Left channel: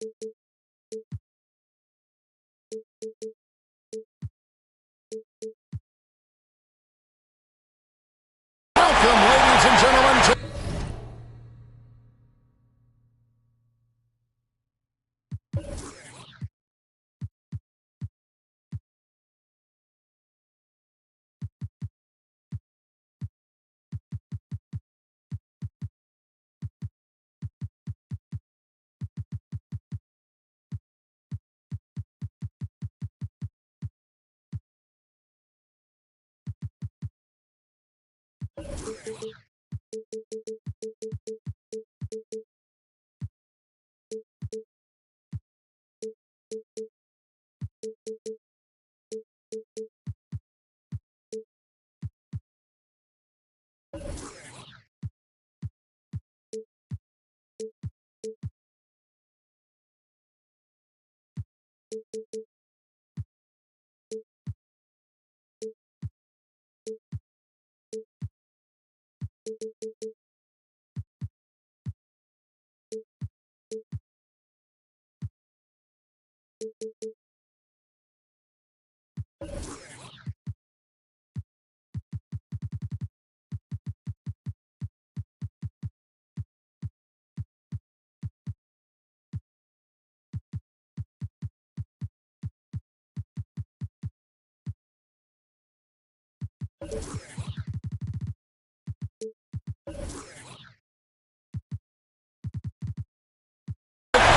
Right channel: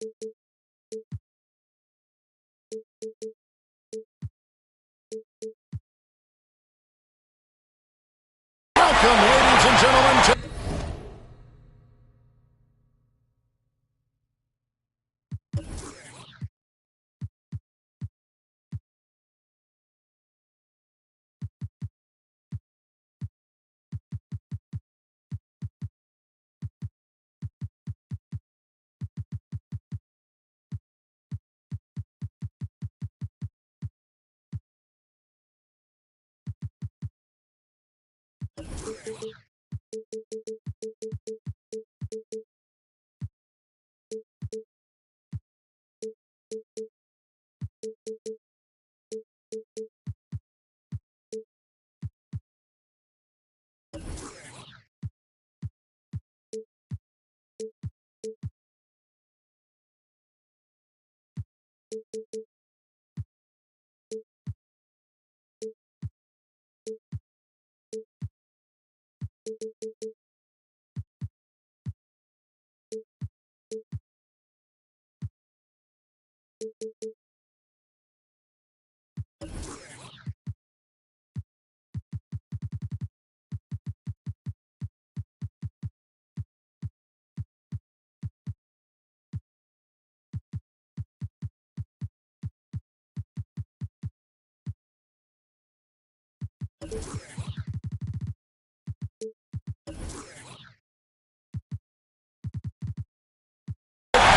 Welcome, ladies and gentlemen, to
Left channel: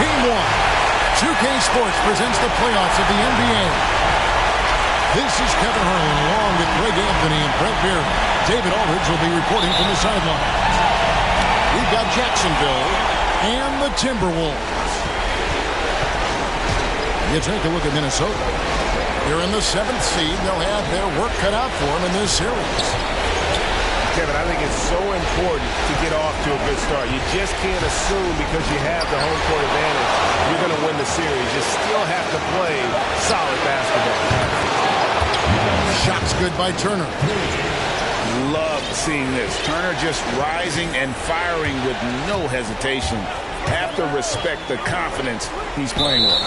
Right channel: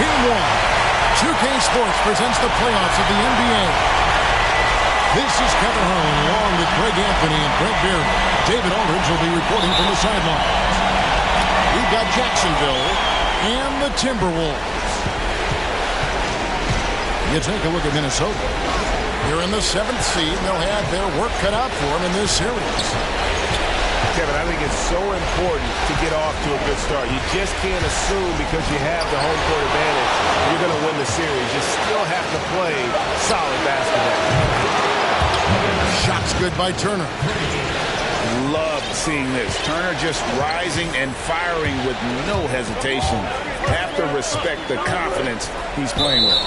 Game 1. 2K Sports presents the playoffs of the NBA. This is Kevin Harlan along with Greg Anthony and Brent Beard. David Aldridge will be reporting from the sidelines. We've got Jacksonville and the Timberwolves. You take a look at Minnesota. They're in the 7th seed. They'll have their work cut out for them in this series. Kevin, I think it's so important to get off to a good start. You just can't assume because you have the home court advantage you're going to win the series. You still have to play solid basketball. Shots good by Turner. Love seeing this. Turner just rising and firing with no hesitation. Have to respect the confidence he's playing with.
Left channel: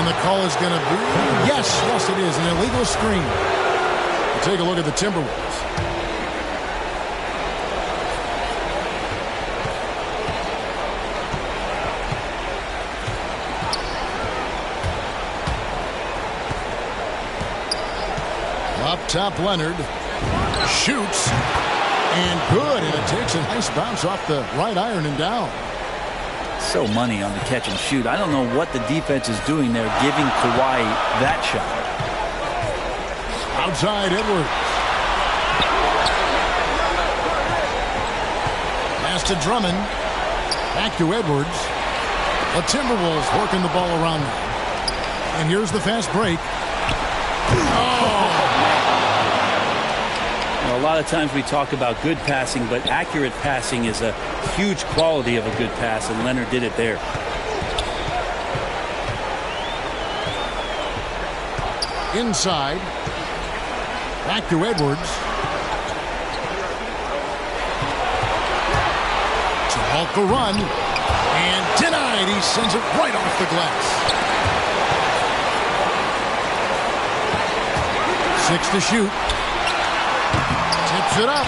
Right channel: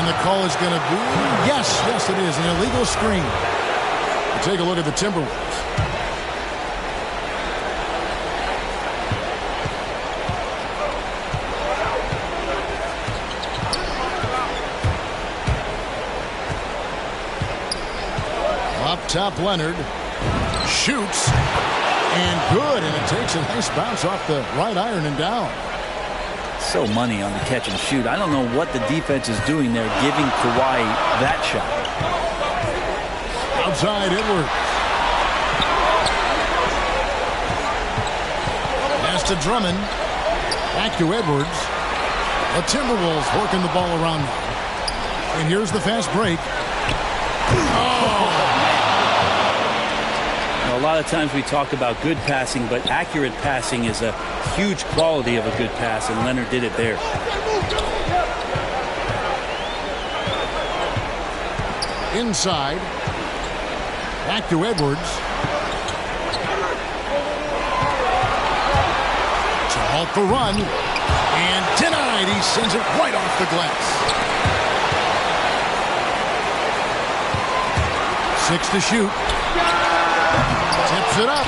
And the call is going to be, yes, it is, an illegal screen. We'll take a look at the Timberwolves. Up top, Leonard shoots, and good, and it takes a nice bounce off the right iron and down. So money on the catch and shoot. I don't know what the defense is doing there, giving Kawhi that shot. Outside, Edwards. Pass to Drummond. Back to Edwards. The Timberwolves working the ball around now. And here's the fast break. Oh! A lot of times we talk about good passing, but accurate passing is a huge quality of a good pass, and Leonard did it there. Inside. Back to Edwards. To halt the run. And denied. He sends it right off the glass. 6 to shoot. Tips it up.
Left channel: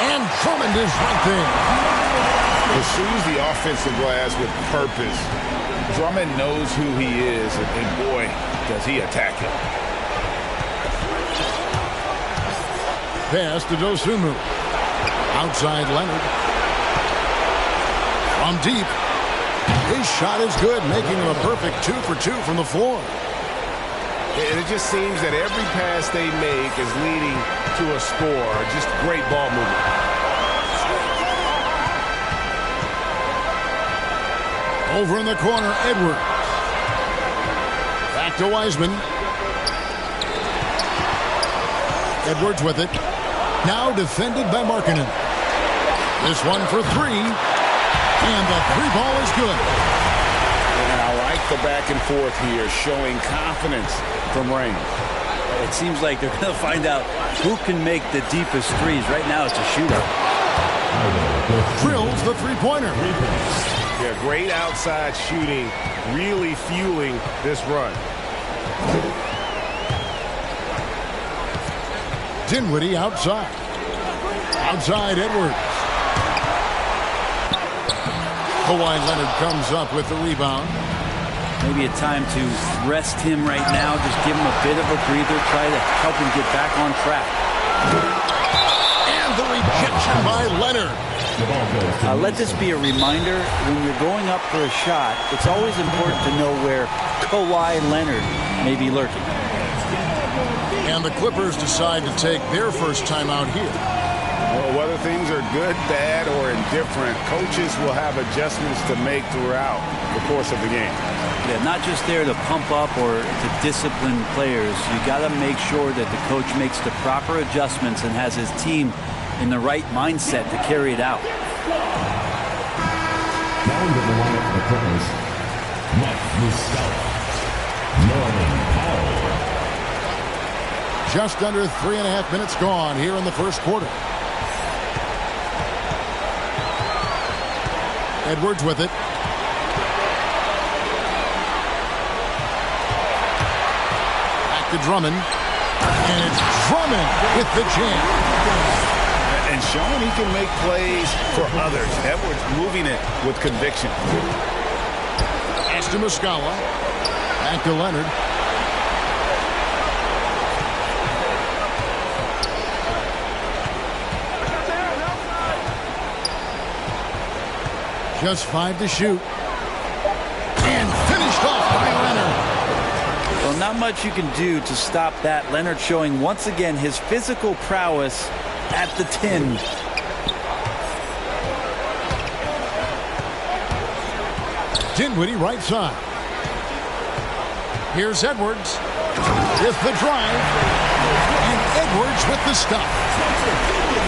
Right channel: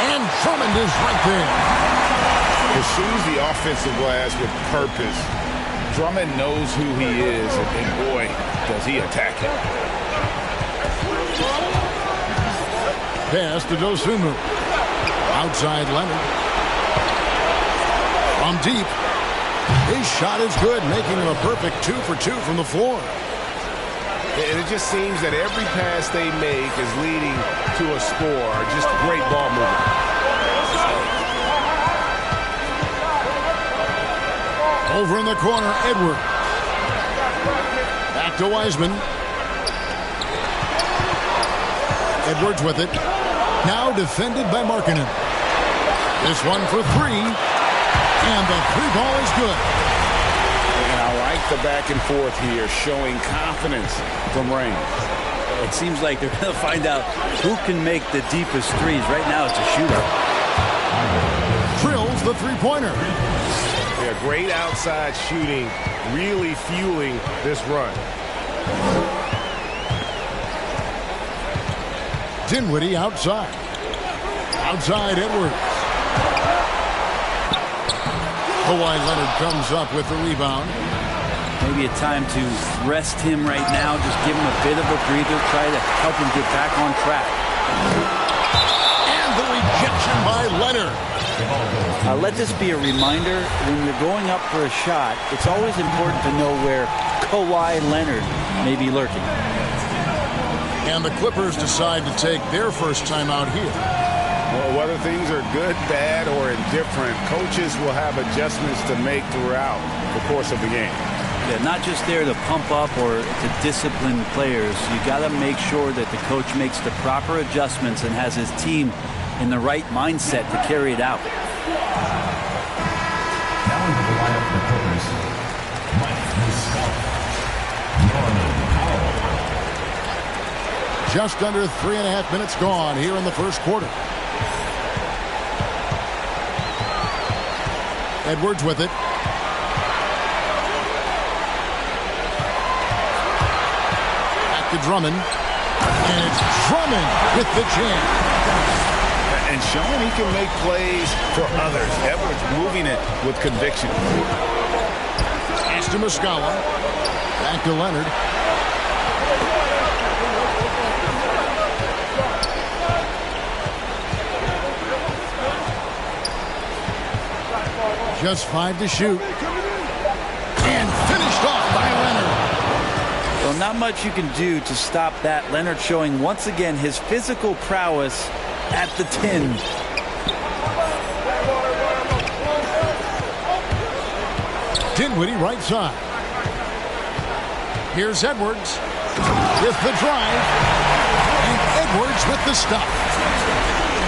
And Drummond is right there. Pursues the offensive glass with purpose. Drummond knows who he is, and boy, does he attack it. Pass to Dosunmu. Outside Leonard. From deep. His shot is good, making him a perfect 2 for 2 from the floor. And it just seems that every pass they make is leading to a score. Just great ball movement. Over in the corner, Edwards. Back to Wiseman. Edwards with it. Now defended by Markkanen. This one for 3. And the 3-ball is good. And I like the back and forth here, showing confidence from Reigns. It seems like they're going to find out who can make the deepest threes. Right now it's a shootout. Drills the three-pointer. Yeah, great outside shooting, really fueling this run. Dinwiddie outside. Outside Edwards. Kawhi Leonard comes up with the rebound. Maybe a time to rest him right now. Just give him a bit of a breather. Try to help him get back on track. And the rejection by Leonard. Let this be a reminder. When you're going up for a shot, it's always important to know where Kawhi Leonard may be lurking. And the Clippers decide to take their first time out here. Well, whether things are good, bad, or indifferent, coaches will have adjustments to make throughout the course of the game. Yeah, not just there to pump up or to discipline players. You got to make sure that the coach makes the proper adjustments and has his team in the right mindset to carry it out. Now into the lineup for the Clippers, Mike Muscala, Norman Powell. Just under 3.5 minutes gone here in the first quarter. Edwards with it. Back to Drummond. And it's Drummond with the jam. And showing he can make plays for others. Edwards moving it with conviction. Pass to Muscala. Back to Leonard. Just 5 to shoot. And finished off by Leonard. Well, not much you can do to stop that. Leonard showing once again his physical prowess at the 10. Dinwiddie right side. Here's Edwards with the drive. And Edwards with the stop.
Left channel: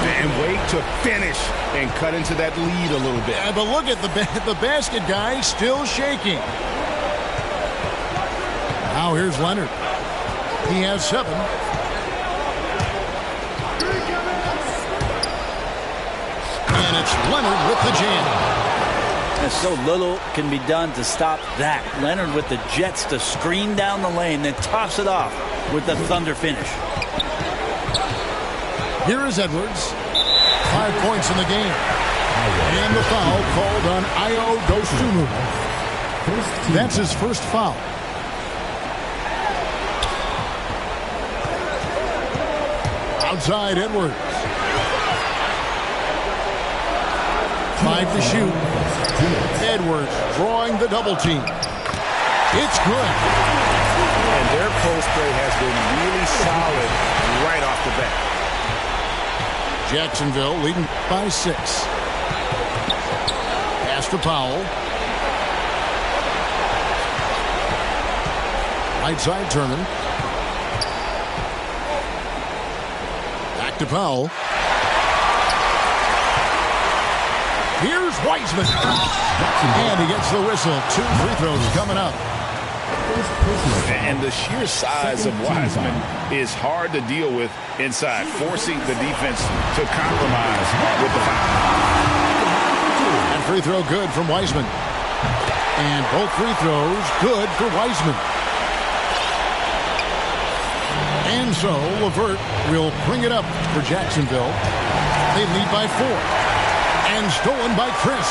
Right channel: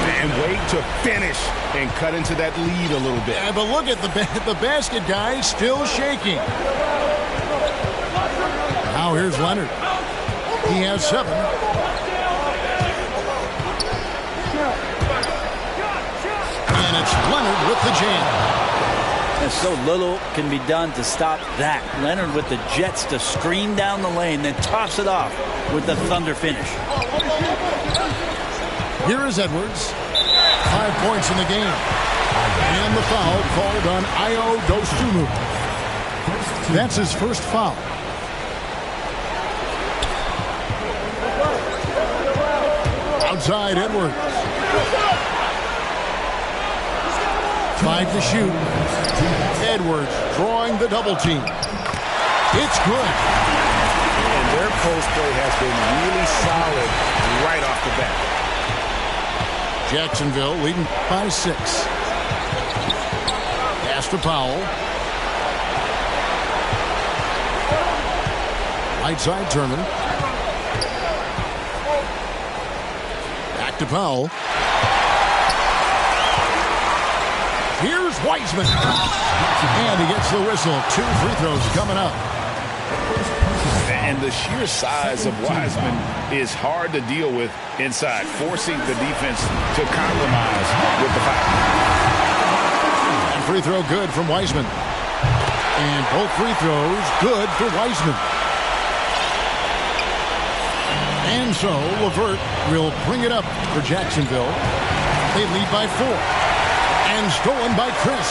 And wait to finish and cut into that lead a little bit. Yeah, but look at the basket guy still shaking. Now here's Leonard. He has 7. And it's Leonard with the jam. And so little can be done to stop that. Leonard with the jets to screen down the lane, then toss it off with the thunder finish. Here is Edwards. 5 points in the game. And the foul called on Ayo Dosunmu. That's his first foul. Outside Edwards. 5 to shoot. Edwards drawing the double team. It's good. And their post play has been really solid right off the bat. Jacksonville leading by 6. Pass to Powell. Right side Turner. Back to Powell. Here's Wiseman. And he gets the whistle. 2 free throws coming up. And the sheer size of Wiseman is hard to deal with inside, forcing the defense to compromise with the foul. And free throw good from Wiseman. And both free throws good for Wiseman. And so LeVert will bring it up for Jacksonville. They lead by 4. And stolen by Chris.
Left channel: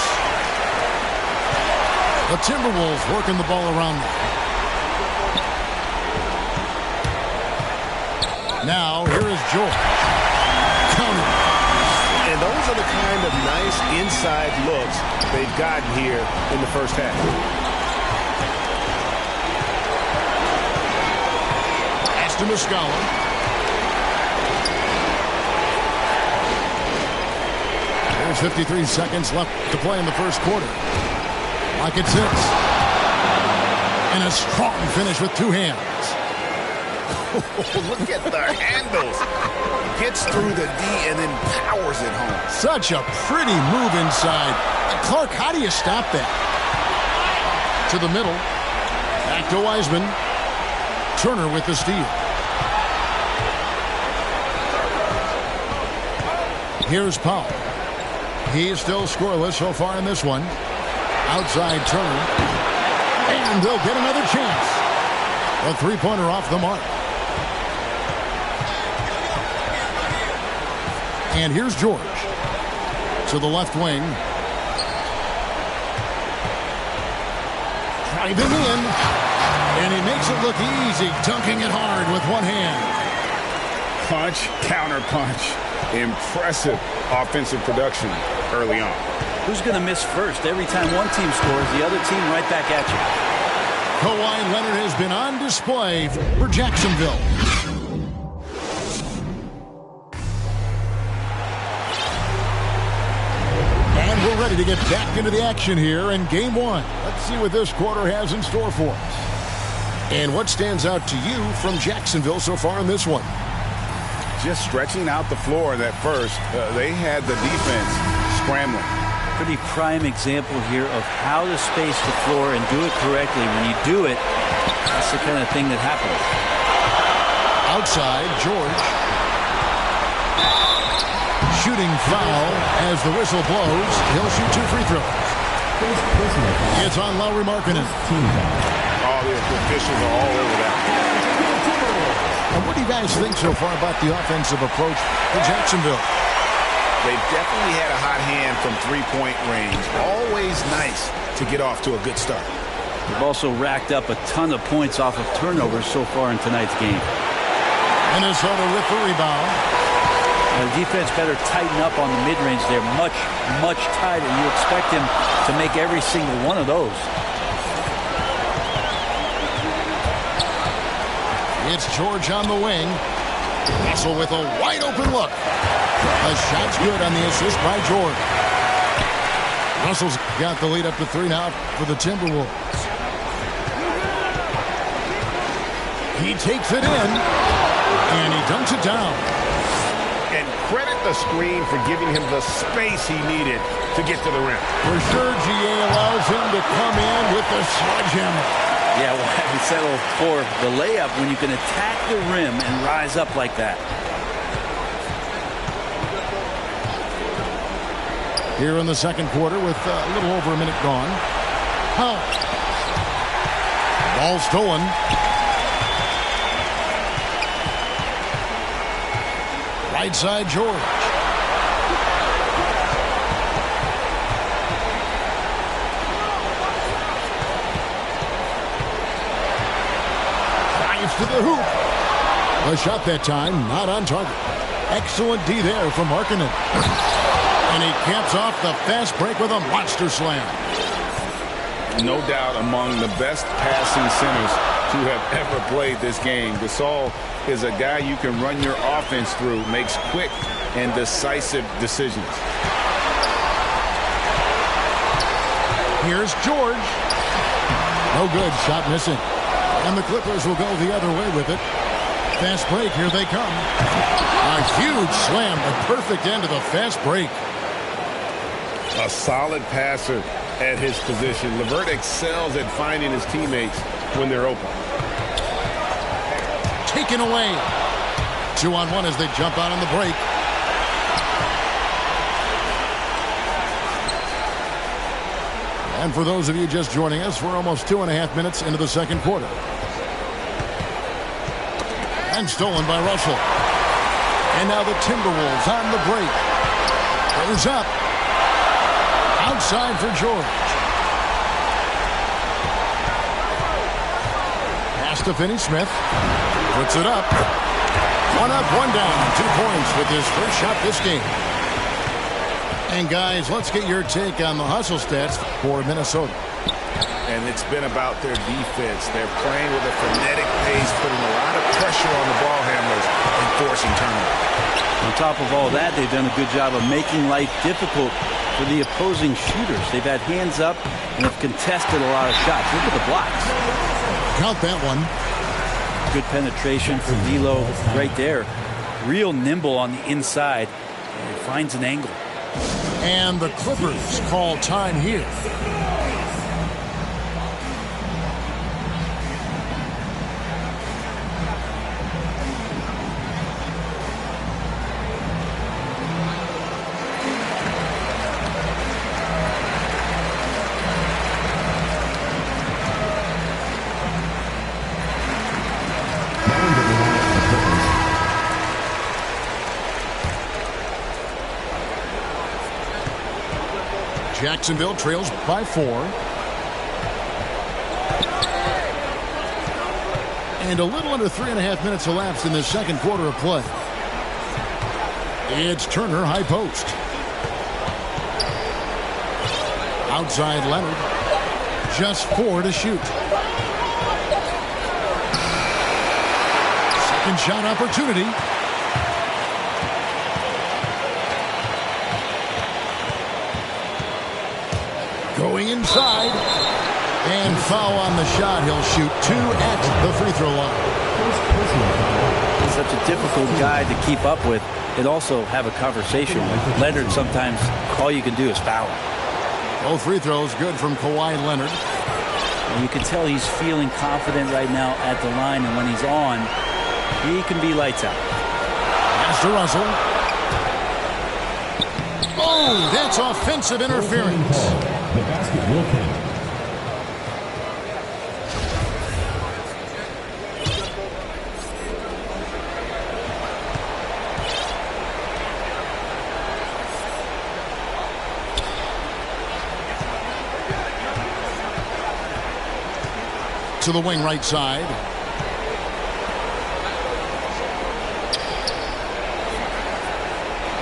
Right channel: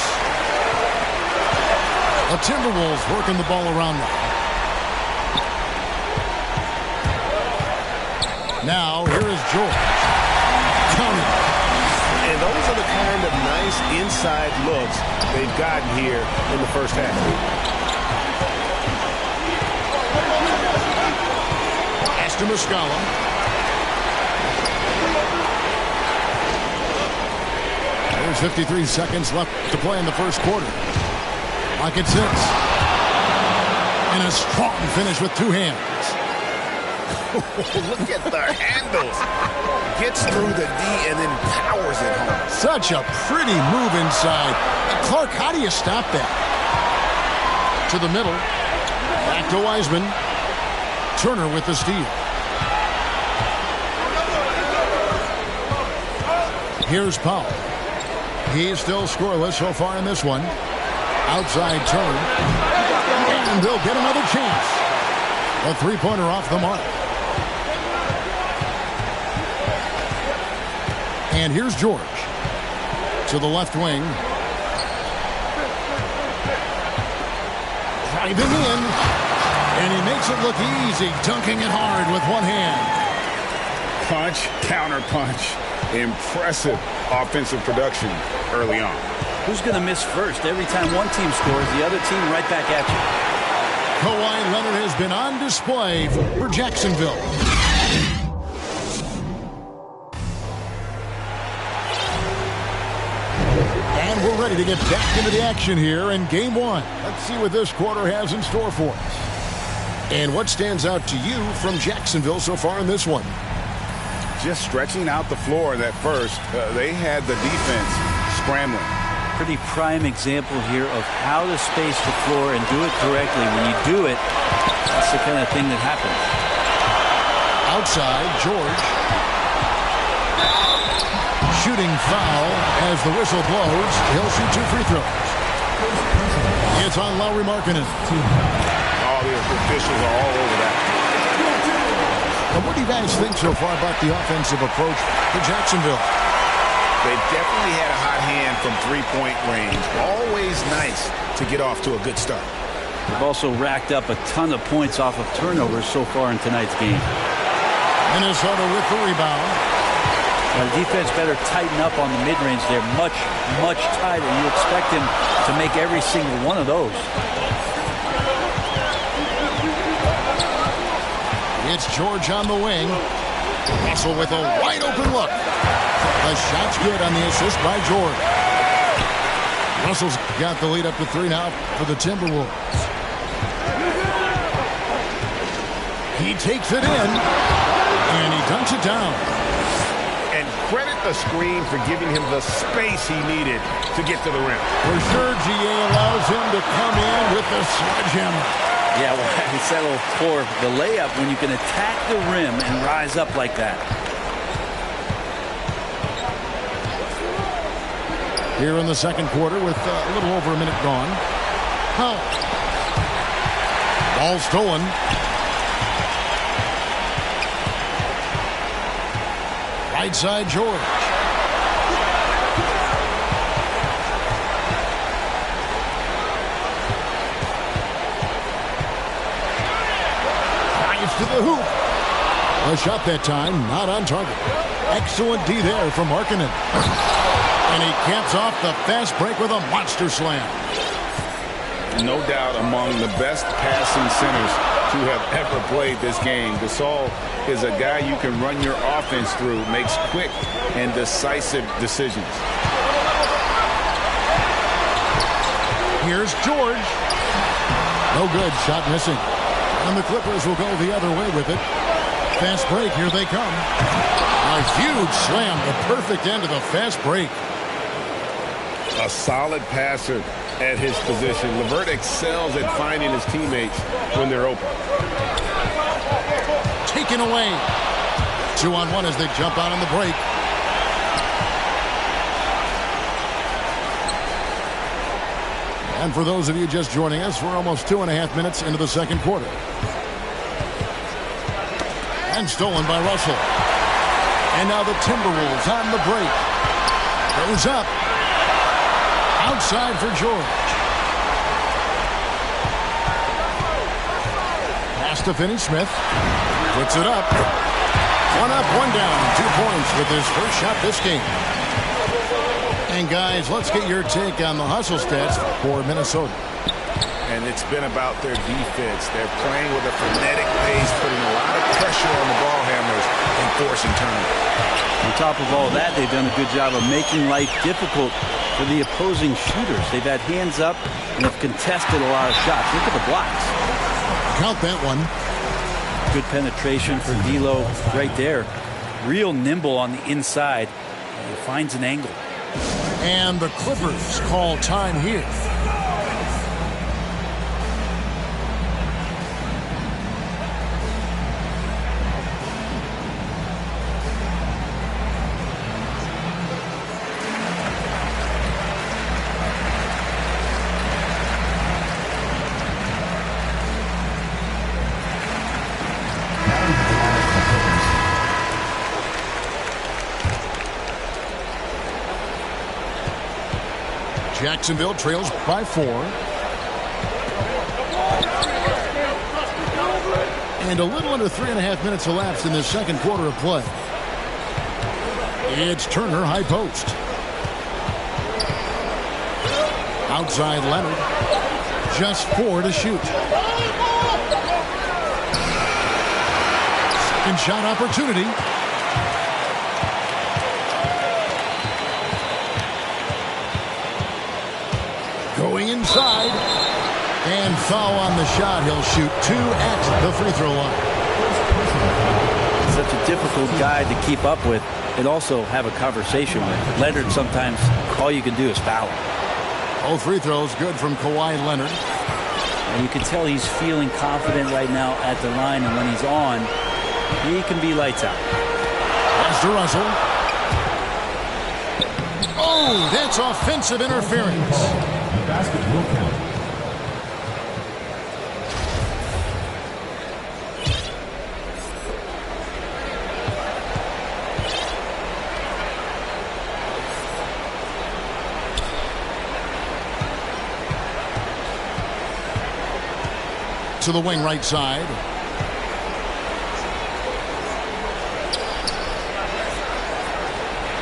The Timberwolves working the ball around now. Now, here is George. Counting. And those are the kind of nice inside looks they've gotten here in the first half. Pass to Muscala. There's 53 seconds left to play in the first quarter. Like it sits. And a strong finish with 2 hands. Look at the handles. Gets through the D and then powers it home. Such a pretty move inside. Clark, how do you stop that? To the middle. Back to Wiseman. Turner with the steal. Here's Powell. He's still scoreless so far in this one. Outside turn. And they'll get another chance. A three-pointer off the mark. And here's George. To the left wing. Driving in. And he makes it look easy, dunking it hard with one hand. Punch, counter punch. Impressive offensive production early on. Who's going to miss first? Every time one team scores, the other team right back at you. Kawhi Leonard has been on display for Jacksonville. And we're ready to get back into the action here in game one. Let's see what this quarter has in store for us. And what stands out to you from Jacksonville so far in this one? Just stretching out the floor in that first. They had the defense scrambling. Pretty prime example here of how to space the floor and do it correctly. When you do it, that's the kind of thing that happens. Outside, George. Shooting foul as the whistle blows. He'll shoot 2 free throws. It's on Lauri Markkanen. Oh, the officials are all over that. And what do you guys think so far about the offensive approach for Jacksonville? They definitely had a hot hand from three-point range. Always nice to get off to a good start. They've also racked up a ton of points off of turnovers so far in tonight's game. Minnesota with the rebound. Now, the defense better tighten up on the mid-range. They're much, much tighter. You expect him to make every single one of those. It's George on the wing. Russell with a wide-open look. The shot's good on the assist by George. Russell's got the lead up to 3 now for the Timberwolves. He takes it in, and he dunks it down. And credit the screen for giving him the space he needed to get to the rim. For sure, GA allows him to come in with the sledgehammer. Yeah, why settle for the layup when you can attack the rim and rise up like that? Here in the second quarter with a little over a minute gone. Ball stolen. Right side, George. Drives to the hoop. A shot that time, not on target. Excellent D there from Markkanen. And he caps off the fast break with a monster slam. No doubt among the best passing centers to have ever played this game. Gasol is a guy you can run your offense through, makes quick and decisive decisions. Here's George. No good, shot missing. And the Clippers will go the other way with it. Fast break, here they come. A huge slam, the perfect end of the fast break. A solid passer at his position. LeVert excels at finding his teammates when they're open. Taken away. 2-on-1 as they jump out on the break. And for those of you just joining us, we're almost 2.5 minutes into the second quarter. And stolen by Russell. And now the Timberwolves on the break. Goes up. Outside for George. Pass to Finney-Smith. Puts it up. 1 up, 1 down. 2 points with his first shot this game. And guys, let's get your take on the hustle stats for Minnesota. And it's been about their defense. They're playing with a frenetic pace, putting a lot of pressure on the ball handlers and forcing turnovers. On top of all that, they've done a good job of making life difficult for the opposing shooters. They've had hands up and have contested a lot of shots. Look at the blocks. Count that one. Good penetration for D'Lo right there. Real nimble on the inside and finds an angle. And the Clippers call time here. Jacksonville trails by 4. And a little under 3.5 minutes elapsed in the second quarter of play. It's Turner, high post. Outside Leonard. Just 4 to shoot. Second shot opportunity. Going inside. And foul on the shot. He'll shoot 2 at the free throw line. Such a difficult guy to keep up with and also have a conversation with. Leonard, sometimes all you can do is foul him. Both free throws good from Kawhi Leonard. And you can tell he's feeling confident right now at the line, and when he's on, he can be lights out. Pass to Russell. Oh, that's offensive interference. The basket will count. To the wing right side.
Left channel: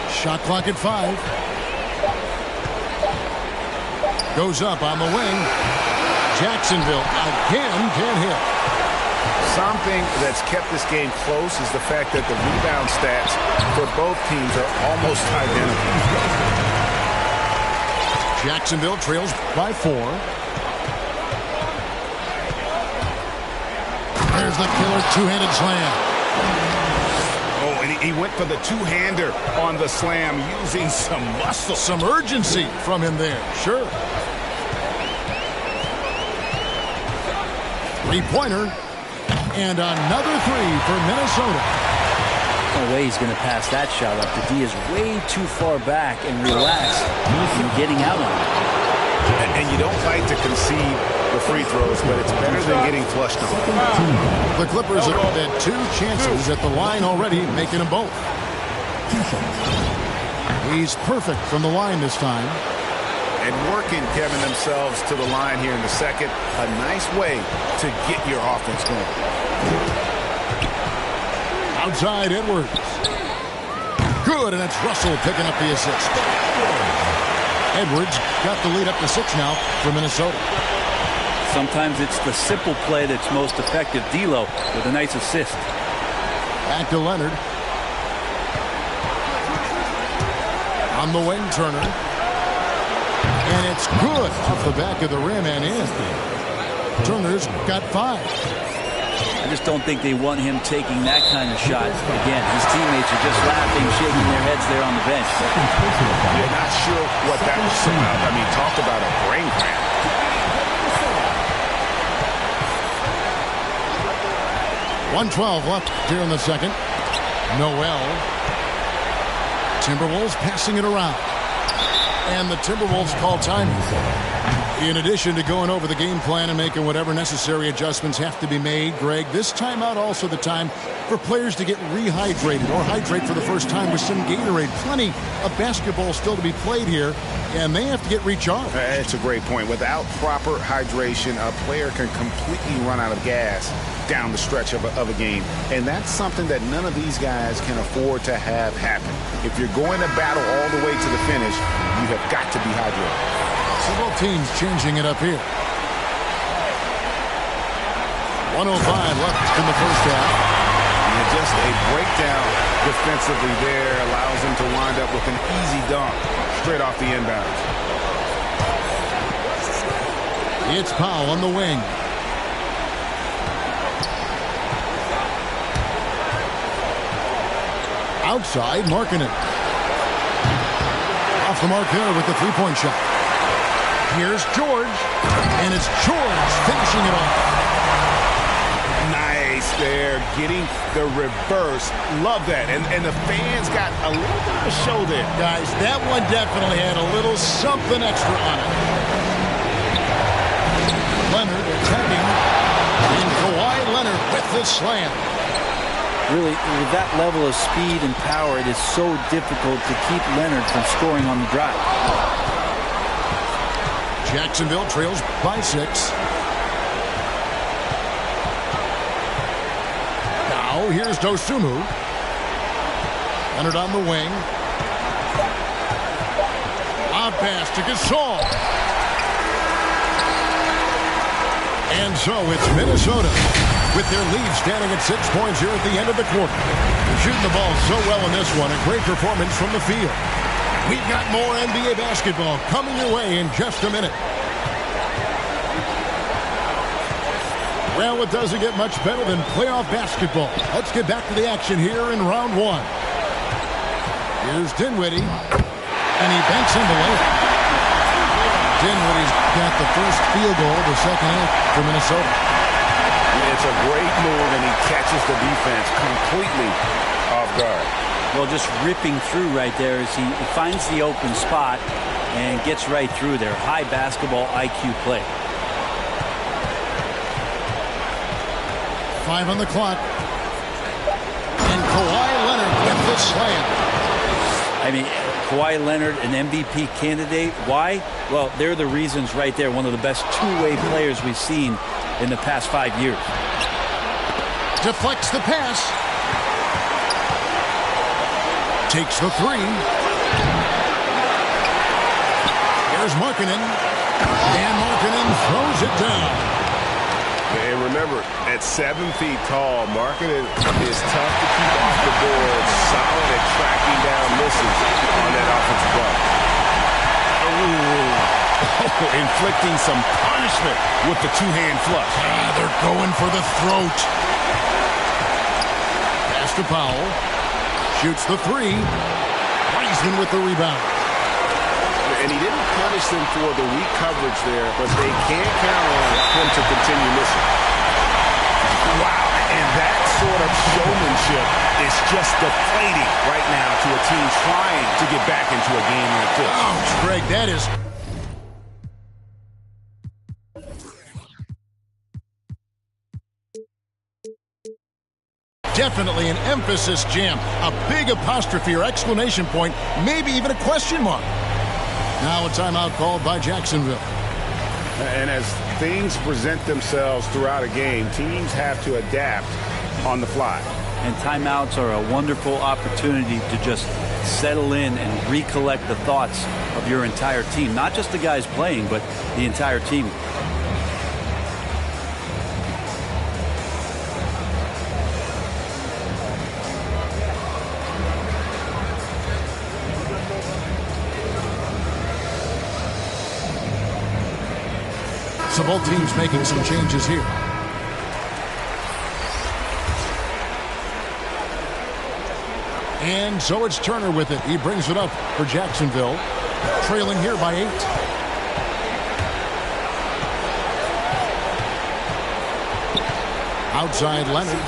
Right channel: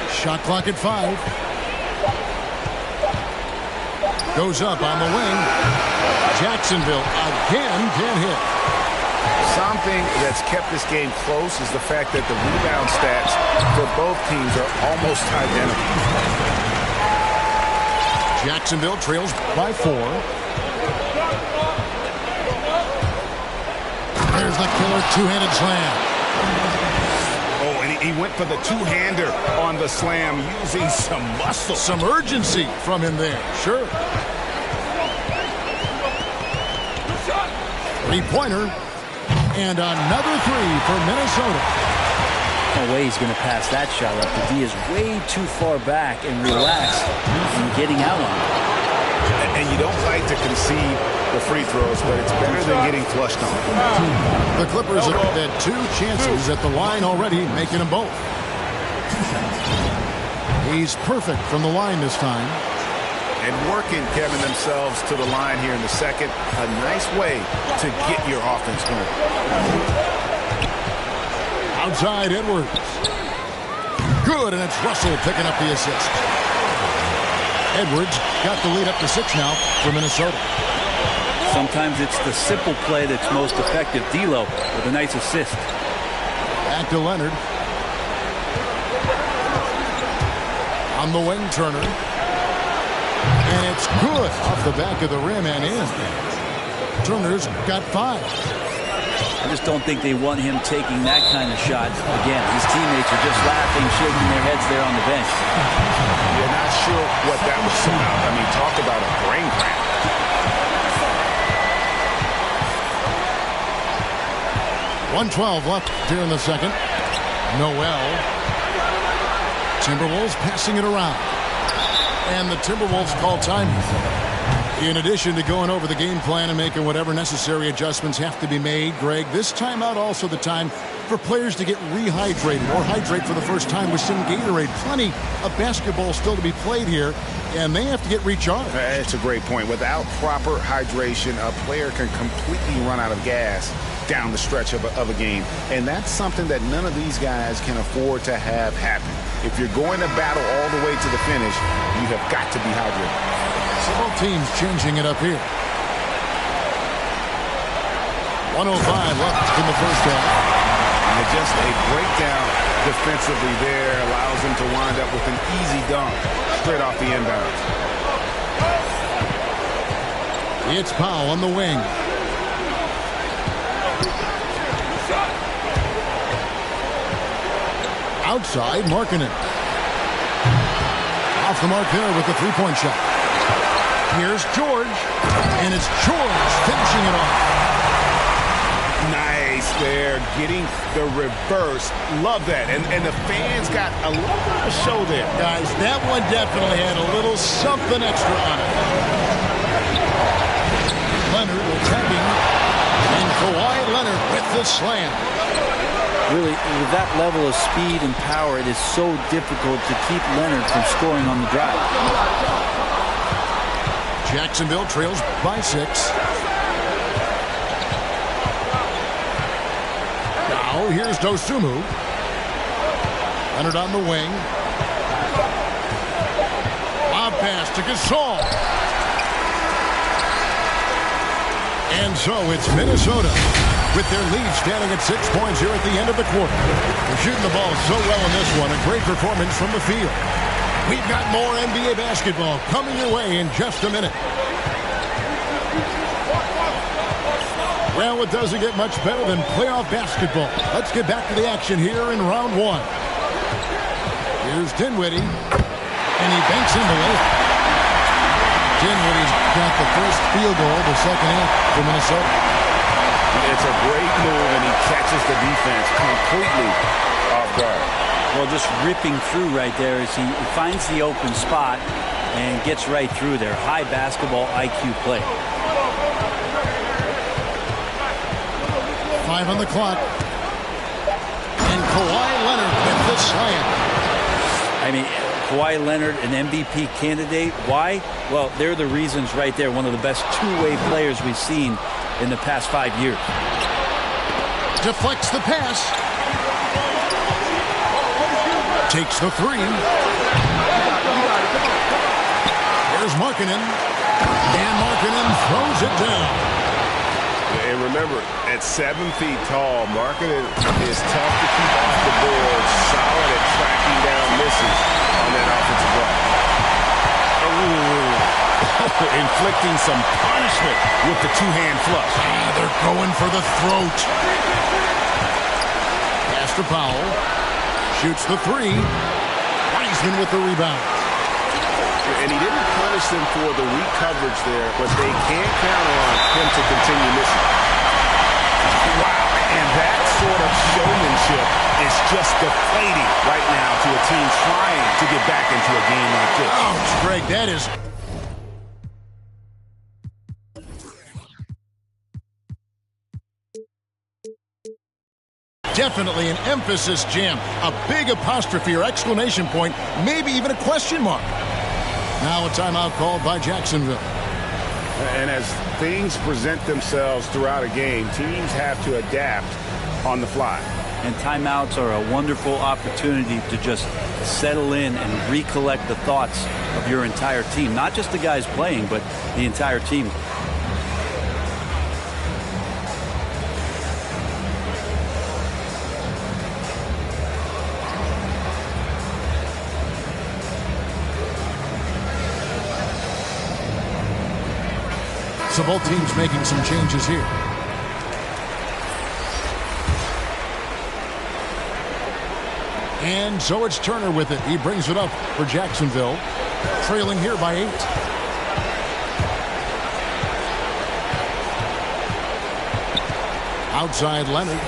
Shot clock at 5. Goes up on the wing. Jacksonville again can't hit. Something that's kept this game close is the fact that the rebound stats for both teams are almost identical. Jacksonville trails by 4. There's the killer two-handed slam. Oh, and he went for the two-hander on the slam using some muscle. Some urgency from him there, sure. Three-pointer. And another 3 for Minnesota. No way he's going to pass that shot up. The D is way too far back and relaxed in getting out on it. And you don't like to concede the free throws, but it's better than getting flushed on. The Clippers have had 2 chances at the line already, making them both. He's perfect from the line this time. And working, Kevin, themselves to the line here in the second. A nice way to get your offense going. Outside Edwards. Good, and it's Russell picking up the assist. Edwards got the lead up to 6 now for Minnesota. Sometimes it's the simple play that's most effective. D'Lo with a nice assist. Back to Leonard. On the wing, Turner. And it's good off the back of the rim and in. Turner's got 5. I just don't think they want him taking that kind of shot. Again, his teammates are just laughing, shaking their heads there on the bench. You're not sure what that was about. I mean, talk about a brain cramp. .112 left here in the second. Noel. Timberwolves passing it around. And the Timberwolves call time. In addition to going over the game plan and making whatever necessary adjustments have to be made, Greg, this timeout also the time for players to get rehydrated or hydrate for the first time with some Gatorade. Plenty of basketball still to be played here, and they have to get recharged. That's a great point. Without proper hydration, a player can completely run out of gas down the stretch of a game. And that's something that none of these guys can afford to have happen. If you're going to battle all the way to the finish, you have got to be hydrated. So both teams changing it up here. 1:05 left in the first half. And just a breakdown defensively there allows them to wind up with an easy dunk straight off the inbounds. It's Powell on the wing. Outside, Markkanen. Off the mark there with the three-point shot. Here's George. And it's George finishing it off. Nice there, getting the reverse. Love that. And the fans got a little bit of a show there. Guys, that one definitely had a little something extra on it. Leonard attacking. And Kawhi Leonard with the slam. Really, with that level of speed and power, it is so difficult to keep Leonard from scoring on the drive. Jacksonville trails by 6. Now here's Dosunmu. Leonard on the wing. Lob pass to Gasol. And so it's Minnesota with their lead standing at 6 points here at the end of the quarter. They're shooting the ball so well in this one. A great performance from the field. We've got more NBA basketball coming your way in just a minute. Well, it doesn't get much better than playoff basketball. Let's get back to the action here in round 1. Here's Dinwiddie, and he banks in the layup. Dinwiddie's got the first field goal of the second half for Minnesota. It's a great move, and he catches the defense completely off guard. Well, just ripping through right there as he finds the open spot and gets right through there. High basketball IQ play. 5 on the clock. And Kawhi Leonard with the slam. I mean, Kawhi Leonard, an MVP candidate. Why? Well, they're the reasons right there. One of the best two-way players we've seen in the past 5 years. Deflects the pass. Takes the 3. Here's Markkanen. And Markkanen throws it down. And remember, at 7 feet tall, Markkanen is tough to keep off the board. Solid at tracking down misses on that offensive glass. Oh, inflicting some punishment with the two-hand flush. They're going for the throat. Pass to Powell. Shoots the 3. Wiseman with the rebound. And he didn't punish them for the weak coverage there, but they can't count on him to continue missing. Wow, and that sort of showmanship is just deflating right now to a team trying to get back into a game like this. Ouch, Greg, that is... Definitely an emphasis jam. A big apostrophe or exclamation point, maybe even a question mark. Now a timeout called by Jacksonville. And as things present themselves throughout a game, teams have to adapt on the fly. And timeouts are a wonderful opportunity to just settle in and recollect the thoughts of your entire team. Not just the guys playing, but the entire team. So both teams making some changes here. And so it's Turner with it. He brings it up for Jacksonville. Trailing here by 8. Outside Leonard.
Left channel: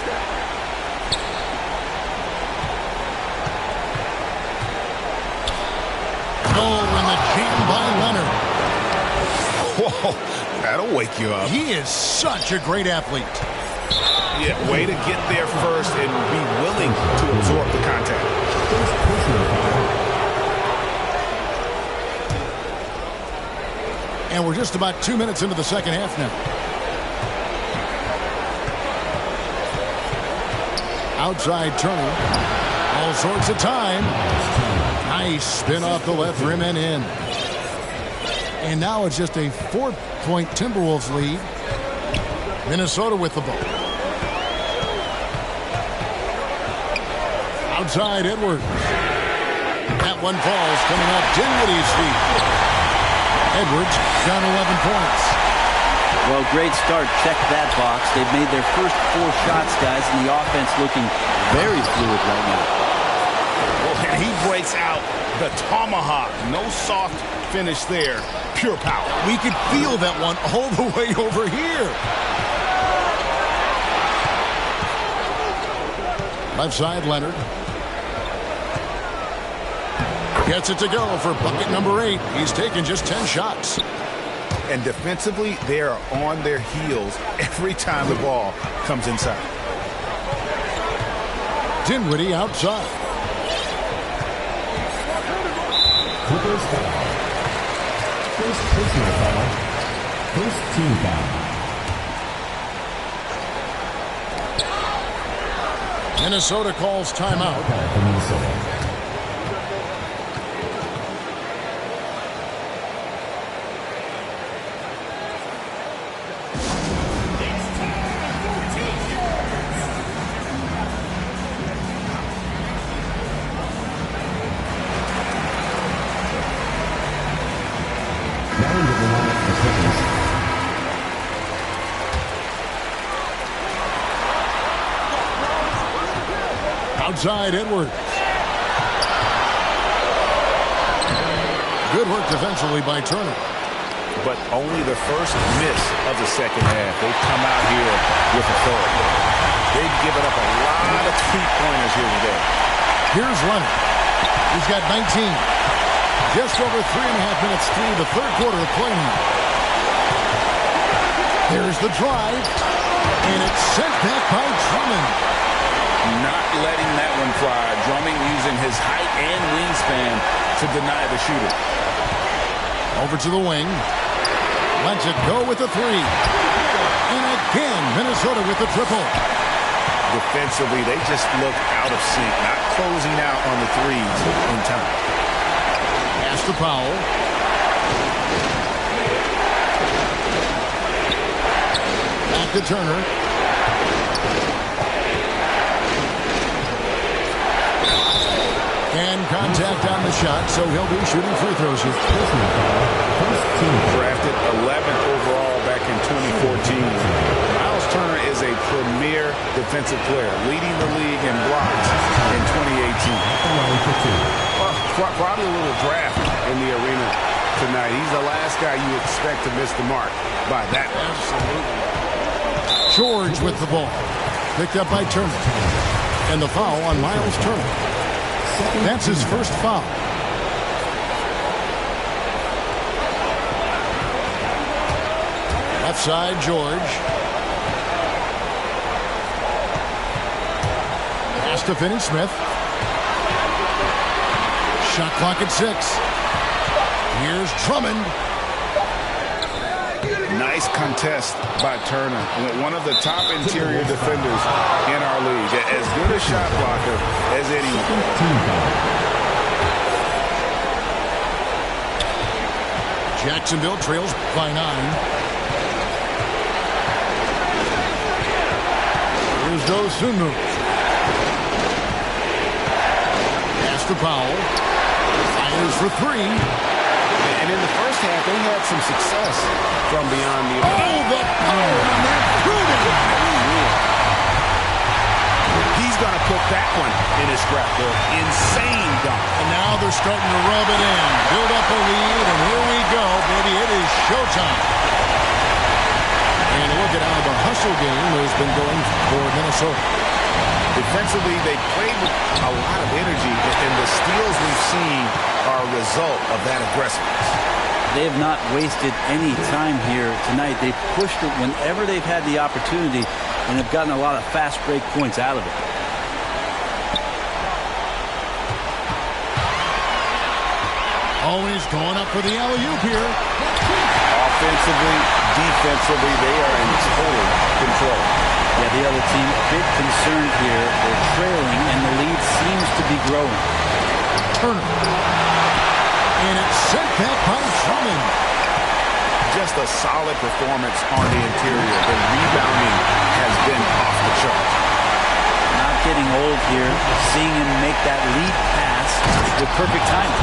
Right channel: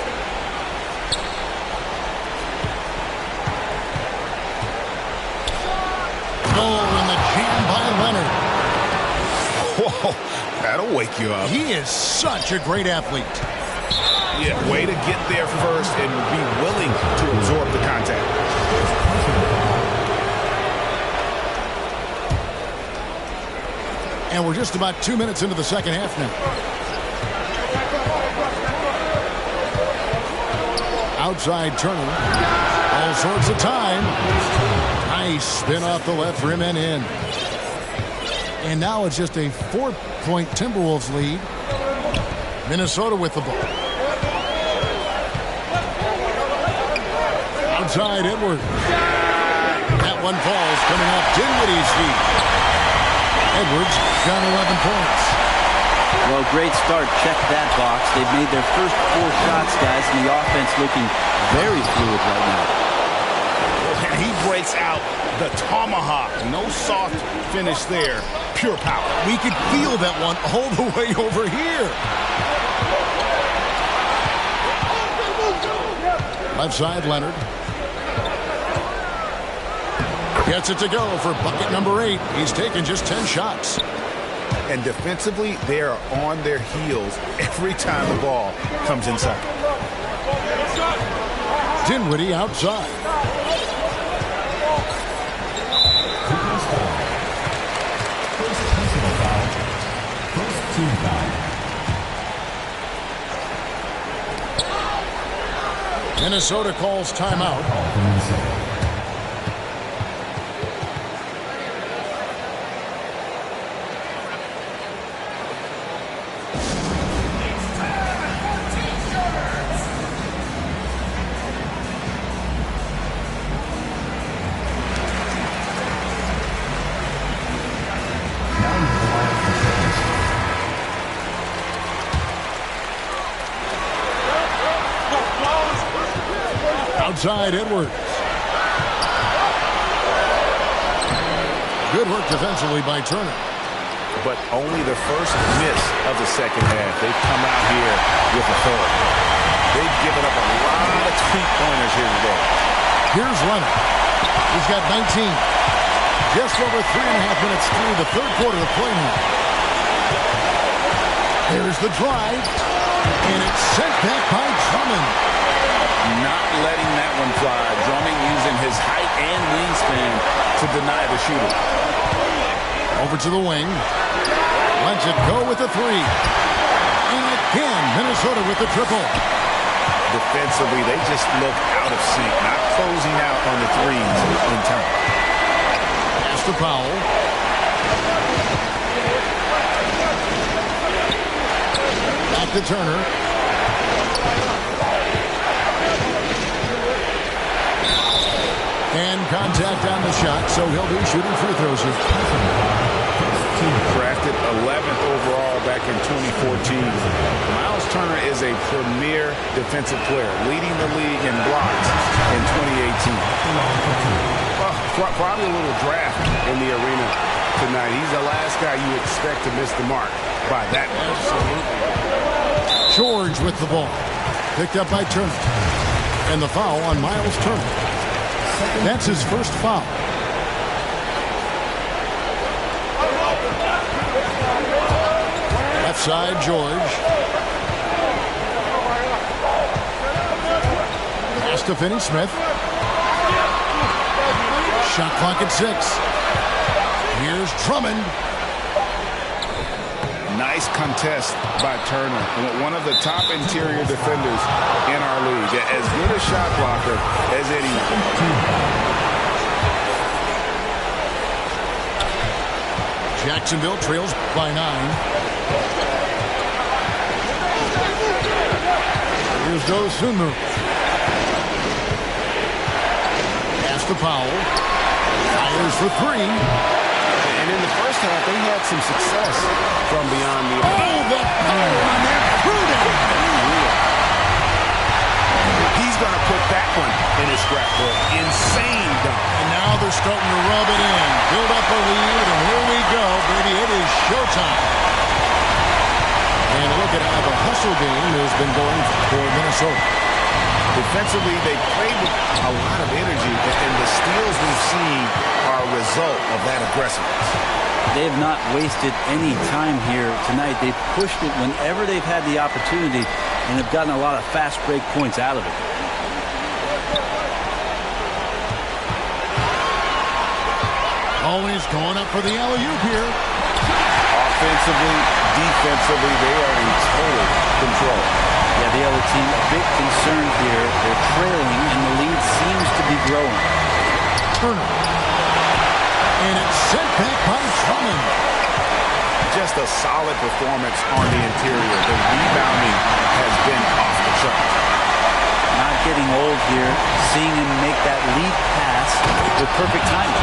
Oh, and the jam by Leonard. Whoa, that'll wake you up. He is such a great athlete. Yeah, way to get there first and be willing to absorb the contact. And we're just about 2 minutes into the second half now. Outside Turner. All sorts of time. Nice spin off the left rim and in. And now it's just a 4-point Timberwolves lead. Minnesota with the ball. Outside Edwards. That one falls coming off Dinwiddie's feet. Edwards got 11 points. Well, great start. Check that box. They've made their first 4 shots, guys, and the offense looking very fluid right now. Well, and he breaks out the tomahawk. No soft finish there. Pure power. We could feel that one all the way over here. Left side, Leonard. Gets it to go for bucket number 8. He's taken just 10 shots. And defensively, they are on their heels every time the ball comes inside. Dinwiddie outside. First personal foul. First team foul. Minnesota calls timeout. Call for Minnesota. Now into the line for Clippers. Outside Edwards. Good work defensively by Turner. But only the first miss of the second half. They've come out here with authority. They've given up a lot of three-pointers here today. Here's Leonard. He's got 19. Just over 3.5 minutes through the third quarter of play now. Here's the drive. And it's sent back by Drummond. Not letting that one fly. Drummond using his height and wingspan to deny the shooter. Over to the wing. Lets it go with the three. And again, Minnesota with the triple. Defensively, they just look out of sync, not closing out on the threes in time. Pass to Powell. Back to Turner. And contact on the shot, so he'll be shooting free throws here. Drafted 11th overall back in 2014. Miles Turner is a premier defensive player, leading the league in blocks in 2018. Well, probably a little draft in the arena tonight. He's the last guy you expect to miss the mark by that much. Absolutely. George with the ball. Picked up by Turner. And the foul on Miles Turner. That's his first foul. Left side, George. Pass to Finney-Smith. Shot clock at 6. Here's Drummond. Nice contest by Turner. One of the top interior defenders in our league. As good a shot blocker as anyone. Jacksonville trails by 9. Here's Dosunmu. Pass to Powell. Fires for 3. And in the first half, they had some success from beyond the... Oh, the power on that Pruden! He's going to put that one in his scrapbook. Insane dunk. And now they're starting to rub it in. Build up a lead, and here we go, baby. It is showtime. And look at how the hustle game has been going for Minnesota. Defensively, they played with a lot of energy, and the steals we've seen are a result of that aggressiveness. They have not wasted any time here tonight. They've pushed it whenever they've had the opportunity and have gotten a lot of fast break points out of it. Always going up for the alley-oop here. Offensively, defensively, they are in total control. Yeah, the other team a bit concerned here. They're trailing, and the lead seems to be growing. Turner. And it's sent back by Drummond. Just a solid performance on the interior. The rebounding has been off the charts. Not getting old here. Seeing him make that lead pass with perfect timing.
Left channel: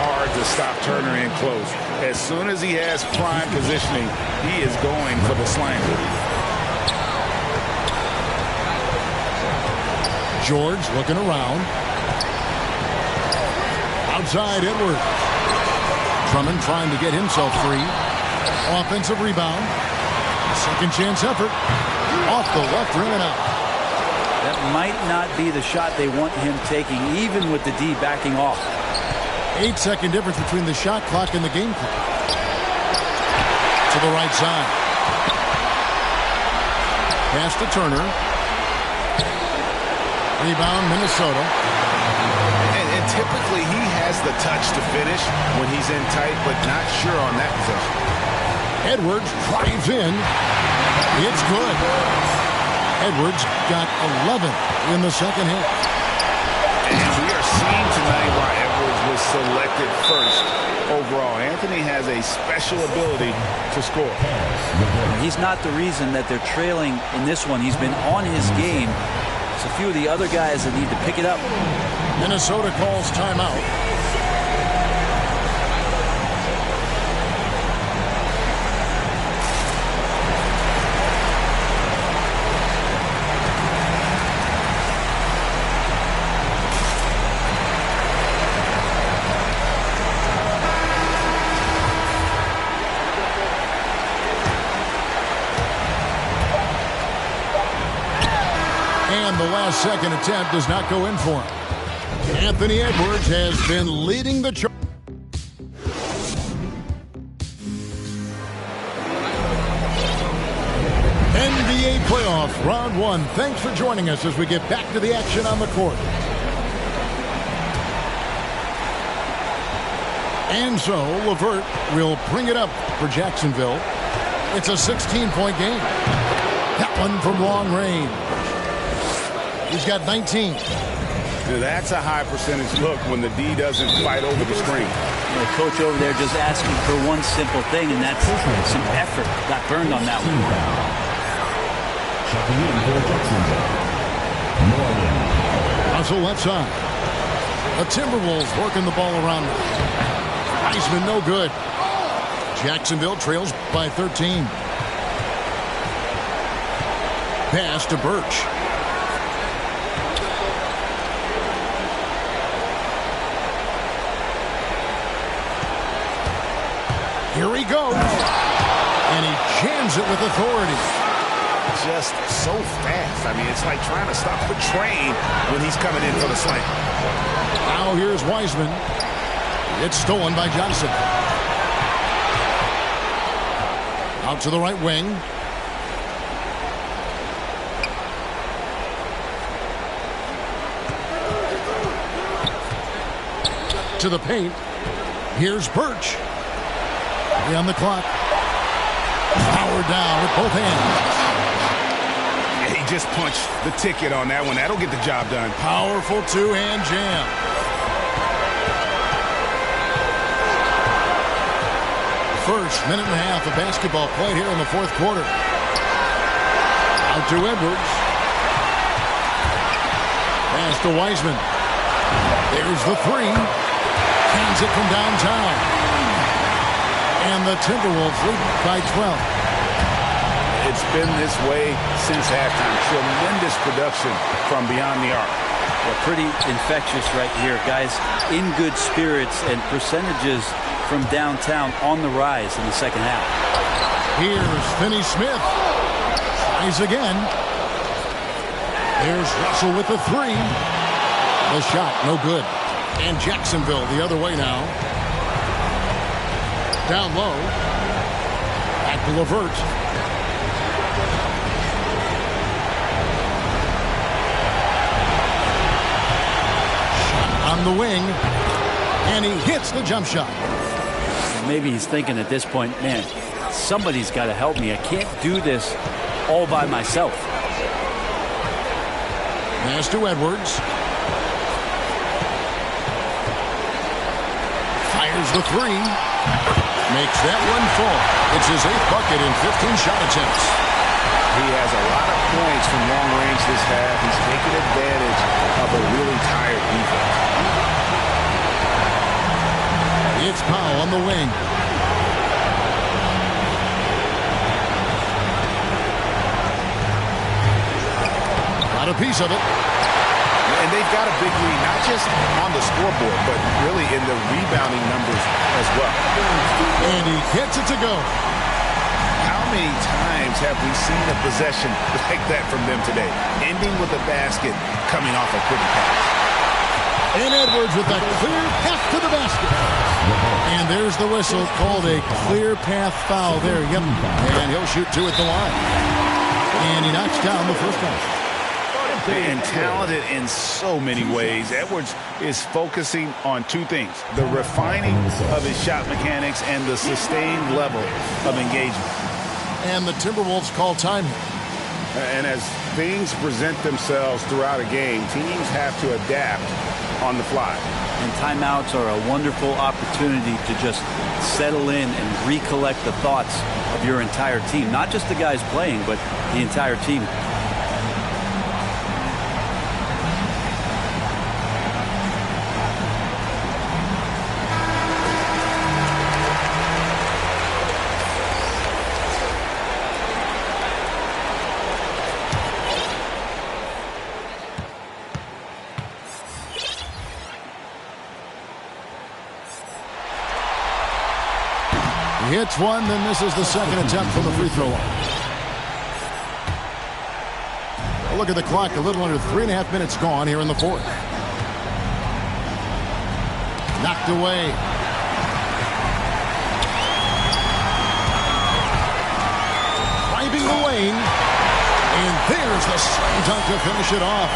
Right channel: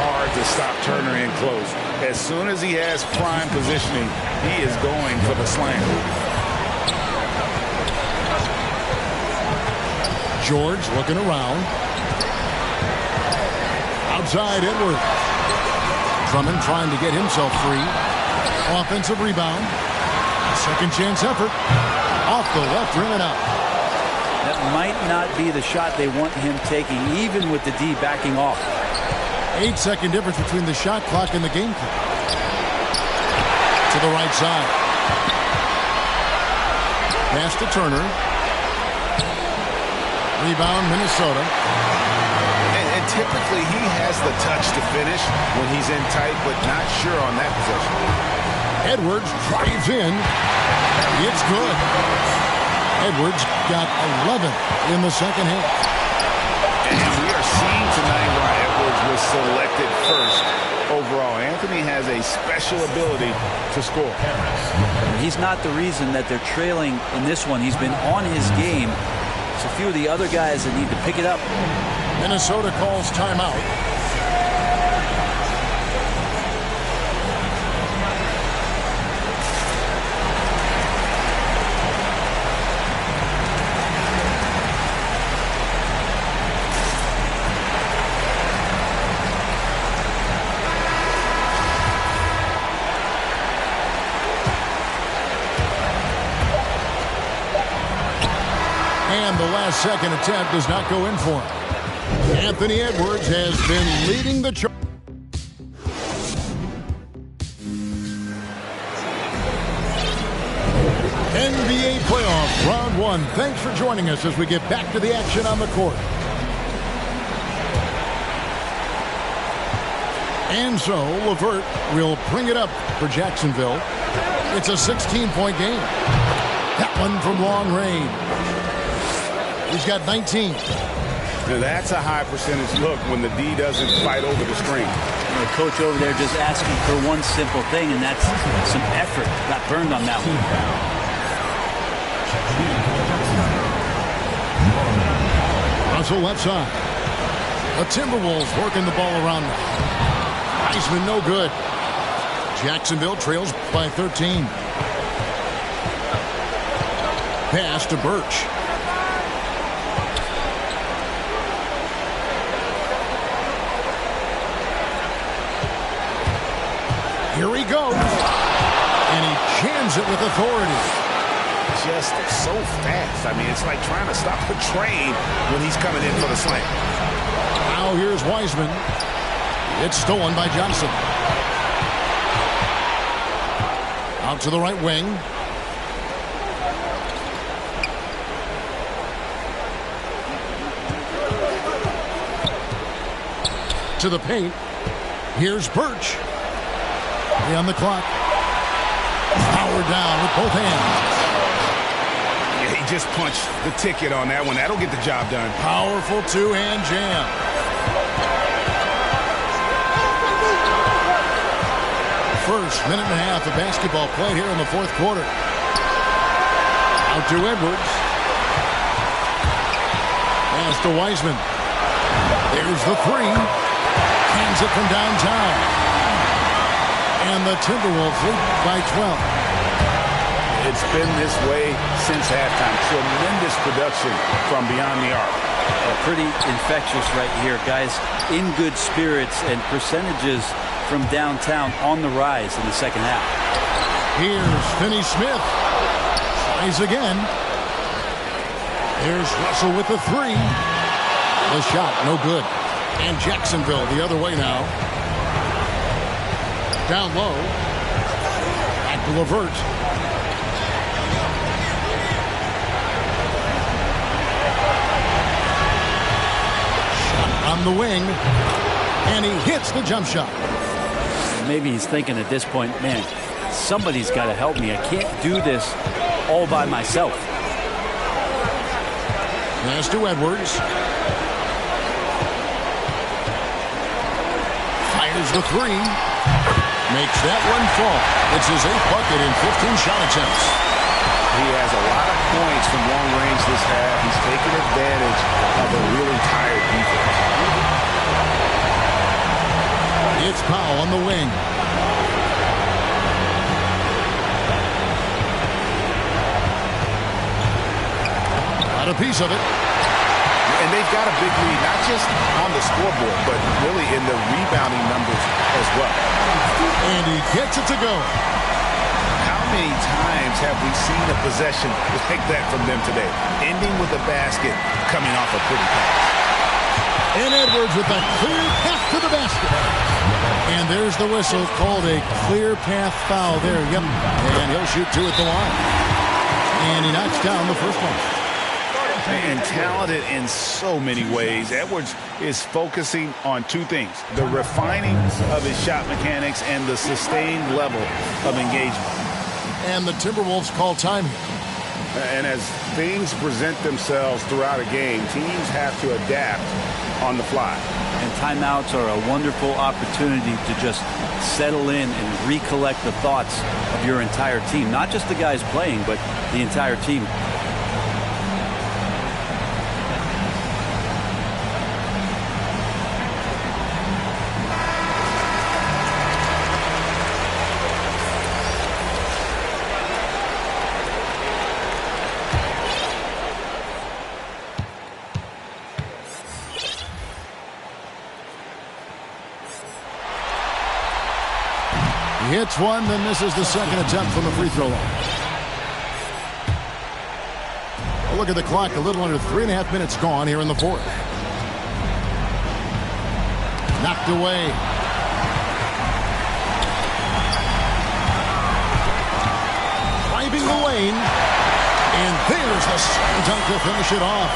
Hard to stop Turner in close. As soon as he has prime positioning, he is going for the slam. George looking around. Outside Edwards. Drummond trying to get himself free. Offensive rebound. A second chance effort. Off the left rim and out. That might not be the shot they want him taking, even with the D backing off. 8-second difference between the shot clock and the game clock. To the right side. Pass to Turner. Rebound, Minnesota. And And typically he has the touch to finish when he's in tight, but not sure on that possession. Edwards drives in. It's good. Edwards got 11 in the second half. And we are seeing tonight why Edwards was selected first overall. Anthony has a special ability to score. He's not the reason that they're trailing in this one. He's been on his game. It's a few of the other guys that need to pick it up. Minnesota calls timeout. And the last second attempt does not go in for him. Anthony Edwards has been leading the charge. NBA playoff round one. Thanks for joining us as we get back to the action on the court. And so LeVert will bring it up for Jacksonville. It's a 16-point game. That one from long range. He's got 19. Now that's a high percentage look when the D doesn't fight over the screen. The coach over there just asking for one simple thing, and that's some effort. Got burned on that one. Checking in for Jacksonville, Norman Powell. Russell left side. The Timberwolves working the ball around now. Wiseman no good. Jacksonville trails by 13. Pass to Birch. Here he goes. And he jams it with authority. Just so fast. I mean, it's like trying to stop a train when he's coming in for the slam. Now here's Wiseman. It's stolen by Johnson. Out to the right wing. To the paint. Here's Birch. 3 on the clock. Powered down with both hands. Yeah, he just punched the ticket on that one. That'll get the job done. Powerful two-hand jam. First minute and a half of basketball played here in the fourth quarter. Out to Edwards. Pass to Wiseman. There's the three. Cans it from downtown. And the Timberwolves lead by 12. It's been this way since halftime. Tremendous production from beyond the arc. Yeah, pretty infectious right here. Guys in good spirits and percentages from downtown on the rise in the second half. Here's Finney-Smith. Tries again. There's Russell with the three. The shot, no good. And Jacksonville the other way now. Down low. Back to LeVert. Shot on the wing. And he hits the jump shot. Maybe he's thinking at this point, man, somebody's got to help me. I can't do this all by myself. Pass to Edwards. Fires the three. Makes that one fall. It's his 8th bucket in 15 shot attempts. He has a lot of points from long range this half. He's taken advantage of a really tired defense. It's Powell on the wing. Got a piece of it. And they've got a big lead, not just on the scoreboard, but really in the rebounding numbers as well. And he gets it to go. How many times have we seen a possession like that from them today? Ending with a basket, coming off a pretty pass. And Edwards with a clear path to the basket. And there's the whistle, called a clear path foul there. Yep. And he'll shoot 2 at the line. And he knocks down the first one. and talented in so many ways. Edwards is focusing on two things: the refining of his shot mechanics and the sustained level of engagement. And the Timberwolves call time here. And as things present themselves throughout a game, teams have to adapt on the fly. And timeouts are a wonderful opportunity to just settle in and recollect the thoughts of your entire team. Not just the guys playing, but the entire team. He hits one, then this is the second attempt from the free throw line. A look at the clock, a little under 3.5 minutes gone here in the fourth. Knocked away. Driving the lane. And there's the slam dunk to finish it off.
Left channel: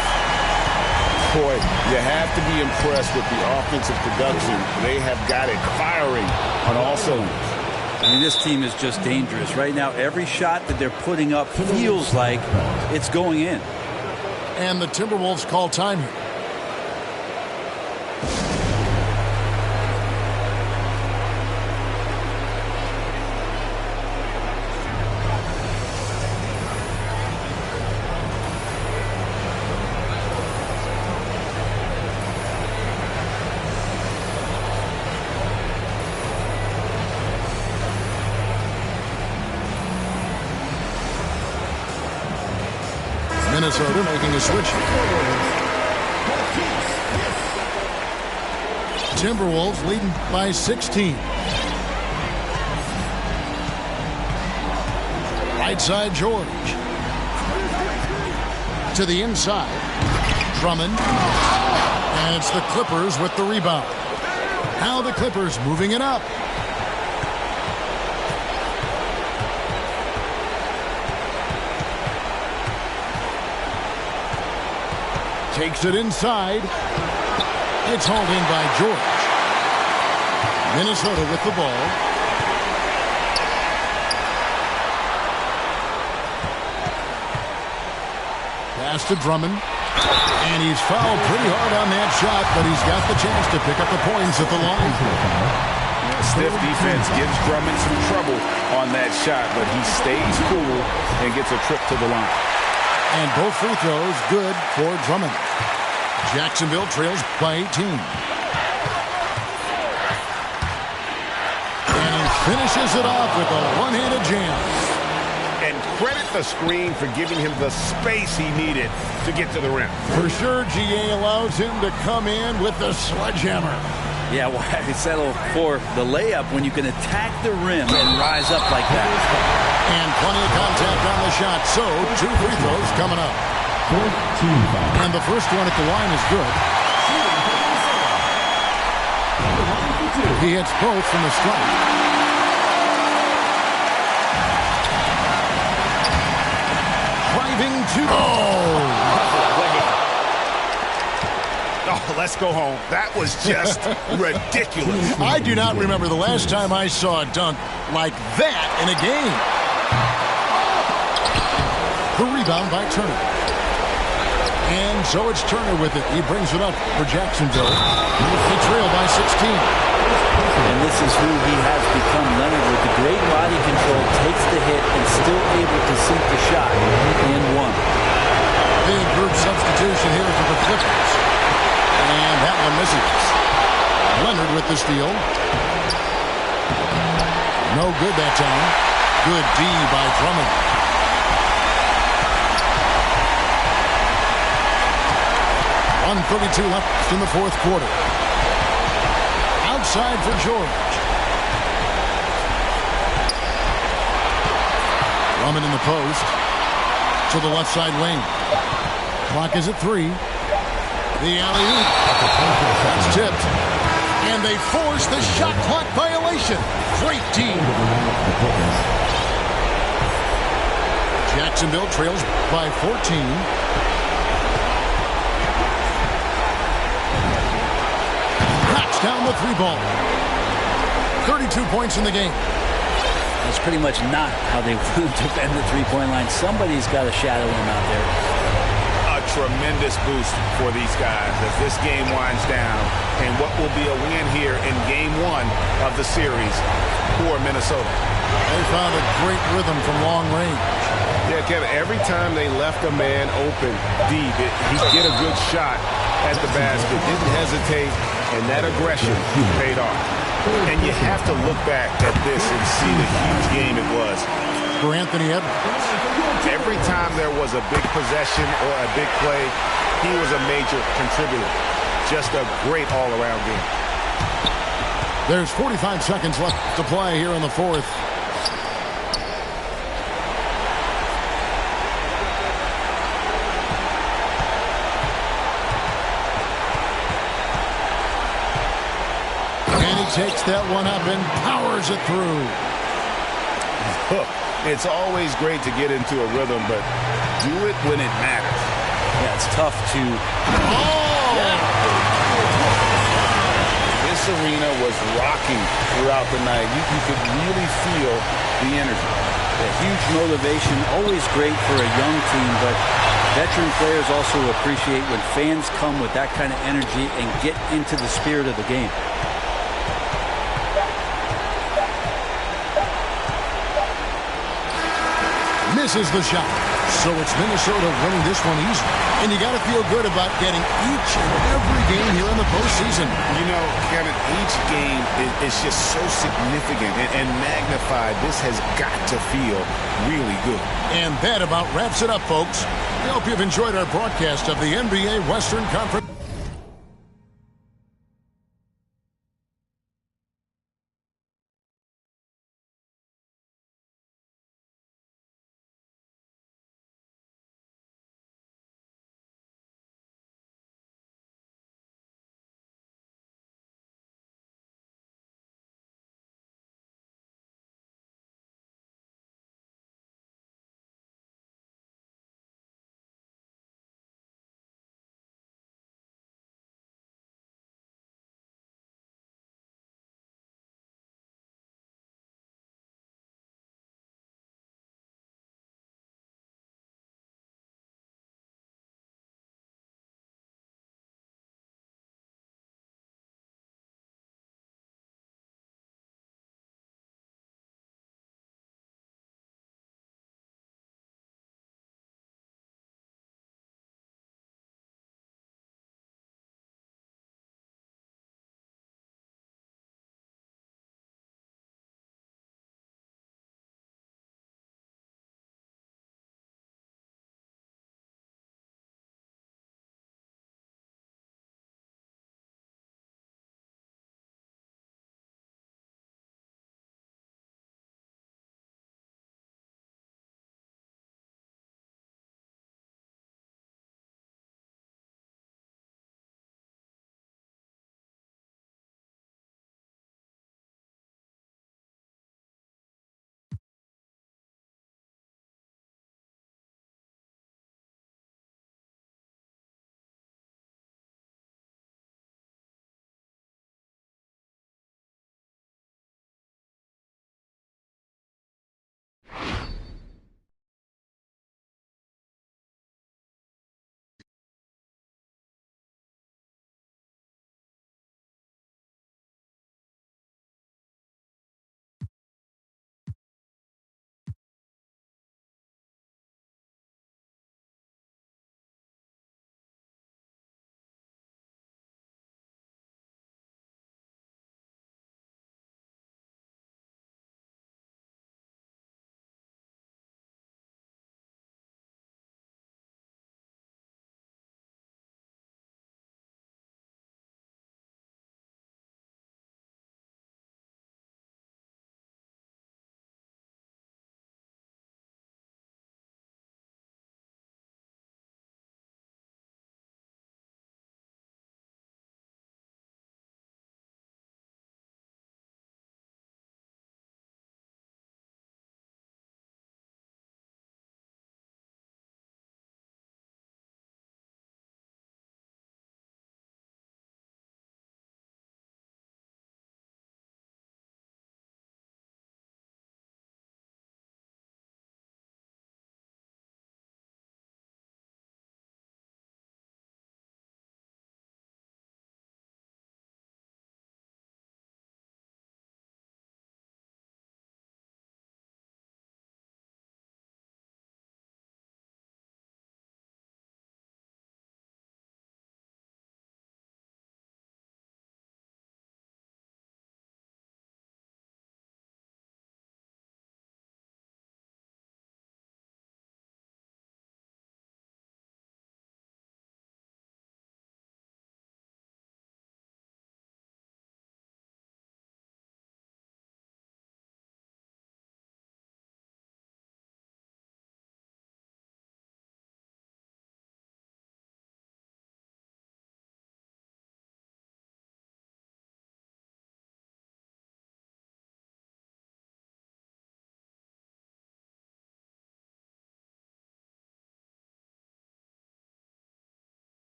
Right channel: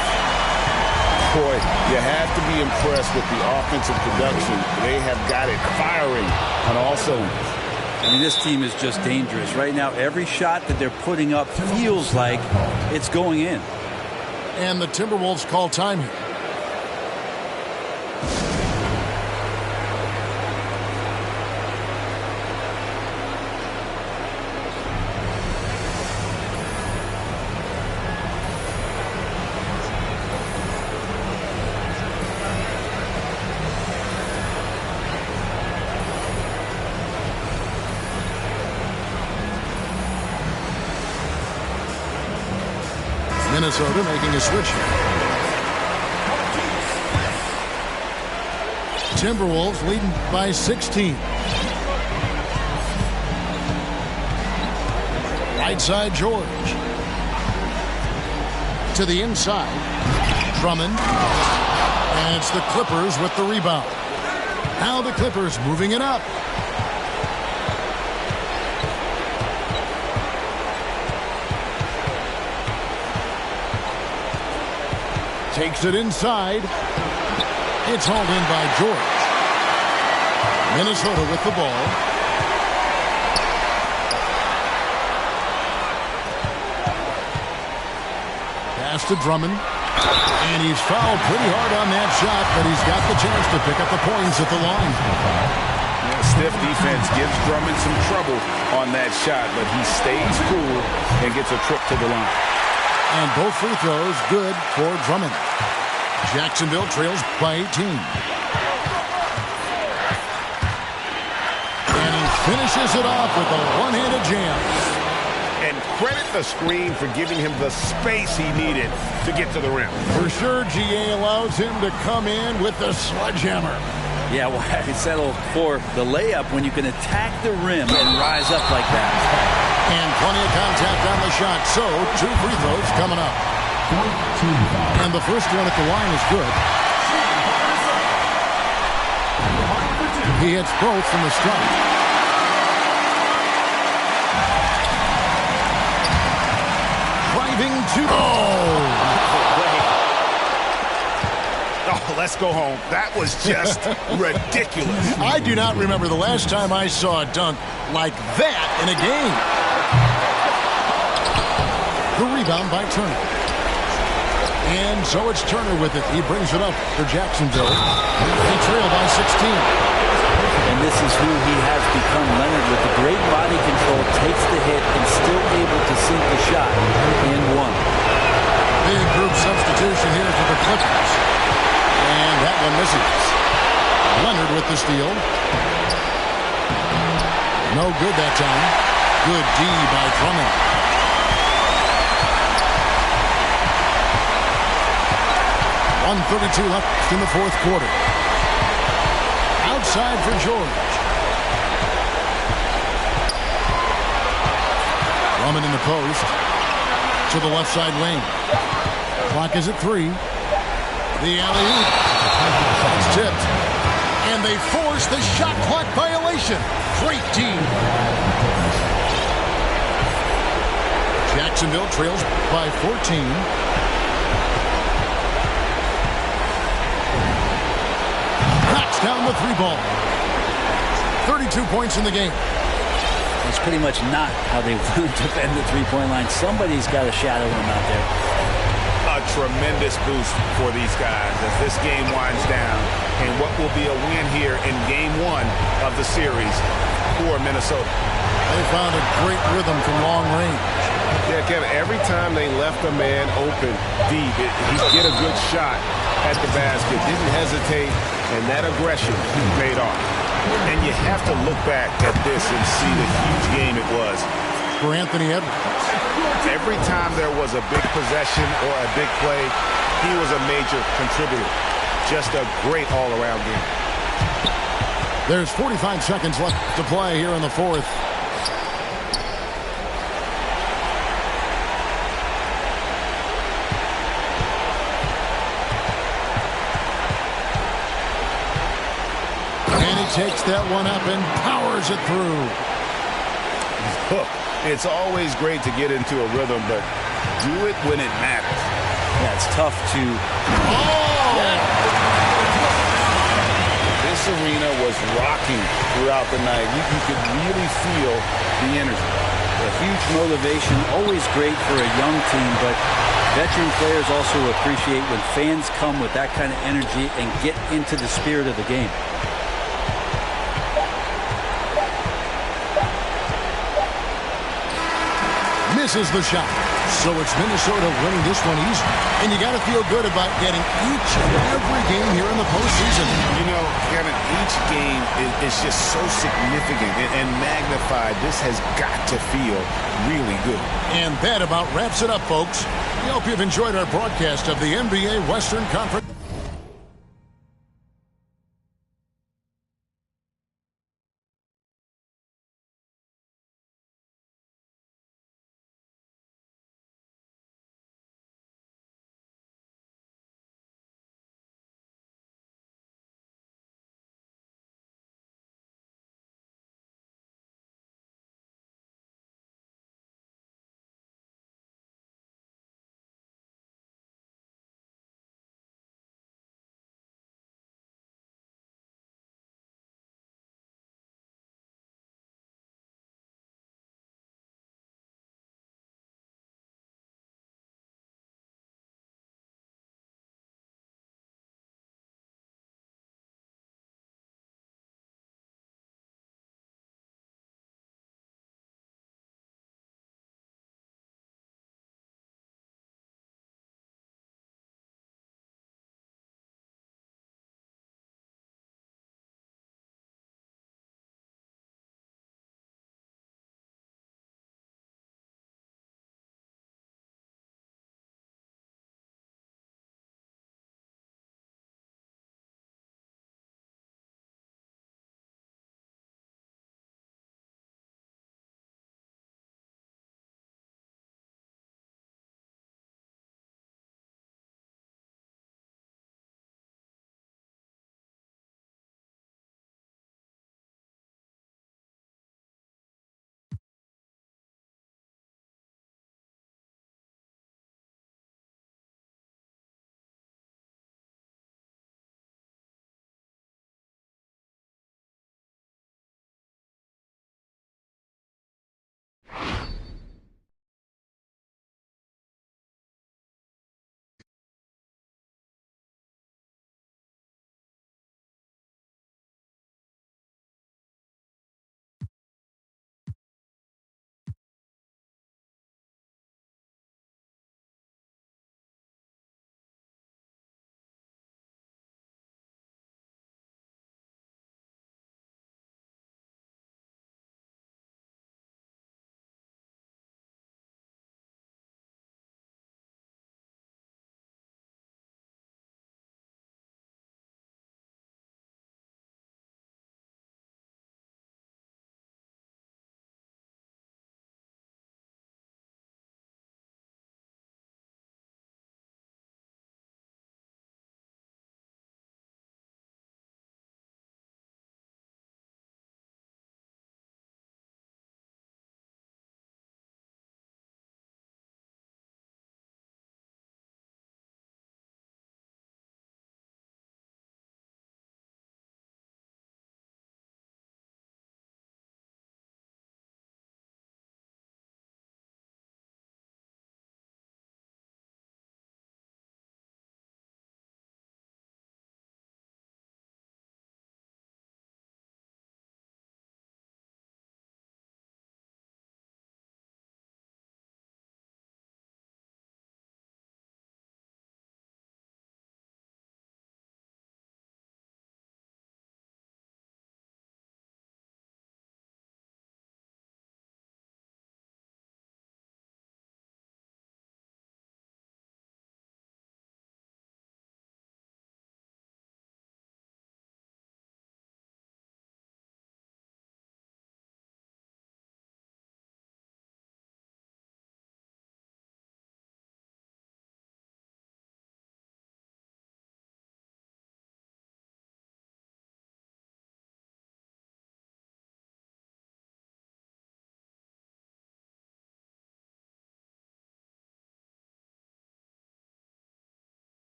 Boy, you have to be impressed with the offensive production. They have got it firing on all cylinders. I mean, this team is just dangerous. Right now, every shot that they're putting up feels like it's going in. And the Timberwolves call time here. Minnesota making a switch here. Timberwolves leading by 16. Right side, George. To the inside. Drummond. And it's the Clippers with the rebound. Now the Clippers moving it up. Takes it inside. It's hauled in by George. Minnesota with the ball. Pass to Drummond. And he's fouled pretty hard on that shot, but he's got the chance to pick up the points at the line. Yeah, stiff defense gives Drummond some trouble on that shot, but he stays cool and gets a trip to the line. And both free throws good for Drummond. Jacksonville trails by 18. And he finishes it off with a one-handed jam. And credit the screen for giving him the space he needed to get to the rim. For sure, GA allows him to come in with the sledgehammer. Yeah, why settle for the layup when you can attack the rim and rise up like that? And plenty of contact on the shot, so 2 free throws coming up. And the first one at the line is good. He hits both from the stripe. Driving to... Oh, let's go home. That was just ridiculous. I do not remember the last time I saw a dunk like that in a game. The rebound by Turner. And so it's Turner with it. He brings it up for Jacksonville. They trail by 16. And this is who he has become. Leonard with the great body control takes the hit and still able to sink the shot and one. Big group substitution here for the Clippers. And that one misses. Leonard with the steal. No good that time. Good D by Drummond. .132 left in the fourth quarter. Outside for George. Drummond in the post. To the left side wing. Clock is at 3. The alley-oop. That's tipped. And they force the shot clock violation. Great team. Jacksonville trails by 14. knocks down the three ball. 32 points in the game. That's pretty much not how they defend the three-point line. Somebody's got to shadow him out there. A tremendous boost for these guys as this game winds down. And what will be a win here in game one of the series for Minnesota. They found a great rhythm from long range. Yeah, Kevin, every time they left a man open deep, he'd get a good shot at the basket. Didn't hesitate, and that aggression paid off. And you have to look back at this and see the huge game it was. For Anthony Edwards. Every time there was a big possession or a big play, he was a major contributor. Just a great all-around game. There's 45 seconds left to play here in the fourth. And he takes that one up and powers it through. Look, it's always great to get into a rhythm, but do it when it matters. Yeah, it's tough to... Oh! Yeah. This arena was rocking throughout the night. You could really feel the energy. A huge motivation, always great for a young team, but veteran players also appreciate when fans come with that kind of energy and get into the spirit of the game. Misses the shot. So it's Minnesota winning this one easy. And you got to feel good about getting each and every game here in the postseason. You know, Kevin, each game is just so significant and magnified. This has got to feel really good. And that about wraps it up, folks. We hope you've enjoyed our broadcast of the NBA Western Conference.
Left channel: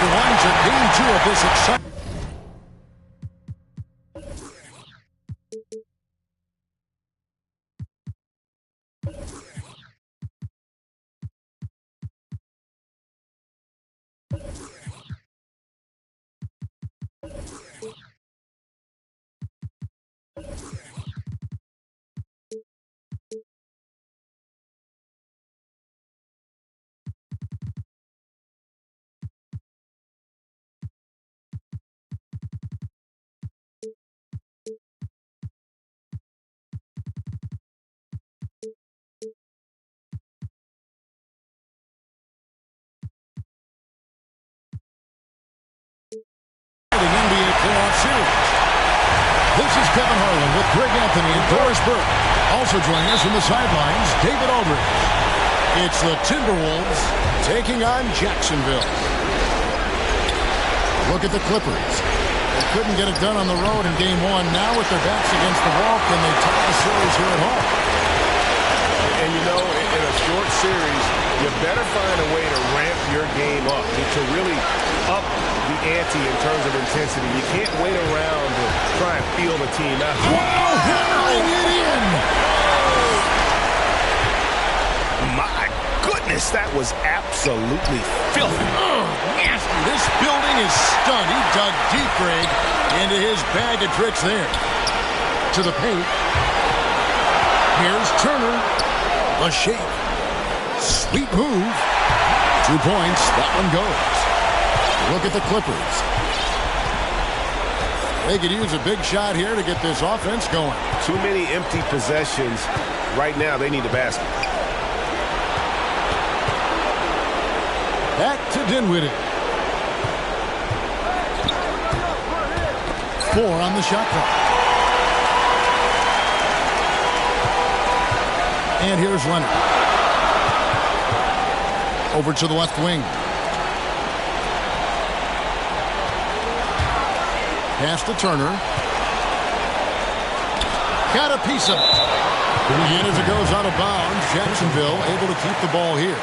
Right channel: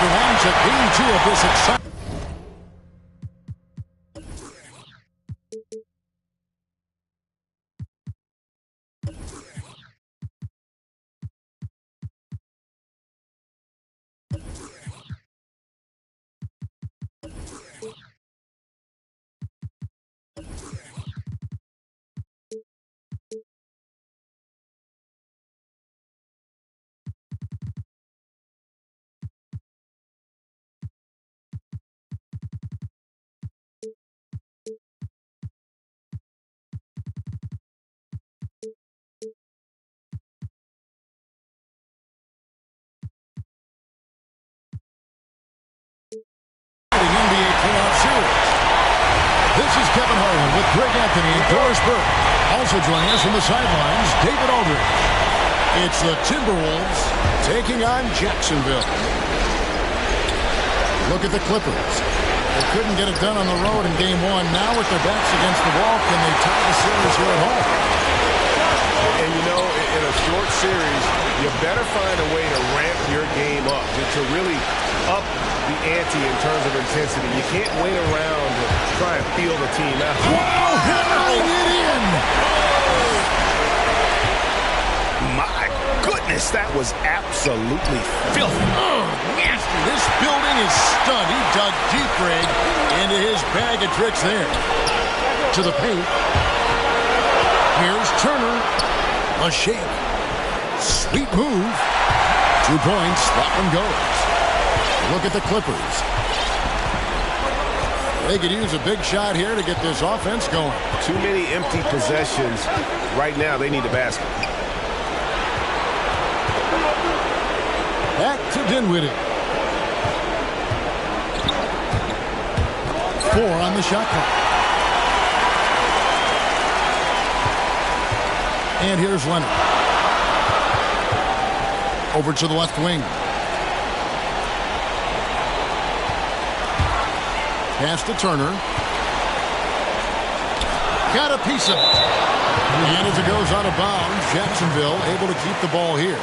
everyone, to Game 2 of this exciting. NBA playoff series. This is Kevin Harlan with Greg Anthony and Doris Burke. Also joining us from the sidelines, David Aldridge. It's the Timberwolves taking on Jacksonville. Look at the Clippers. They couldn't get it done on the road in Game 1. Now with their backs against the wall, can they tie the series here at home? And you know, in a short series, you better find a way to ramp your game up, to really up the ante in terms of intensity. You can't wait around to try and feel the team out. Wow, hammering it in! My goodness, that was absolutely filthy. Oh, nasty. This building is stunned. He dug deep, Greg, into his bag of tricks there. To the paint. Here's Turner. The shake. Sweet move. 2 points. That one goes. Look at the Clippers. They could use a big shot here to get this offense going. Too many empty possessions. Right now, they need a basket. Back to Dinwiddie. 4 on the shot clock. And here's Leonard. Over to the left wing. Pass to Turner. Got a piece of it. And as it goes out of bounds, Jacksonville able to keep the ball here.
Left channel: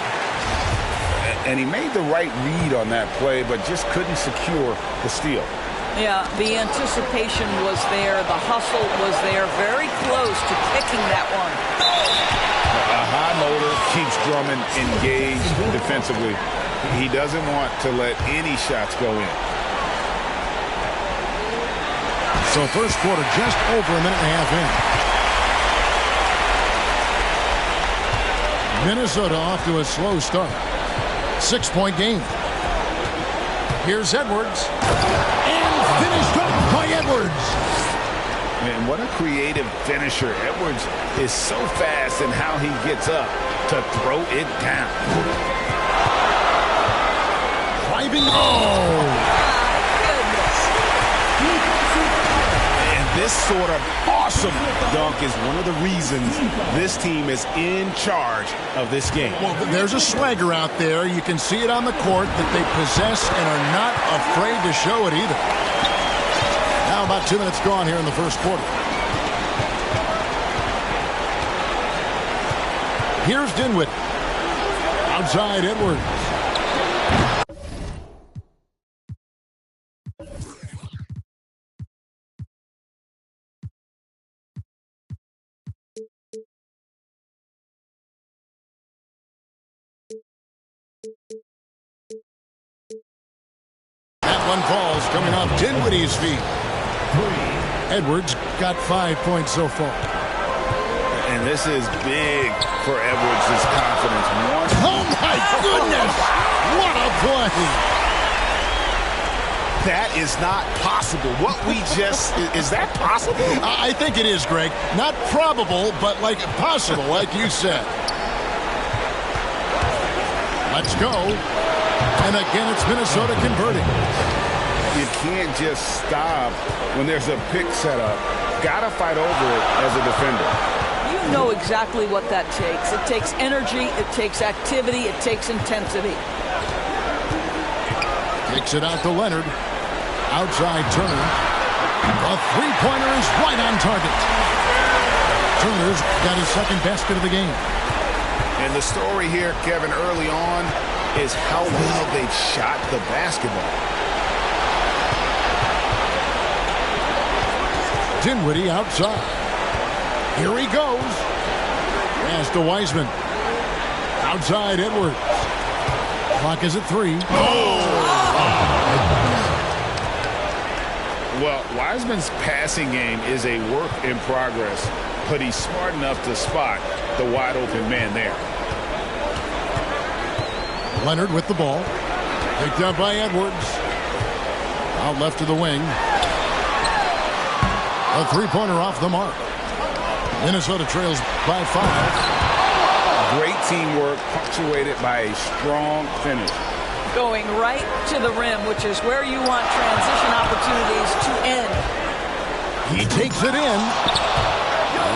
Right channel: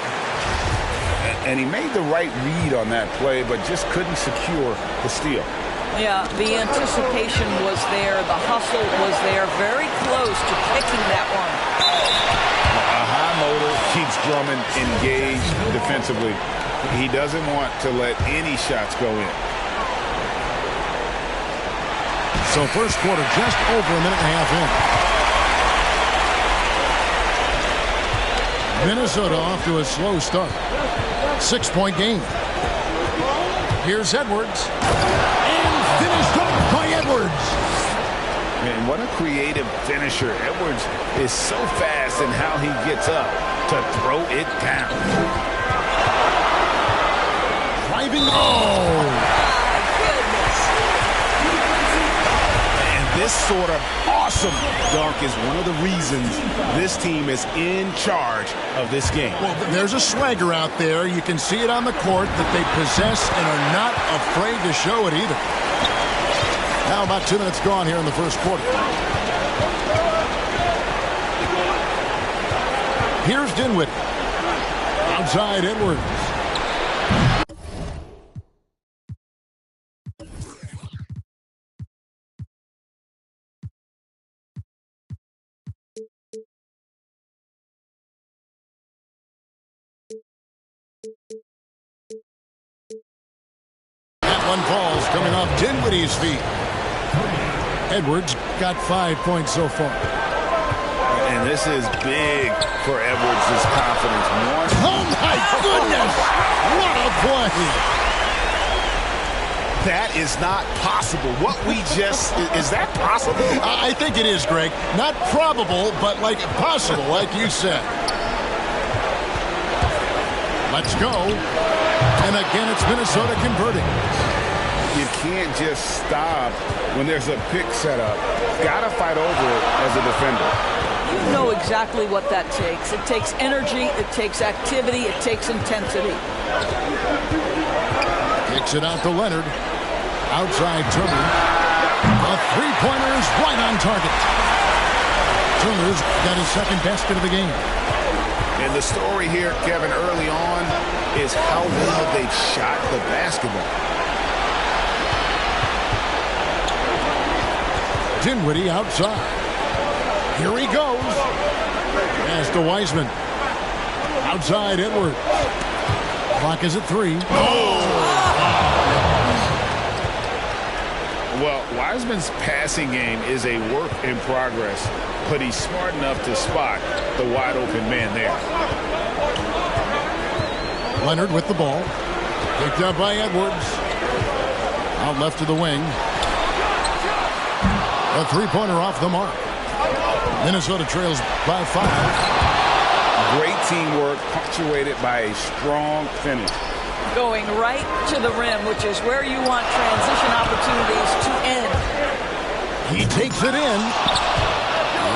And he made the right read on that play, but just couldn't secure the steal. Yeah, the anticipation was there. The hustle was there. Very close to picking that one. A high motor keeps Drummond engaged defensively. He doesn't want to let any shots go in. So first quarter just over a minute and a half in. Minnesota off to a slow start. 6-point game. Here's Edwards. And finished off by Edwards. Man, what a creative finisher. Edwards is so fast in how he gets up to throw it down. Driving. Oh! My goodness. And this sort of awesome dunk is one of the reasons this team is in charge of this game. Well, there's a swagger out there. You can see it on the court that they possess and are not afraid to show it either. Now about 2 minutes gone here in the first quarter. Here's Dinwiddie. Outside Edwards. That one falls coming off Dinwiddie's feet. Edwards got 5 points so far. And this is big for Edwards' confidence. Oh, my goodness! What a play! That is not possible. What we just... is that possible? I think it is, Greg. Not probable, but like possible, like you said. Let's go. And again, it's Minnesota converting. You can't just stop when there's a pick set up. Got to fight over it as a defender. You know exactly what that takes. It takes energy, it takes activity, it takes intensity. Kicks it out to Leonard. Outside Turner. The three-pointer is right on target. Turner's got his second basket of the game. And the story here, Kevin, early on is how well they've shot the basketball. Dinwiddie outside. Here he goes. Pass to Wiseman. Outside Edwards. Clock is at 3. Well, Wiseman's passing game is a work in progress, but he's smart enough to spot the wide open man there. Leonard with the ball. Picked up by Edwards. Out left to the wing. A three-pointer off the mark. Minnesota trails by 5. Great teamwork punctuated by a strong finish. Going right to the rim, which is where you want transition opportunities to end. He takes it in.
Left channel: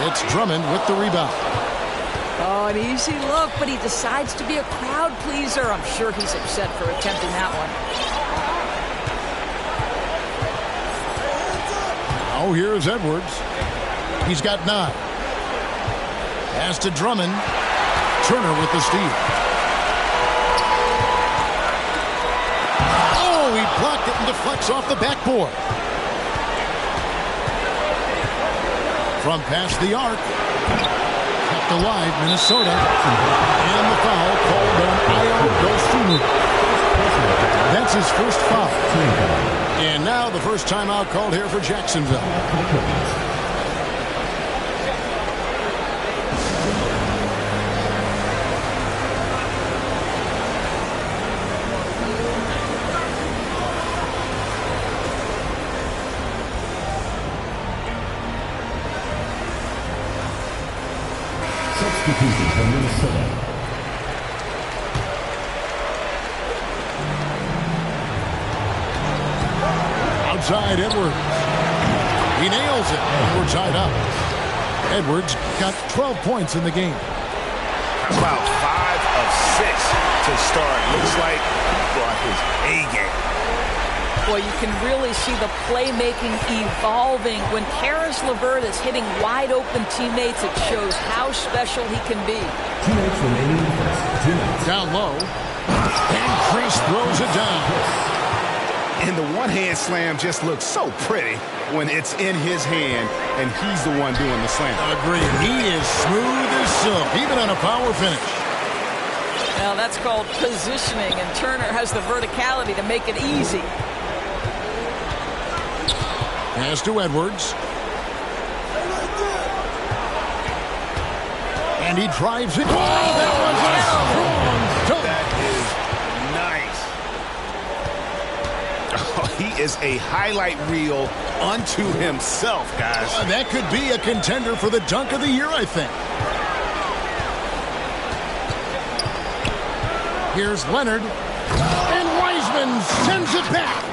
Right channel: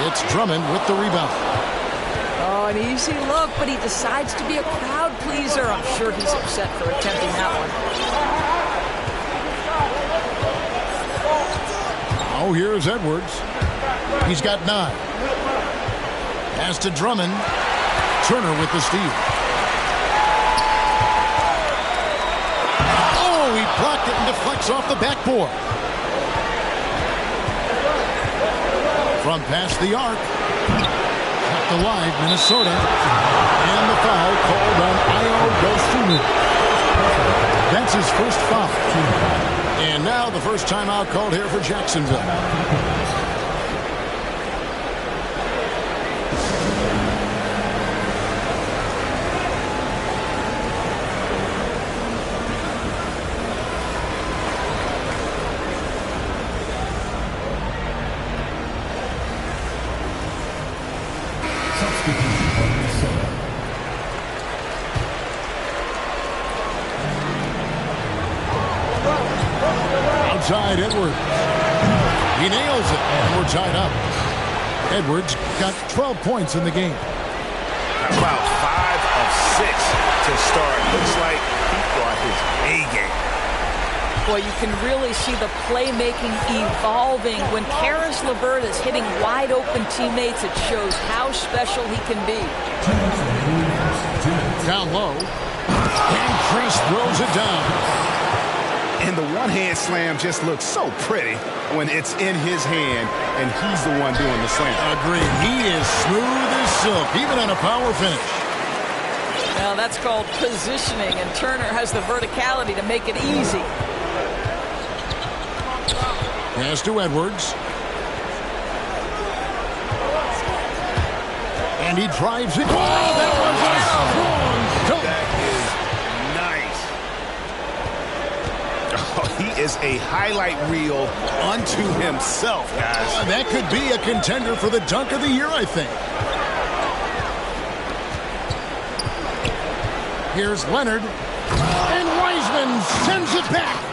It's Drummond with the rebound. Oh, an easy look, but he decides to be a crowd pleaser. I'm sure he's upset for attempting that one. Now here's Edwards. He's got 9. Pass to Drummond. Turner with the steal. Oh, he blocked it and deflects off the backboard. From past the arc. Kept alive, Minnesota. And the foul called on Ayo Dosunmu. That's his first foul. And now the first timeout called here for Jacksonville. Substitution for Minnesota. Outside Edwards. He nails it, and we're tied up. Edwards got 12 points in the game. How about 5 of 6 to start? Looks like he brought his A game. Boy, you can really see the playmaking evolving. When Karis LeVert is hitting wide-open teammates, it shows how special he can be. 2 minutes remaining in the first. 2 minutes. Down low. And Chris throws it down. And the one-hand slam just looks so pretty when it's in his hand and he's the one doing the slam. Agreed. He is smooth as silk, even on a power finish. Now that's called positioning, and Turner has the verticality to make it easy. Pass to Edwards. And he drives it. Oh, that was a strong dunk. That is nice. Oh, he is a highlight reel unto himself, guys. That could be a contender for the dunk of the year, I think. Here's Leonard. And Wiseman sends it back.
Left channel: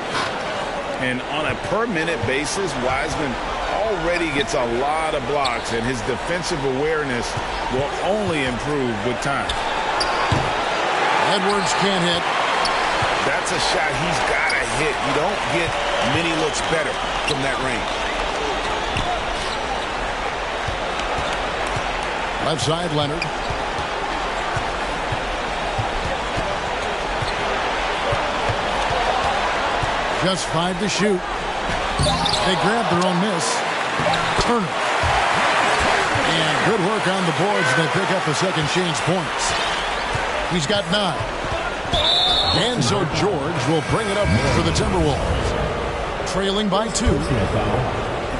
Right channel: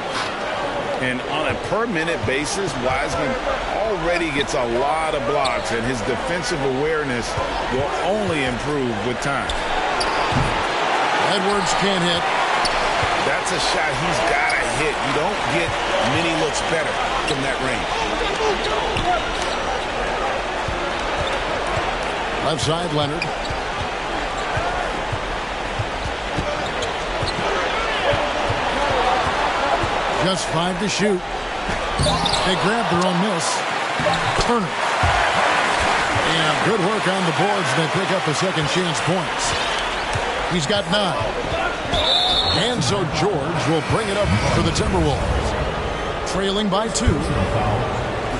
And on a per-minute basis, Wiseman already gets a lot of blocks, and his defensive awareness will only improve with time. Edwards can't hit. That's a shot he's got to hit. You don't get many looks better from that range. Left side, Leonard. Just 5 to shoot. They grab their own miss. Turner. And good work on the boards. They pick up the second change points. He's got 9. And so George will bring it up for the Timberwolves. Trailing by 2.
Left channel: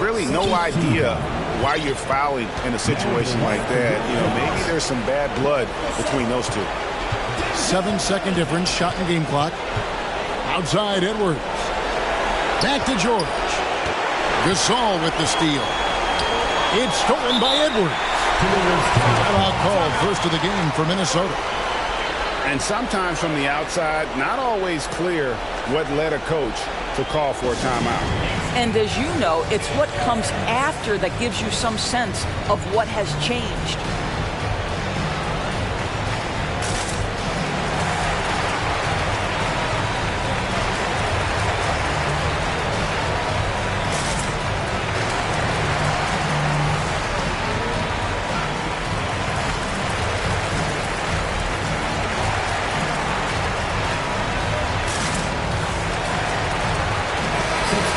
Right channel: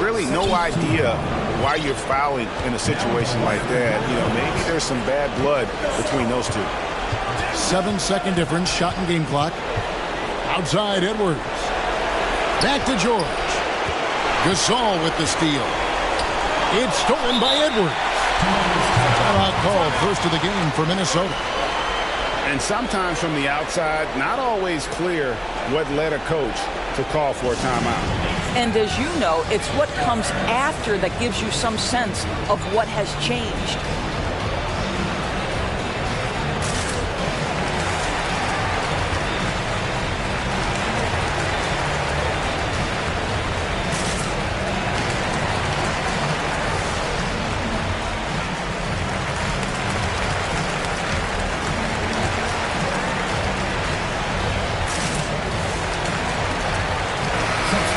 Really no idea why you're fouling in a situation like that. You know, maybe there's some bad blood between those two. 7-second difference, shot and game clock. Outside Edwards. Back to George. Gasol with the steal. It's stolen by Edwards. Timeout called, first of the game for Minnesota. And sometimes from the outside, not always clear what led a coach to call for a timeout. And as you know, it's what comes after that gives you some sense of what has changed.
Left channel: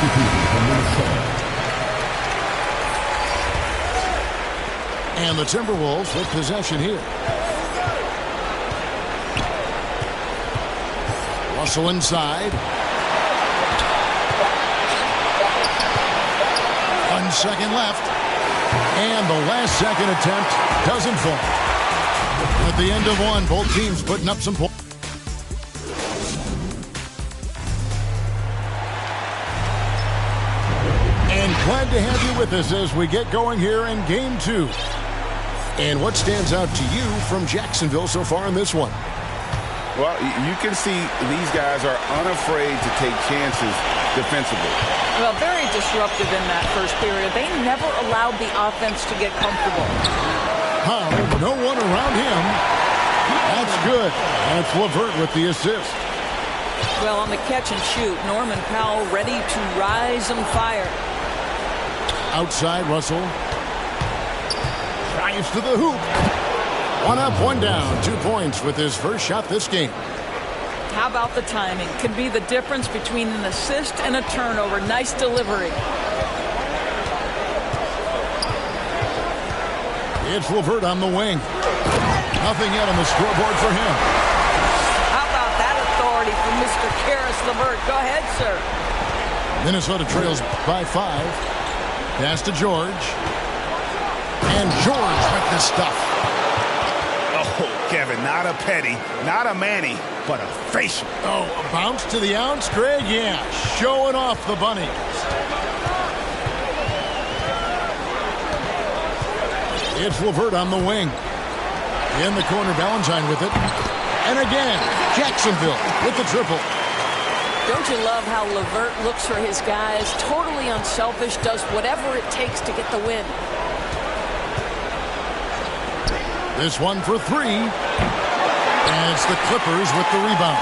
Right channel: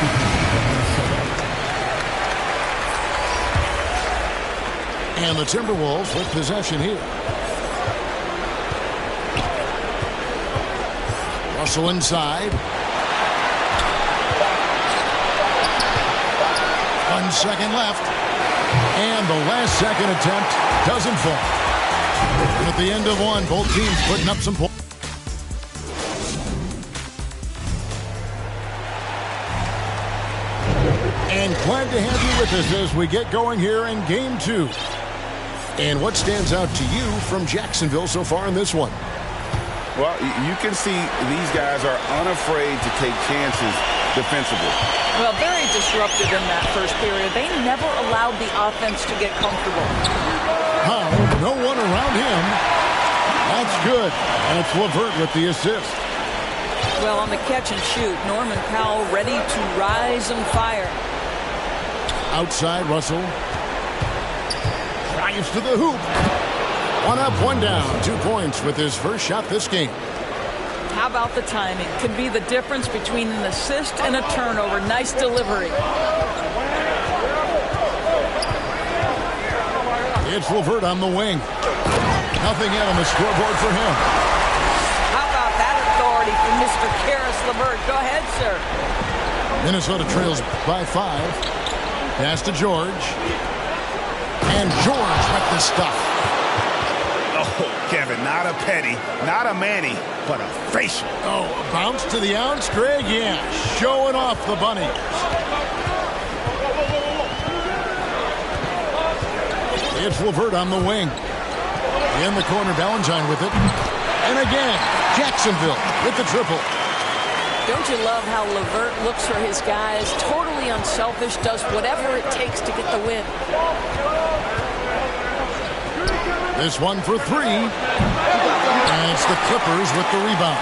substitution from Minnesota. And the Timberwolves with possession here. Russell inside. 1 second left. And the last second attempt doesn't fall. And at the end of one, both teams putting up some points. And glad to have you with us as we get going here in Game 2. And what stands out to you from Jacksonville so far in this one? Well, you can see these guys are unafraid to take chances defensively. Well, very disruptive in that first period. They never allowed the offense to get comfortable. How? No one around him. That's good. And it's LeVert with the assist. Well, on the catch and shoot, Norman Powell ready to rise and fire. Outside, Russell. Drives to the hoop. 1 up, 1 down. 2 points with his first shot this game. How about the timing? Can be the difference between an assist and a turnover. Nice delivery. It's LeVert on the wing. Nothing yet on the scoreboard for him. How about that authority from Mr. Caris LeVert? Go ahead, sir. Minnesota trails by 5. Pass to George. And George with the stuff. Oh, Kevin, not a Petty, not a Manny, but a facial. Oh, a bounce to the ounce, Greg? Yeah, showing off the bunnies. It's LeVert on the wing. In the corner, Valentine with it. And again, Jacksonville with the triple. Don't you love how LeVert looks for his guys? Totally unselfish, does whatever it takes to get the win. This one for 3. And it's the Clippers with the rebound.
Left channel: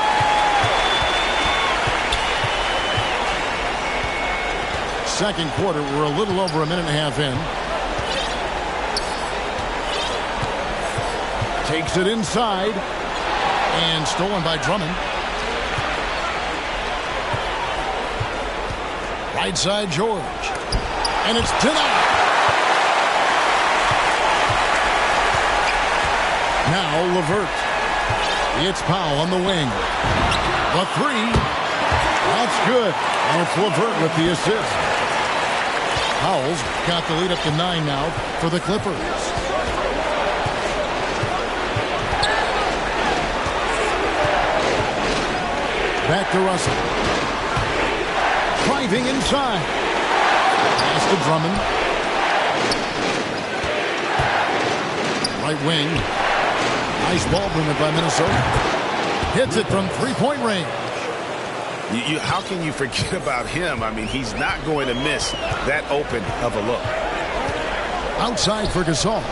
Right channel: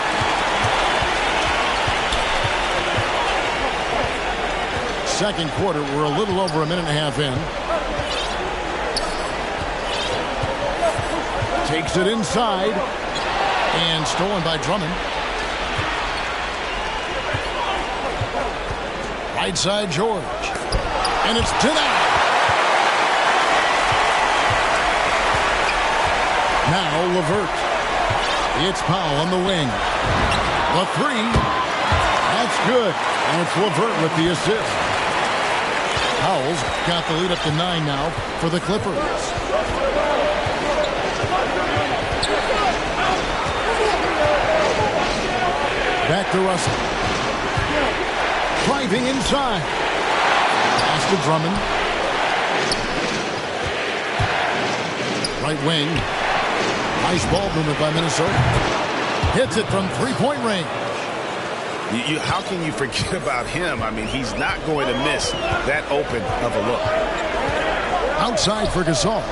Second quarter, we're a little over a minute and a half in. Takes it inside. And stolen by Drummond. Right side, George. And it's denied. Now LeVert. It's Powell on the wing. The 3. That's good. And it's LeVert with the assist. Powell's got the lead up to 9 now for the Clippers. Back to Russell. Driving inside. Pass to Drummond. Right wing. Nice ball movement by Minnesota. Hits it from 3-point range. How can you forget about him? I mean, he's not going to miss that open of a look. Outside for Gasol.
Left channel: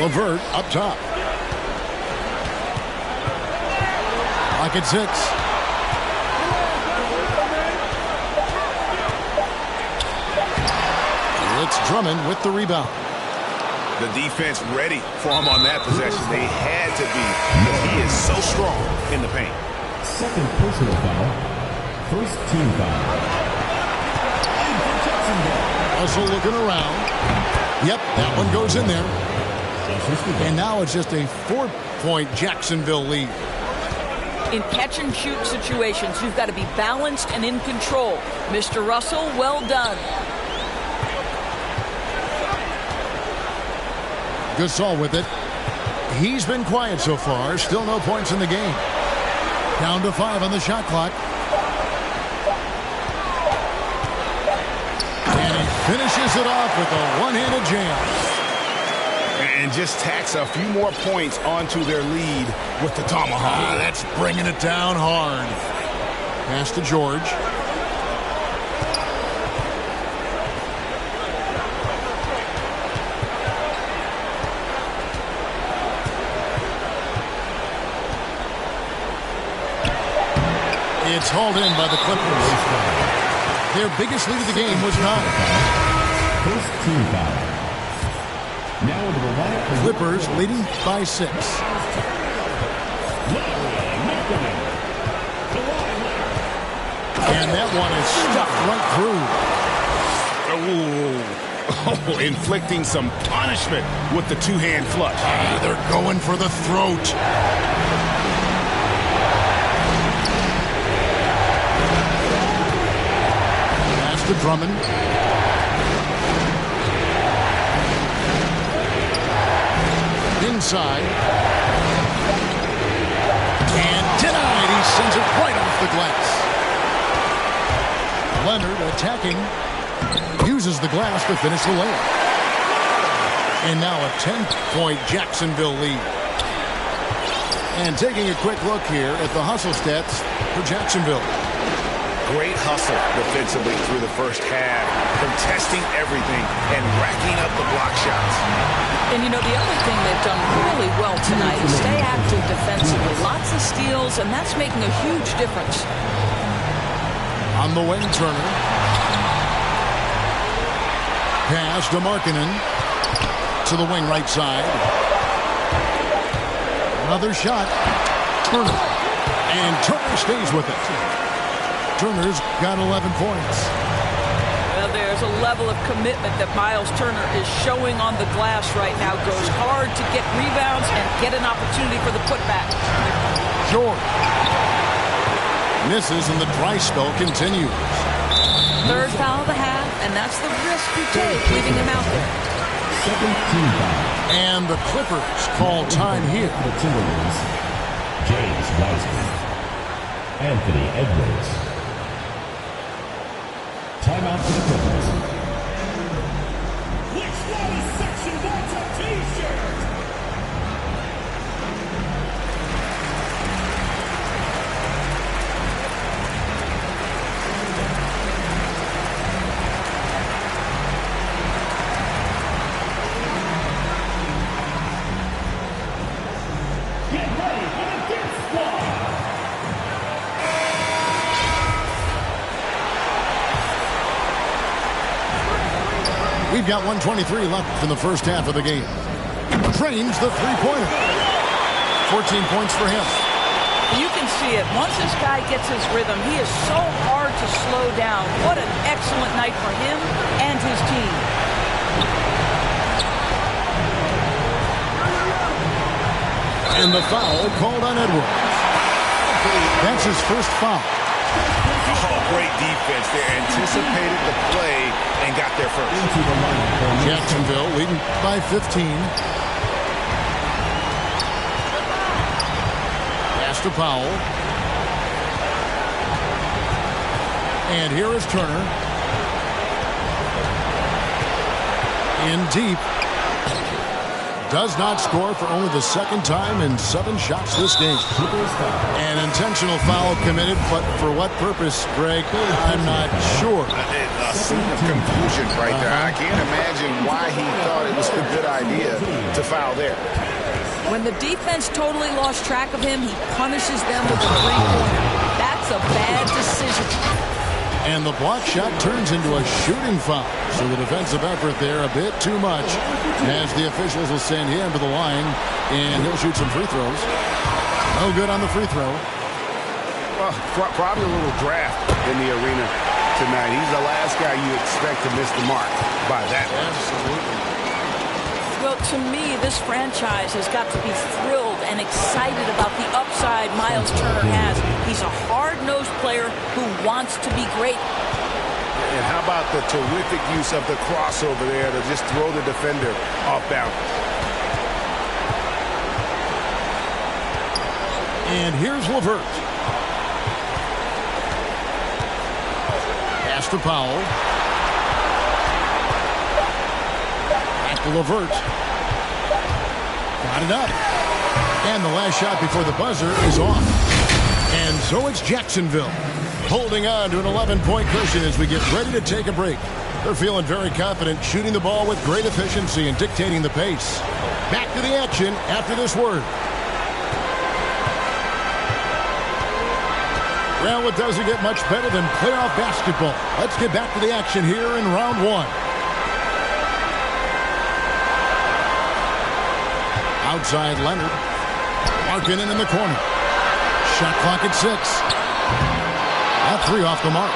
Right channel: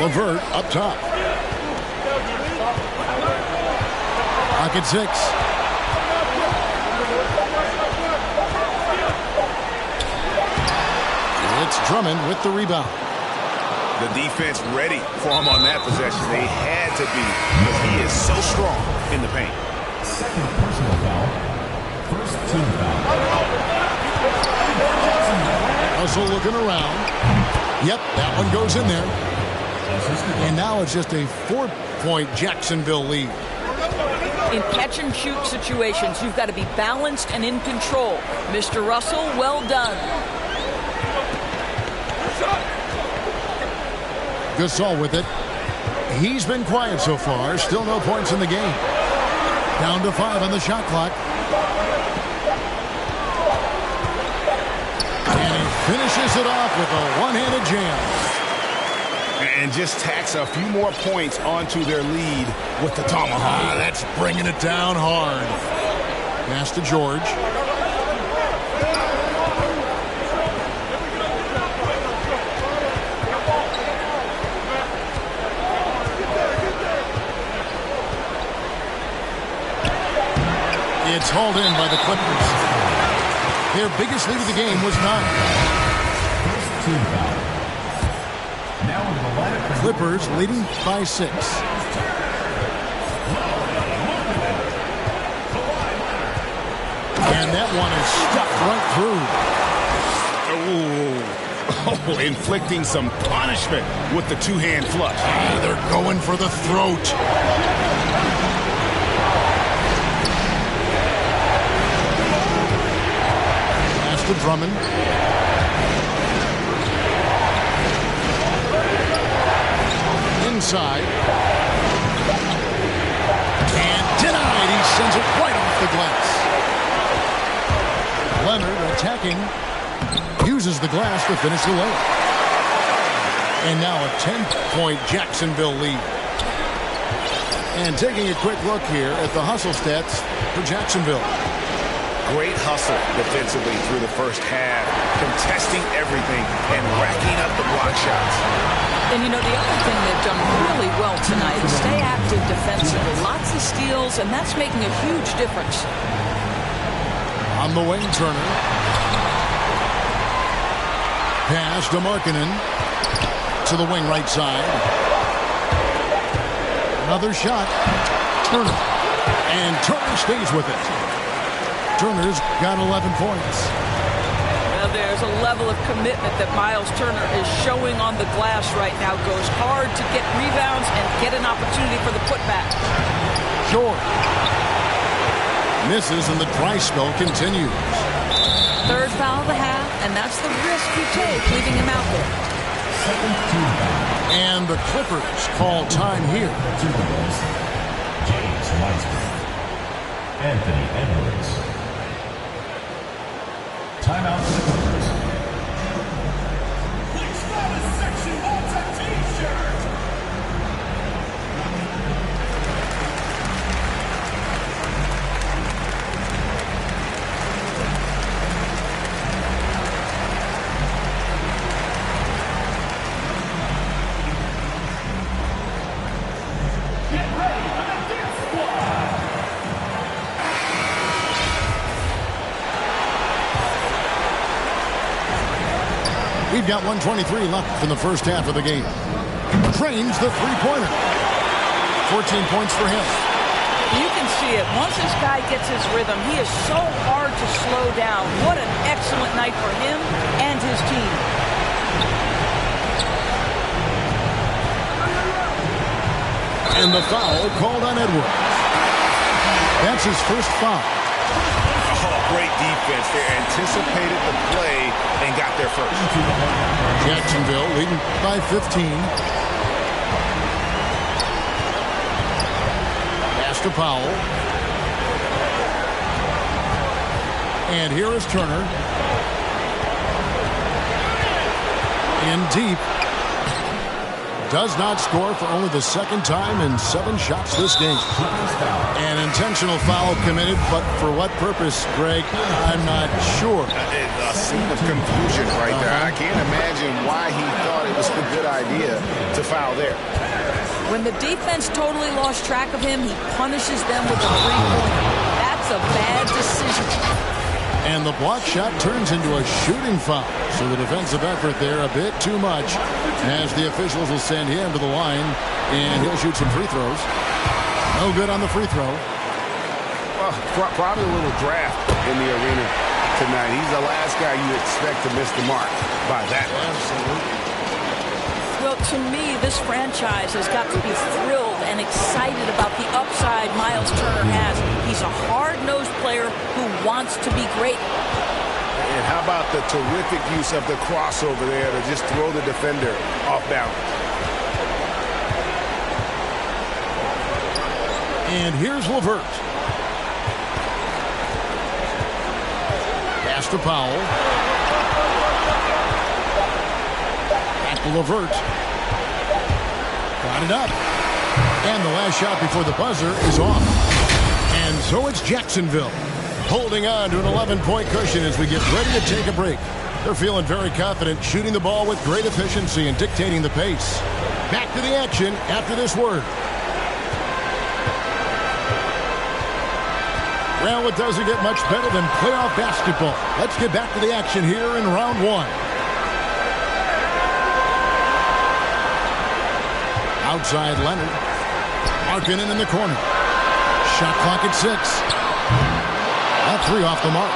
LeVert up top. Pocket 6. It's Drummond with the rebound. The defense ready for him on that possession. They had to be because he is so strong in the paint. Second personal foul. First team foul. Russell looking around. Yep, that one goes in there. And now it's just a 4-point Jacksonville lead. In catch-and-shoot situations, you've got to be balanced and in control. Mr. Russell, well done. Gasol with it. He's been quiet so far. Still no points in the game. Down to 5 on the shot clock. And he finishes it off with a one-handed jam. And just tacks a few more points onto their lead with the tomahawk. That's bringing it down hard. Pass to George. It's hauled in by the Clippers. Their biggest lead of the game was 9. First team foul. Now into the lineup for Clippers leading by 6. And that one is stuffed right through. Oh, inflicting some punishment with the two-hand flush. They're going for the throat. Pass to Drummond. Inside. And denied. He sends it right off the glass. Leonard attacking. Uses the glass to finish the layup. And now a 10-point Jacksonville lead. And taking a quick look here at the hustle stats for Jacksonville. Great hustle defensively through the first half, contesting everything and racking up the block shots. And, you know, the other thing they've done really well tonight is stay active defensively. Lots of steals, and that's making a huge difference. On the wing, Turner. Pass to Markkanen. To the wing right side. Another shot. Turner. And Turner stays with it. Turner's got 11 points. Well, there's a level of commitment that Miles Turner is showing on the glass right now. Goes hard to get rebounds and get an opportunity for the putback. Short. Misses and the dry spell continues. Third foul of the half, and that's the risk you take leaving him out there. Second team foul. And the Clippers call time here. The Timberwolves, James Wiseman, Anthony Edwards. Timeout for the Clippers. Which one section wants a t-shirt? Get ready for the Dirt Squad! We've got 1:23 left in the first half of the game. Trains the three-pointer. 14 points for him. You can see it. Once this guy gets his rhythm, he is so hard to slow down. What an excellent night for him and his team. And the foul called on Edwards. That's his first foul. Oh, great defense. They anticipated the play and got there first. Jacksonville leading by 15. Pass to Powell. And here is Turner. In deep. Does not score for only the second time in 7 shots this game. An intentional foul committed, but for what purpose, Greg? I'm not sure. A scene of confusion right there. I can't imagine why he thought it was a good idea to foul there. When the defense totally lost track of him, he punishes them with a three-pointer. That's a bad decision. And the block shot turns into a shooting foul. So the defensive effort there a bit too much, as the officials will send him to the line, and he'll shoot some free throws. No good on the free throw. Well, probably a little draft in the arena tonight. He's the last guy you expect to miss the mark by that much. Absolutely. Well, to me, this franchise has got to be thrilled and excited about the upside Miles Turner has. He's a hard-nosed player who wants to be great. And how about the terrific use of the crossover there to just throw the defender off balance. And here's LeVert. Pass to Powell. Back to LeVert. Got it up. And the last shot before the buzzer is off. And so it's Jacksonville holding on to an 11-point cushion as we get ready to take a break. They're feeling very confident, shooting the ball with great efficiency and dictating the pace. Back to the action after this word. Well, it doesn't get much better than playoff basketball. Let's get back to the action here in round one. Outside Leonard. Markkanen in the corner. Shot clock at 6. That three off the mark.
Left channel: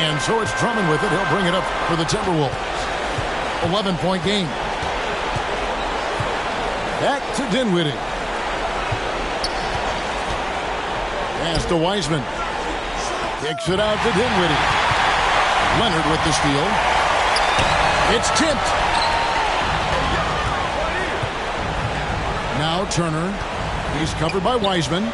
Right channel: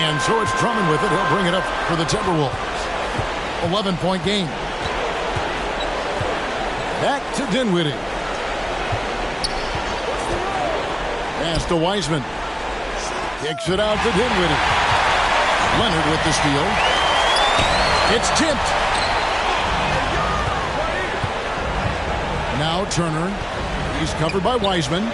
And so it's Drummond with it. He'll bring it up for the Timberwolves. 11-point game. Back to Dinwiddie. Pass to Wiseman. Kicks it out to Dinwiddie. Leonard with the steal. It's tipped. Now Turner. He's covered by Wiseman.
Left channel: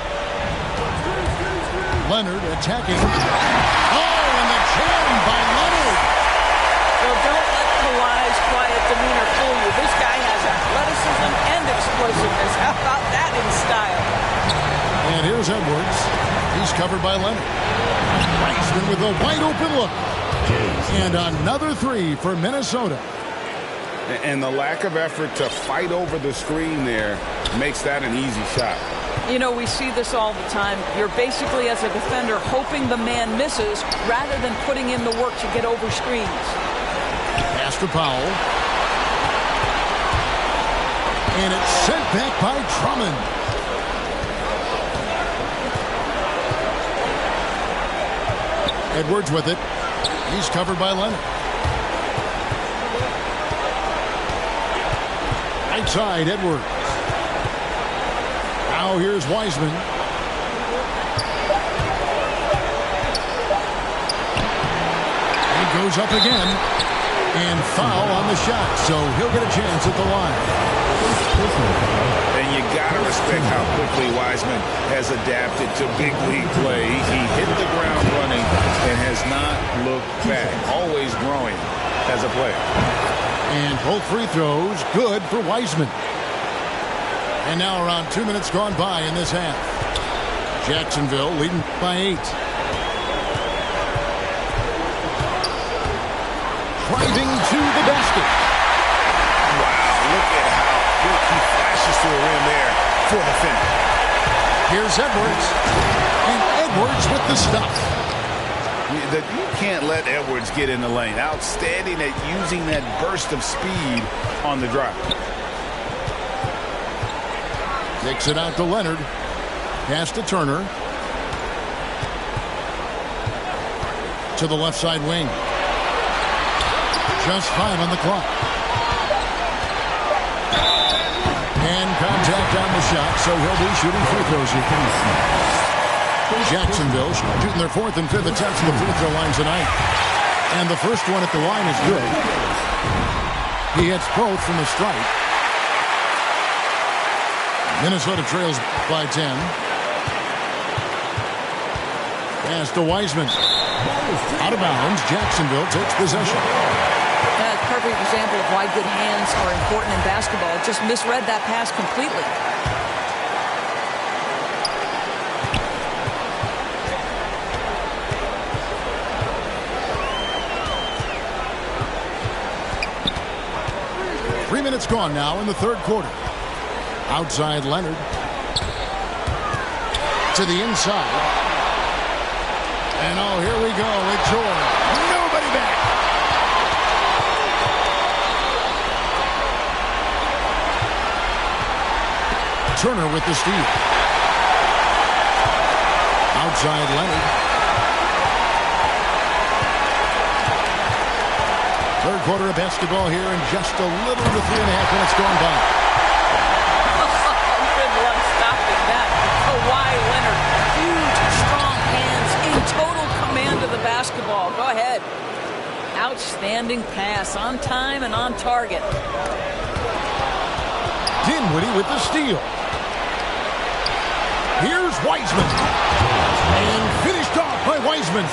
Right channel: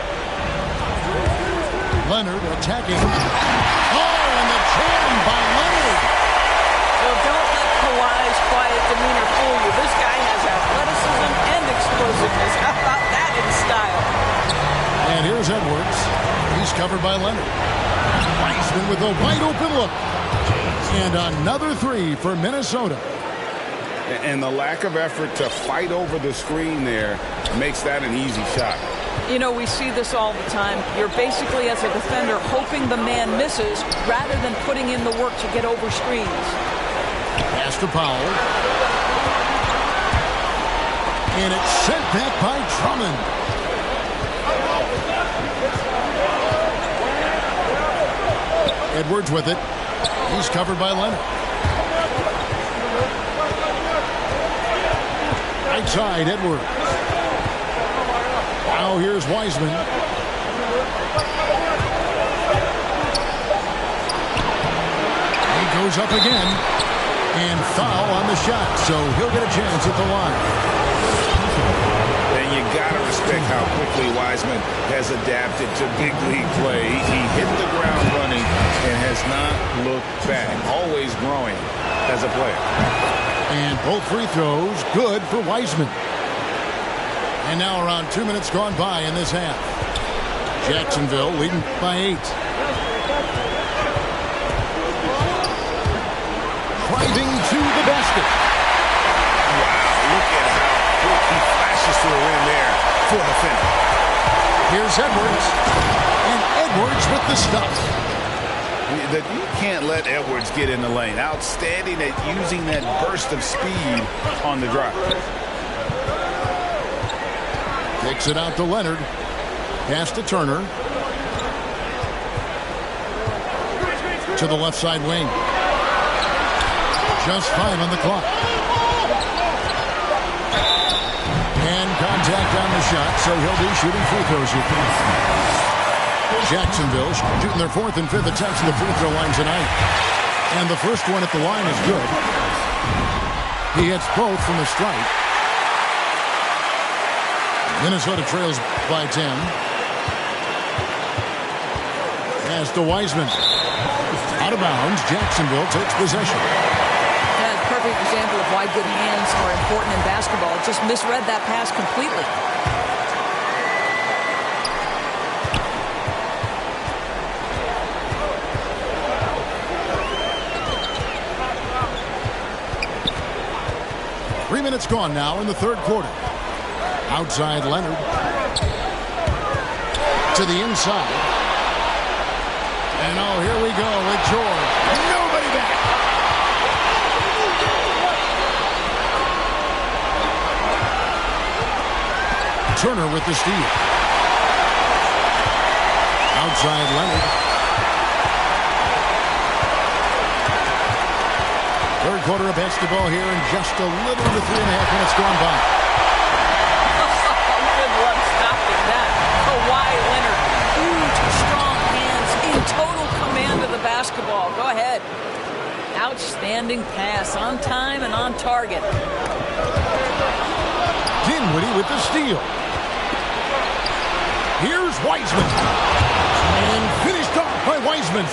Leonard attacking. Oh, and the jam by Leonard. So don't let Kawhi's quiet demeanor fool you. This guy has athleticism and explosiveness. How about that in style? And here's Edwards. He's covered by Leonard. Wiseman with a wide open look. And another three for Minnesota. And the lack of effort to fight over the screen there makes that an easy shot. You know, we see this all the time. You're basically, as a defender, hoping the man misses rather than putting in the work to get over screens. Pass to Powell. And it's sent back by Drummond. Edwards with it. He's covered by Leonard. Right side, Edwards. Now here's Wiseman. He goes up again. And foul on the shot, so he'll get a chance at the line. And you got to respect how quickly Wiseman has adapted to big league play. He hit the ground running and has not looked back. Always growing as a player. And both free throws good for Wiseman. And now around 2 minutes gone by in this half. Jacksonville leading by 8. Driving to the basket. Wow, look at how quick he flashes to the rim there for the finish. Here's Edwards. And Edwards with the stuff. You can't let Edwards get in the lane. Outstanding at using that burst of speed on the drive. Takes it out to Leonard. Pass to Turner. To the left side wing. Just 5 on the clock. And contact on the shot, so he'll be shooting free throws here. Jacksonville shooting their 4th and 5th attempts at the free throw line tonight. And the first one at the line is good. He hits both from the stripe. Minnesota trails by 10. Pass to Wiseman. Out of bounds. Jacksonville takes possession. That's a perfect example of why good hands are important in basketball. It just misread that pass completely. Three minutes gone now in the third quarter. Outside Leonard. To the inside. And oh, here we go with George. Nobody back. Turner with the steal. Outside Leonard. Third quarter of basketball here in just a little over 3.5 minutes gone by. Good luck stopping that. Kawhi Leonard, huge, strong hands, in total command of the basketball. Go ahead. Outstanding pass, on time and on target. Dinwiddie with the steal. Here's Wiseman. And finished off by Wiseman.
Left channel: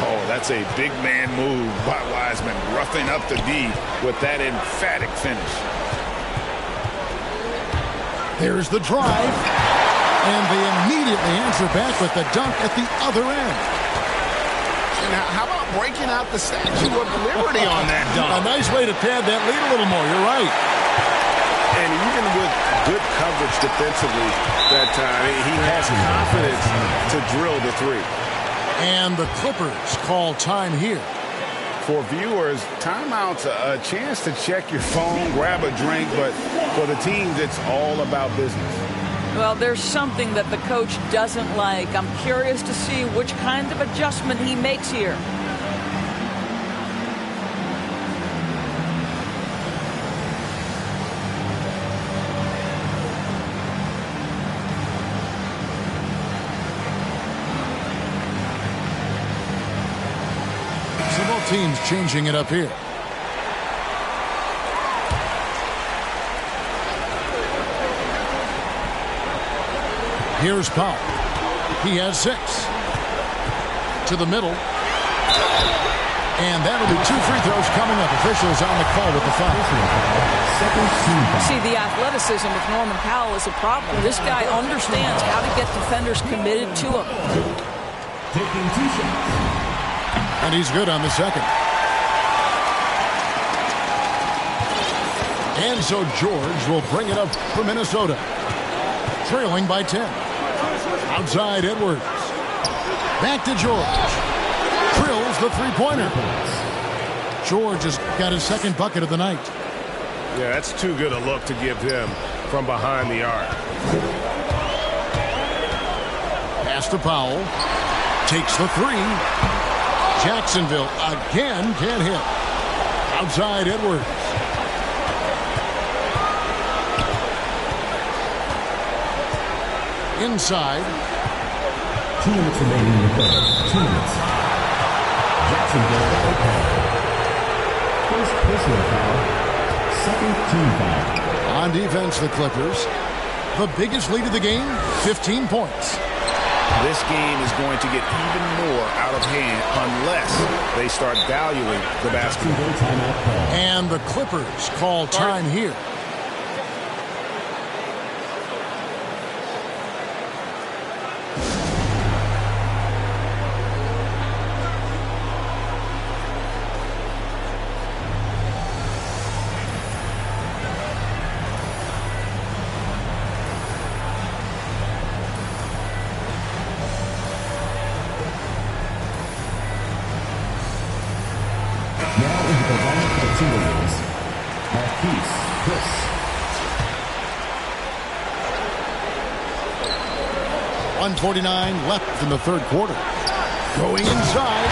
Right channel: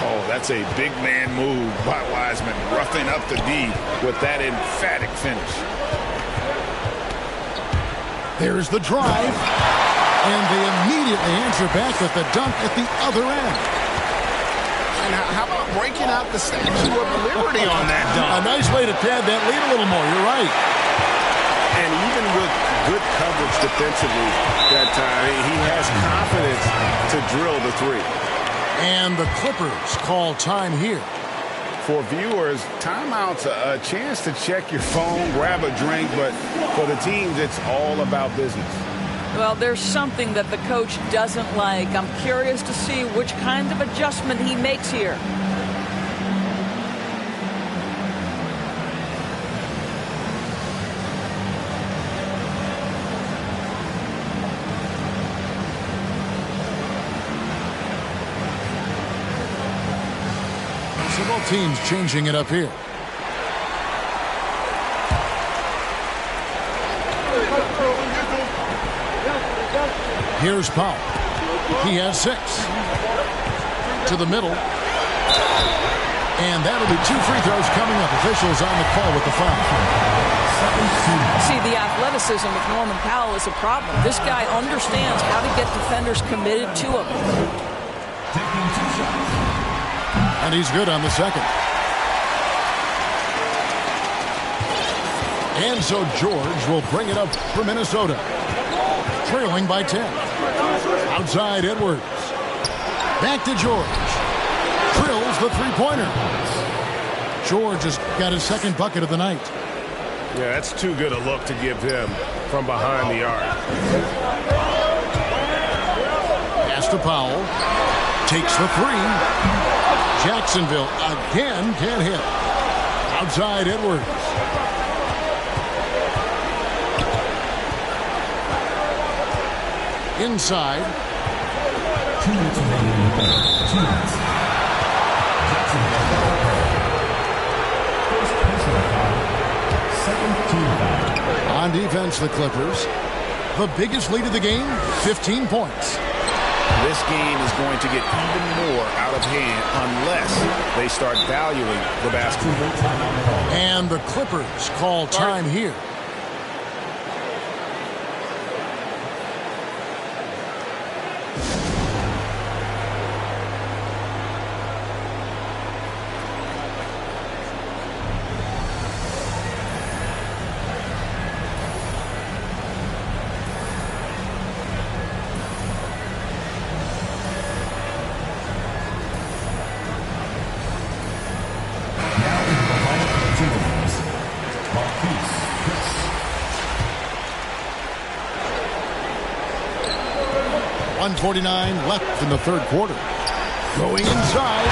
Oh, that's a big man move by Wiseman, roughing up the D with that emphatic finish. There's the drive. And they immediately answer back with the dunk at the other end. And how about breaking out the Statue of Liberty on that dunk? A nice way to pad that lead a little more. You're right. And even with good coverage defensively that time, he has confidence to drill the three. And the Clippers call time here. For viewers, timeout's a chance to check your phone, grab a drink, but for the teams, it's all about business. Well, there's something that the coach doesn't like. I'm curious to see which kind of adjustment he makes here. So both teams changing it up here. Here's Powell. He has 6. To the middle. And that'll be 2 free throws coming up. Officials on the call with the foul. See, the athleticism with Norman Powell is a problem. This guy understands how to get defenders committed to him. Taking 2 shots. And he's good on the second. And so George will bring it up for Minnesota. Trailing by 10. Outside Edwards. Back to George. Drills the three-pointer. George has got his second bucket of the night. Yeah, that's too good a look to give him from behind the arc. Pass to Powell. Takes the 3. Jacksonville again can't hit. Outside Edwards. Inside. 2 minutes remaining in the third. 2 minutes. Jacksonville foul call. First personal foul. Second team foul. On defense, the Clippers. The biggest lead of the game, 15 points. This game is going to get even more out of hand unless they start valuing the basketball. Timeout call. And the Clippers call time here. Now into the lineup for the Timberwolves. Marquise Chris. .149 left in the third quarter. Going inside.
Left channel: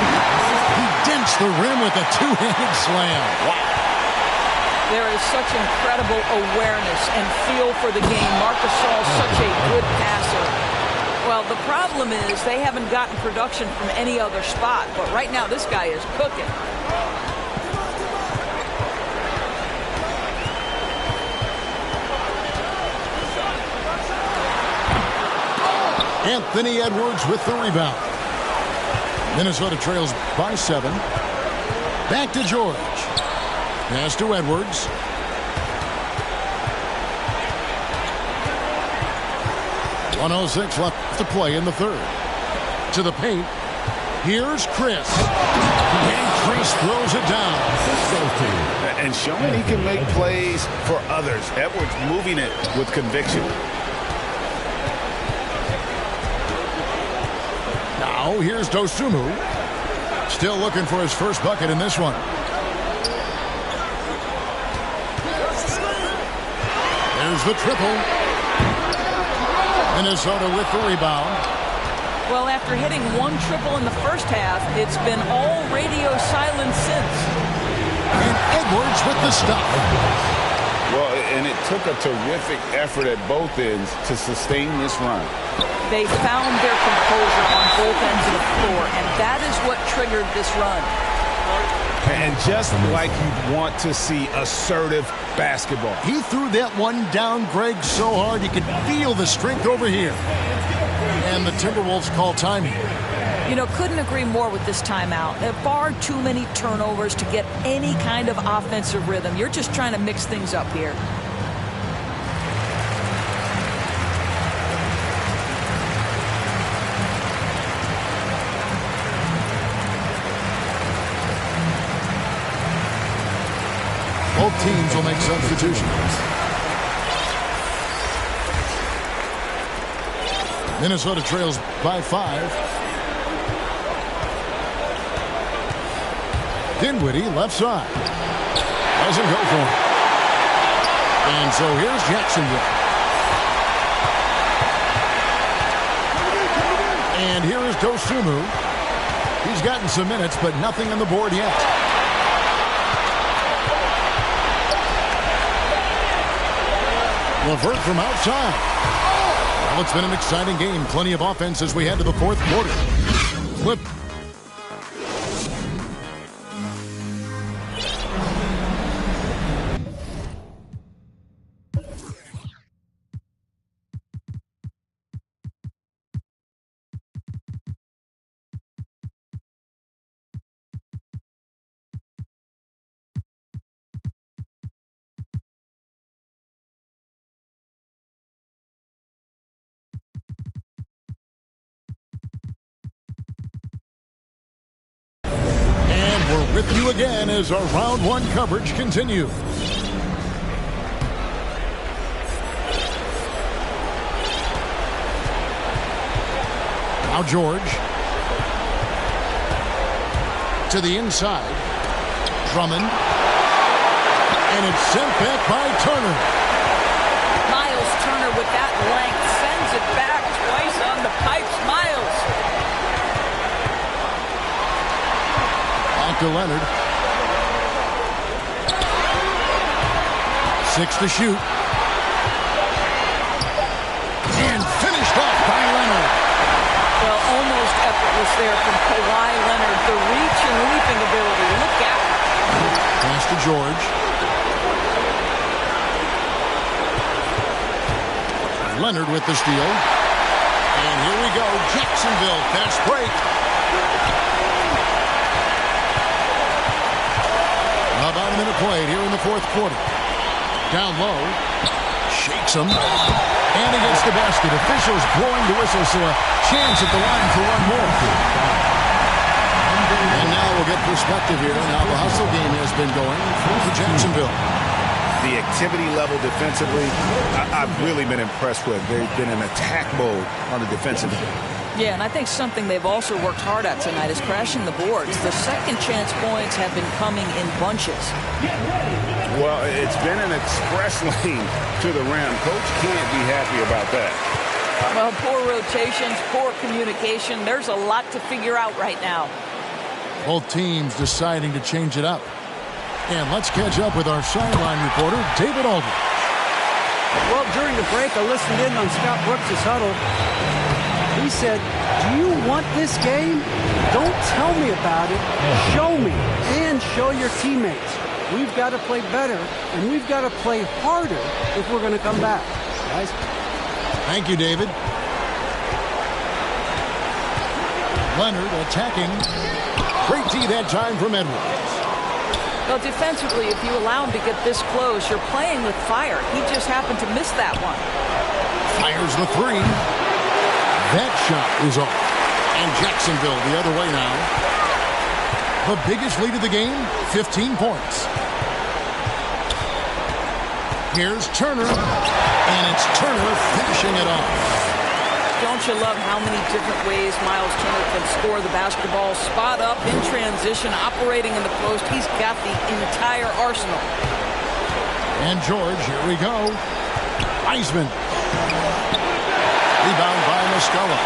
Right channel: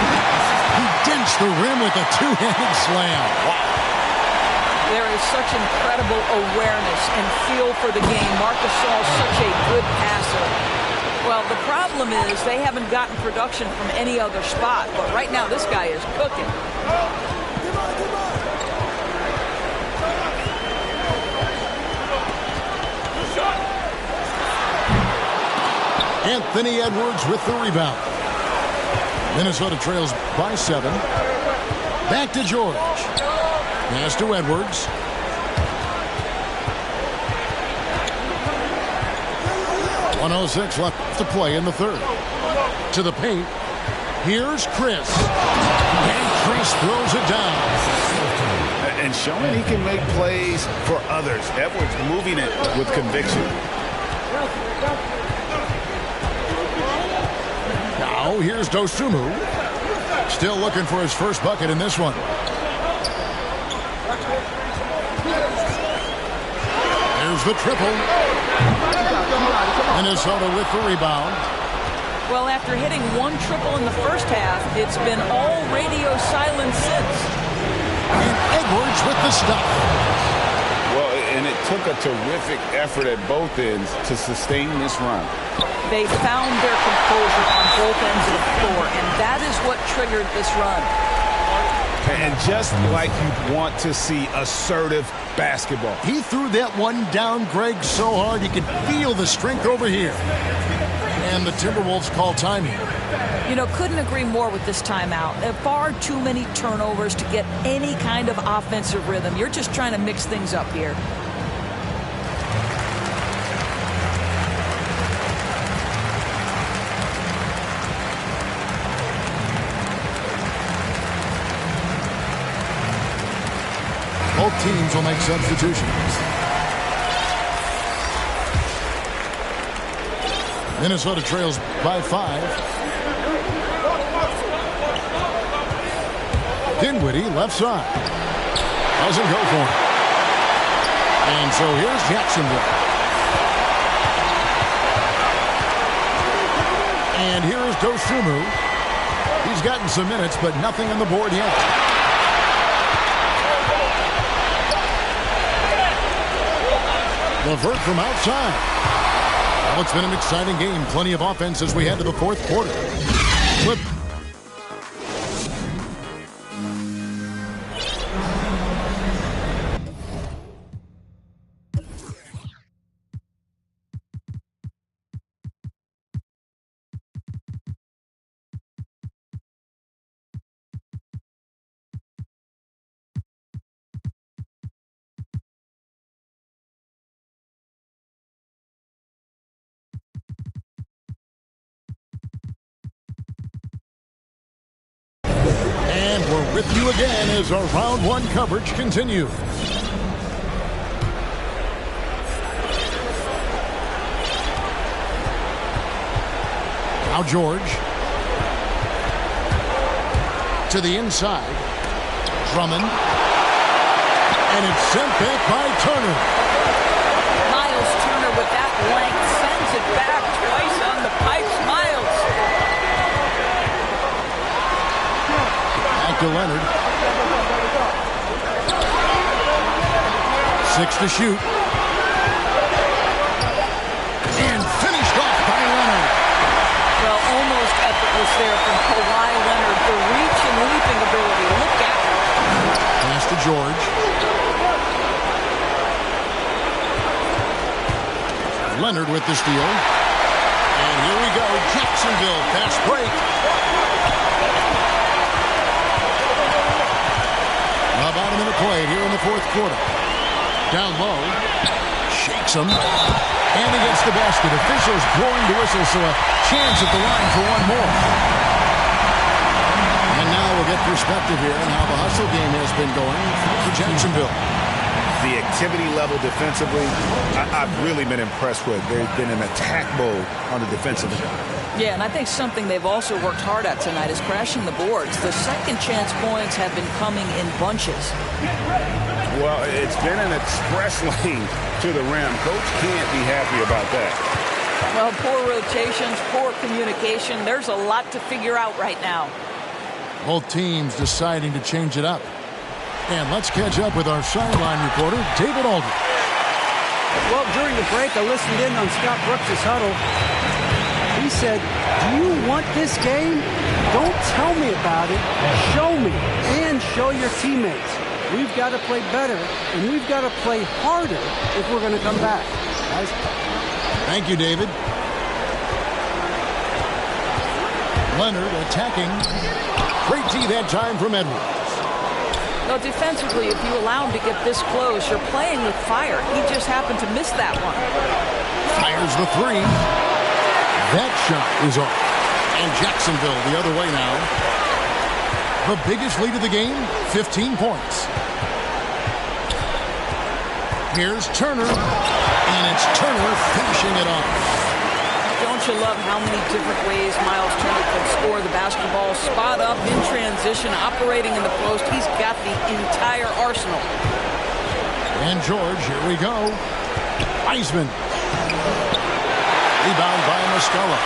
He dents the rim with a two-handed slam. Wow. There is such incredible awareness and feel for the game. Marc Gasol is such a good passer. Well, the problem is they haven't gotten production from any other spot. But right now, this guy is cooking. Anthony Edwards with the rebound. Minnesota trails by 7. Back to George. Pass to Edwards. .106 left to play in the third. To the paint. Here's Chris. And Chris throws it down. And showing he can make plays for others. Edwards moving it with conviction. Now here's Dosunmu. Still looking for his first bucket in this one. There's the triple. Minnesota with the rebound. Well, after hitting 1 triple in the first half, it's been all radio silence since. And Edwards with the stuff. Well, and it took a terrific effort at both ends to sustain this run. They found their composure on both ends of the floor, and that is what triggered this run. And just like you'd want to see assertive basketball. He threw that one down, Greg, so hard you could feel the strength over here. And the Timberwolves call time here. You know, couldn't agree more with this timeout. There are far too many turnovers to get any kind of offensive rhythm. You're just trying to mix things up here. Both teams will make substitutions. Minnesota trails by 5. Dinwiddie left side. Doesn't go for it. And so here's Jacksonville. And here is Dosunmu. He's gotten some minutes, but nothing on the board yet. LeVert from outside. Well, it's been an exciting game. Plenty of offense as we head to the fourth quarter. Flip. And we're with you again as our round one coverage continues. Now George. To the inside. Drummond. And it's sent back by Turner. Miles Turner with that length sends it back twice on the pipes. Miles. Back to Leonard. 6 to shoot. And finished off by Leonard. Well, almost effortless there from Kawhi Leonard. The reach and leaping ability. Look out. Pass to George. Leonard with the steal. And here we go. Jacksonville, fast break. About a minute played here in the fourth quarter. Down low. Shakes him. And he gets the basket. Officials blowing the whistle, so a chance at the line for one more. And now we'll get perspective here on how the hustle game has been going for Jacksonville. The activity level defensively, I've really been impressed with. They've been in attack mode on the defensive end. Yeah, and I think something they've also worked hard at tonight is crashing the boards. The second chance points have been coming in bunches. Well, it's been an express lane to the rim. Coach can't be happy about that. Well, poor rotations, poor communication. There's a lot to figure out right now. Both teams deciding to change it up. And let's catch up with our sideline reporter, David Aldridge. Well, during the break, I listened in on Scott Brooks' huddle. He said, do you want this game? Don't tell me about it. Show me and show your teammates. We've got to play better, and we've got to play harder if we're going to come back. Guys. Thank you, David. Leonard attacking. Great D that time from Edwards. Well, defensively, if you allow him to get this close, you're playing with fire. He just happened to miss that one. Fires the three. That shot is off. And Jacksonville the other way now. The biggest lead of the game, 15 points. Here's Turner. And it's Turner finishing it off. Don't you love how many different ways Miles Turner can score the basketball? Spot up, in transition, operating in the post. He's got the entire arsenal. And George, here we go. Wiseman. Rebound by Muscala.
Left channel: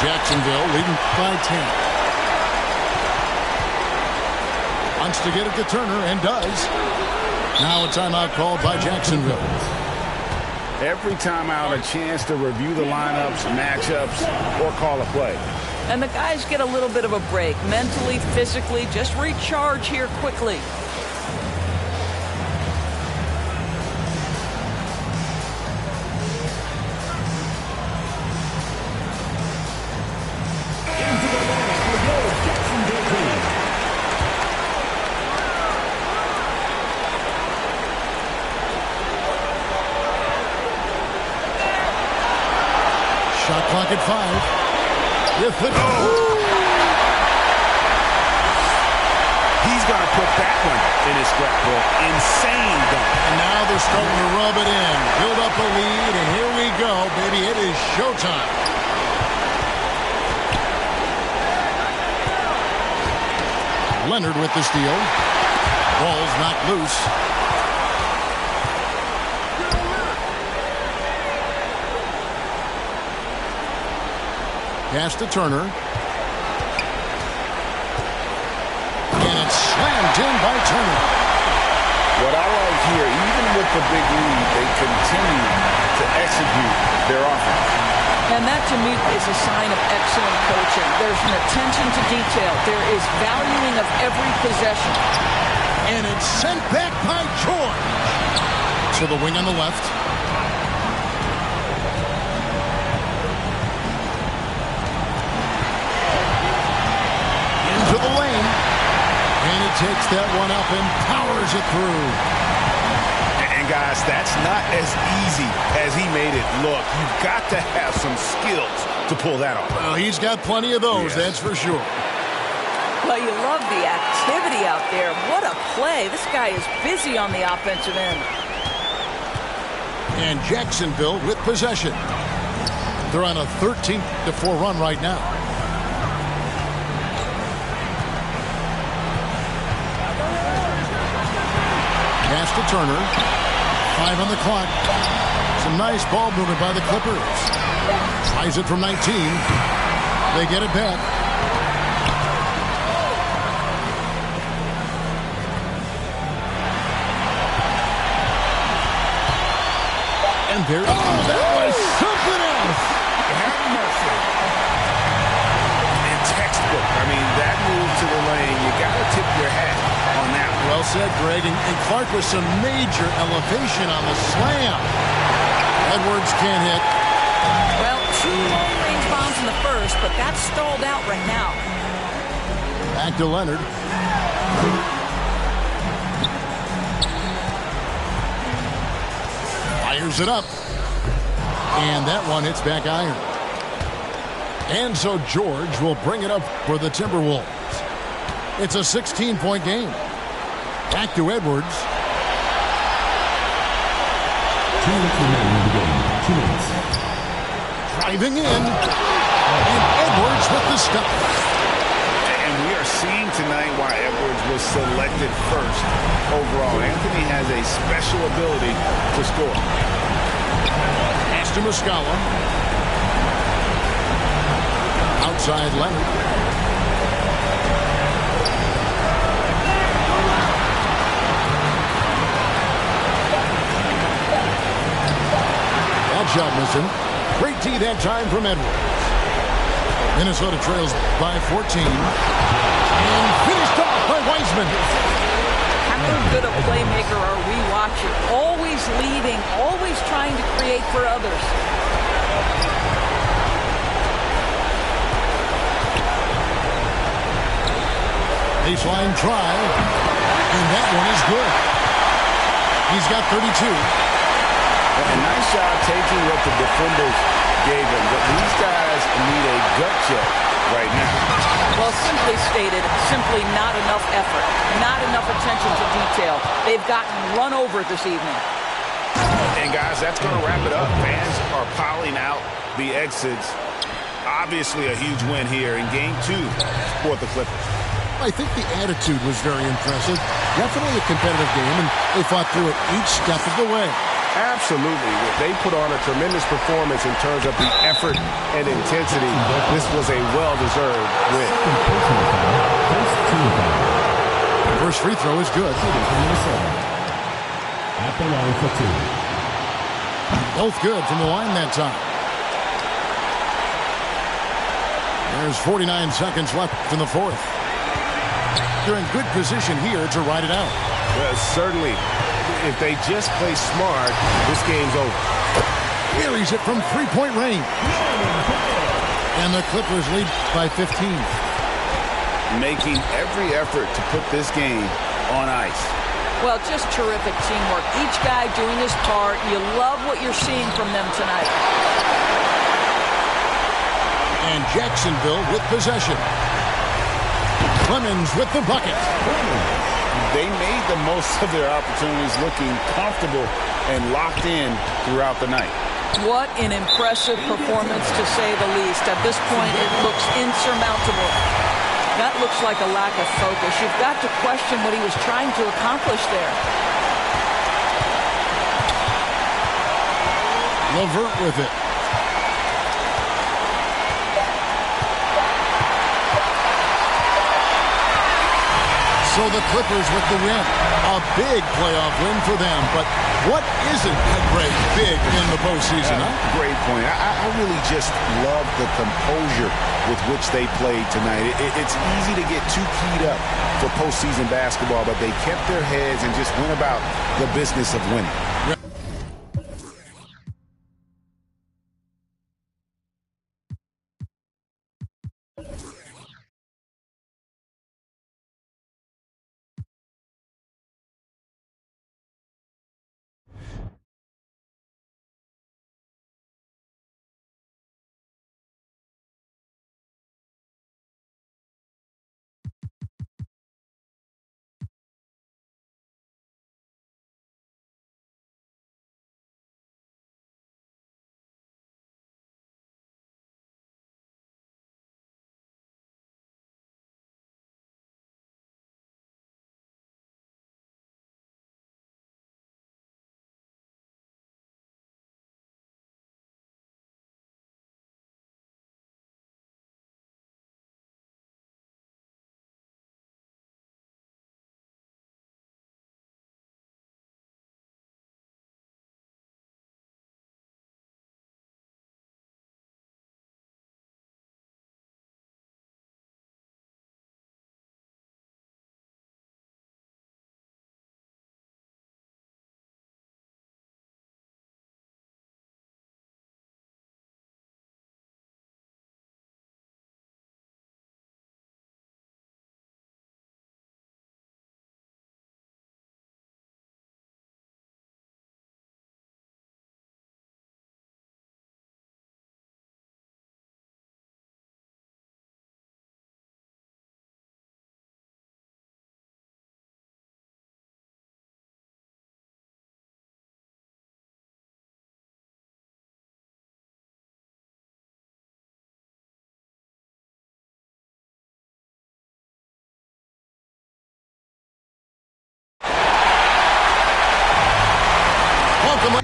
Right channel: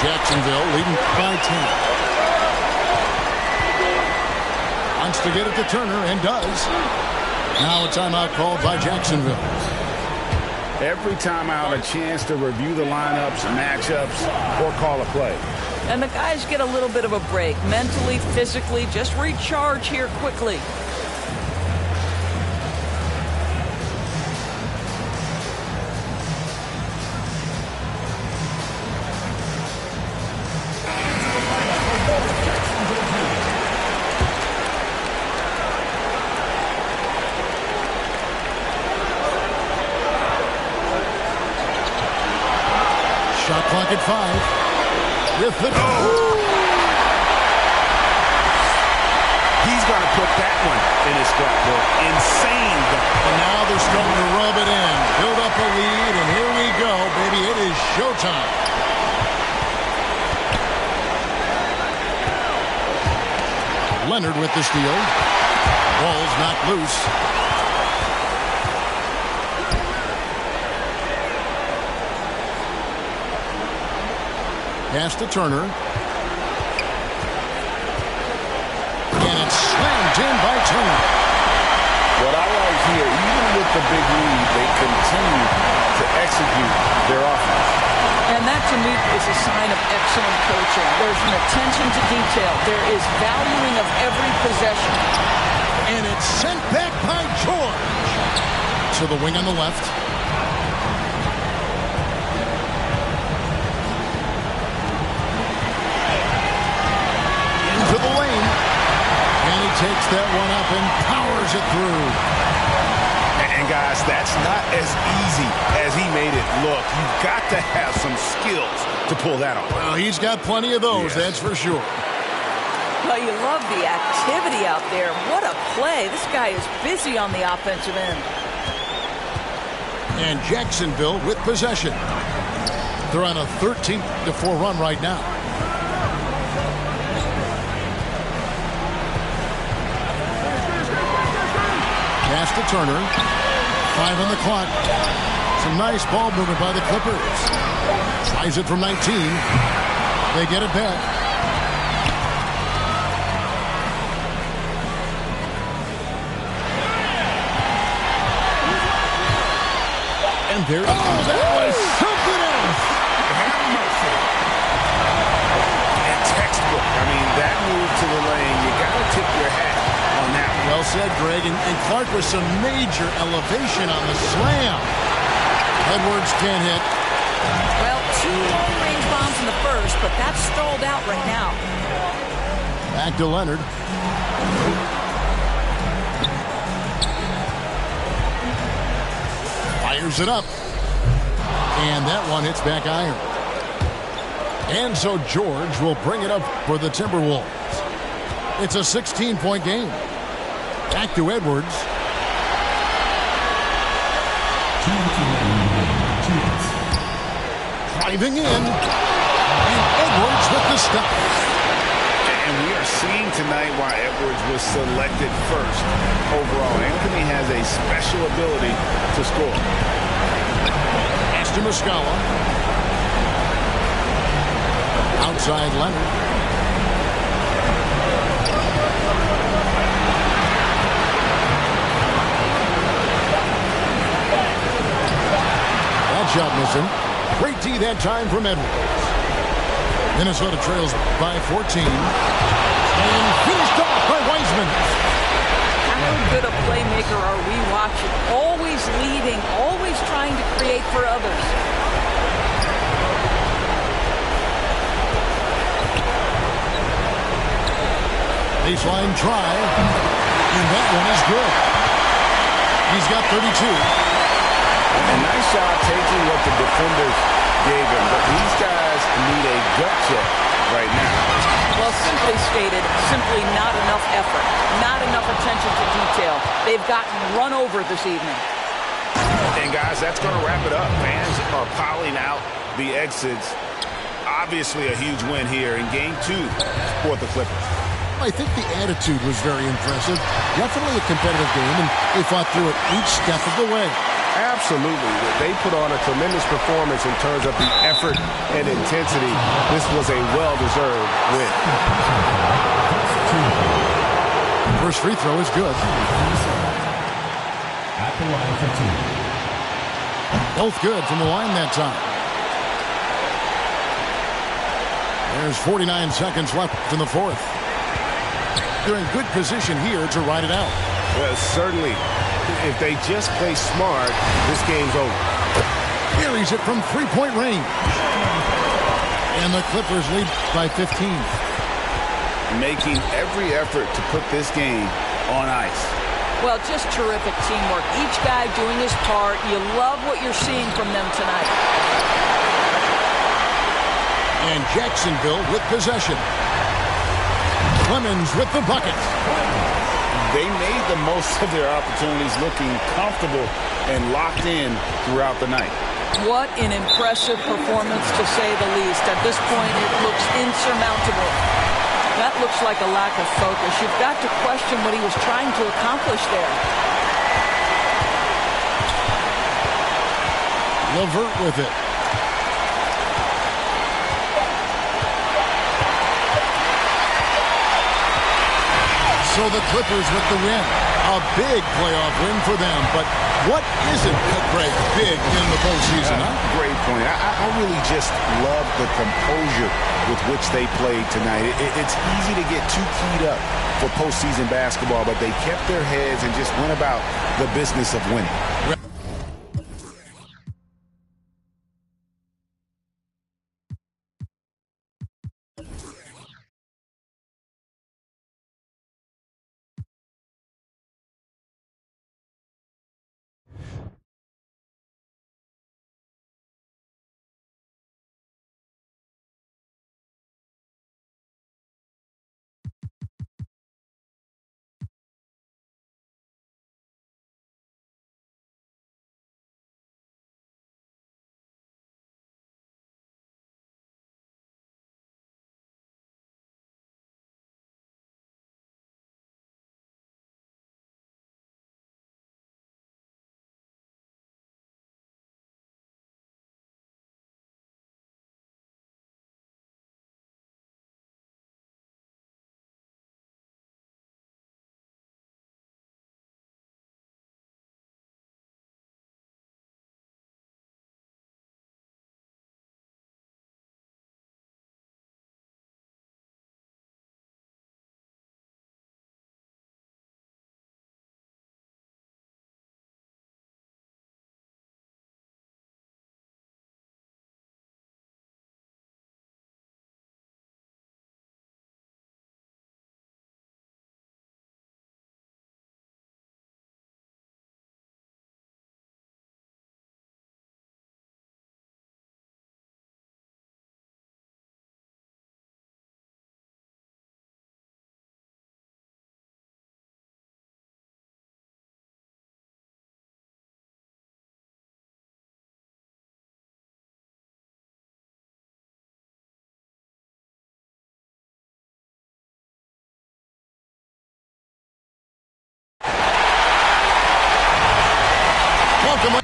Jacksonville leading by 10. Wants to get it to Turner and does. Now a timeout called by Jacksonville. Every timeout, a chance to review the lineups, matchups, or call a play. And the guys get a little bit of a break. Mentally, physically, just recharge here quickly. Shot clock at 5. With the He's going to put that one in his scrapbook. Insane dunk. And now they're starting to rub it in. Build up a lead, and here we go, baby. It is showtime. Leonard with the steal. Ball's knocked loose. Pass to Turner. And it's slammed in by Turner. What I like here, even with the big lead, they continue to execute their offense. And that, to me, is a sign of excellent coaching. There's an attention to detail. There is valuing of every possession. And it's sent back by George. To the wing on the left. Into the lane. And he takes that one up and powers it through. And guys, that's not as easy as he made it look. You've got to have some skills to pull that off. Well, he's got plenty of those, that's for sure. Well, you love the activity out there. What a play. This guy is busy on the offensive end. And Jacksonville with possession. They're on a 13-4 run right now. Pass to Turner. 5 on the clock. Some nice ball movement by the Clippers. Tries it from 19. They get it back. And there, that was something else. Have mercy. And textbook. I mean, that move to the lane, you got to tip your hat on that one. Well said, Greg. And Clark with some major elevation on the slam. Edwards can't hit. Well, 2 long-range bombs in the first, but that's stalled out right now. Back to Leonard. Fires it up. And that one hits back iron. And so George will bring it up for the Timberwolves. It's a 16-point game. Back to Edwards. 2 minutes remaining in the game. 2 minutes. Driving in. And Edwards with the stop. And we are seeing tonight why Edwards was selected first overall. Anthony has a special ability to score. Pass to Muscala. Outside Leonard. That shot missing. Great D that time from Edwards. Minnesota trails by 14. And finished off by Wiseman. How good a playmaker are we watching? Always leading, always trying to create for others. Baseline try. And that one is good. He's got 32. And nice job taking what the defenders gave him. But these guys need a gut check right now. Well, simply stated, simply not enough effort. Not enough attention to detail. They've gotten run over this evening. And guys, that's going to wrap it up. Fans are piling out the exits. Obviously a huge win here in Game 2 for the Clippers. I think the attitude was very impressive. Definitely a competitive game, and they fought through it each step of the way. Absolutely. They put on a tremendous performance in terms of the effort and intensity. This was a well-deserved win. First free throw is good. At the line for 2. Both good from the line that time. There's 49 seconds left in the fourth. They're in good position here to ride it out. Certainly. If they just play smart, this game's over. Carries it from three-point range. And the Clippers lead by 15. Making every effort to put this game on ice. Well, just terrific teamwork. Each guy doing his part. You love what you're seeing from them tonight. And Jacksonville with possession. Clemens with the bucket. They made the most of their opportunities, looking comfortable and locked in throughout the night. What an impressive performance, to say the least. At this point, it looks insurmountable. That looks like a lack of focus. You've got to question what he was trying to accomplish there. LeVert with it. So the Clippers with the win. A big playoff win for them. But what isn't a great big in the postseason, huh? Great point. I really just love the composure with which they played tonight. It's easy to get too keyed up for postseason basketball, but they kept their heads and just went about the business of winning. Welcome.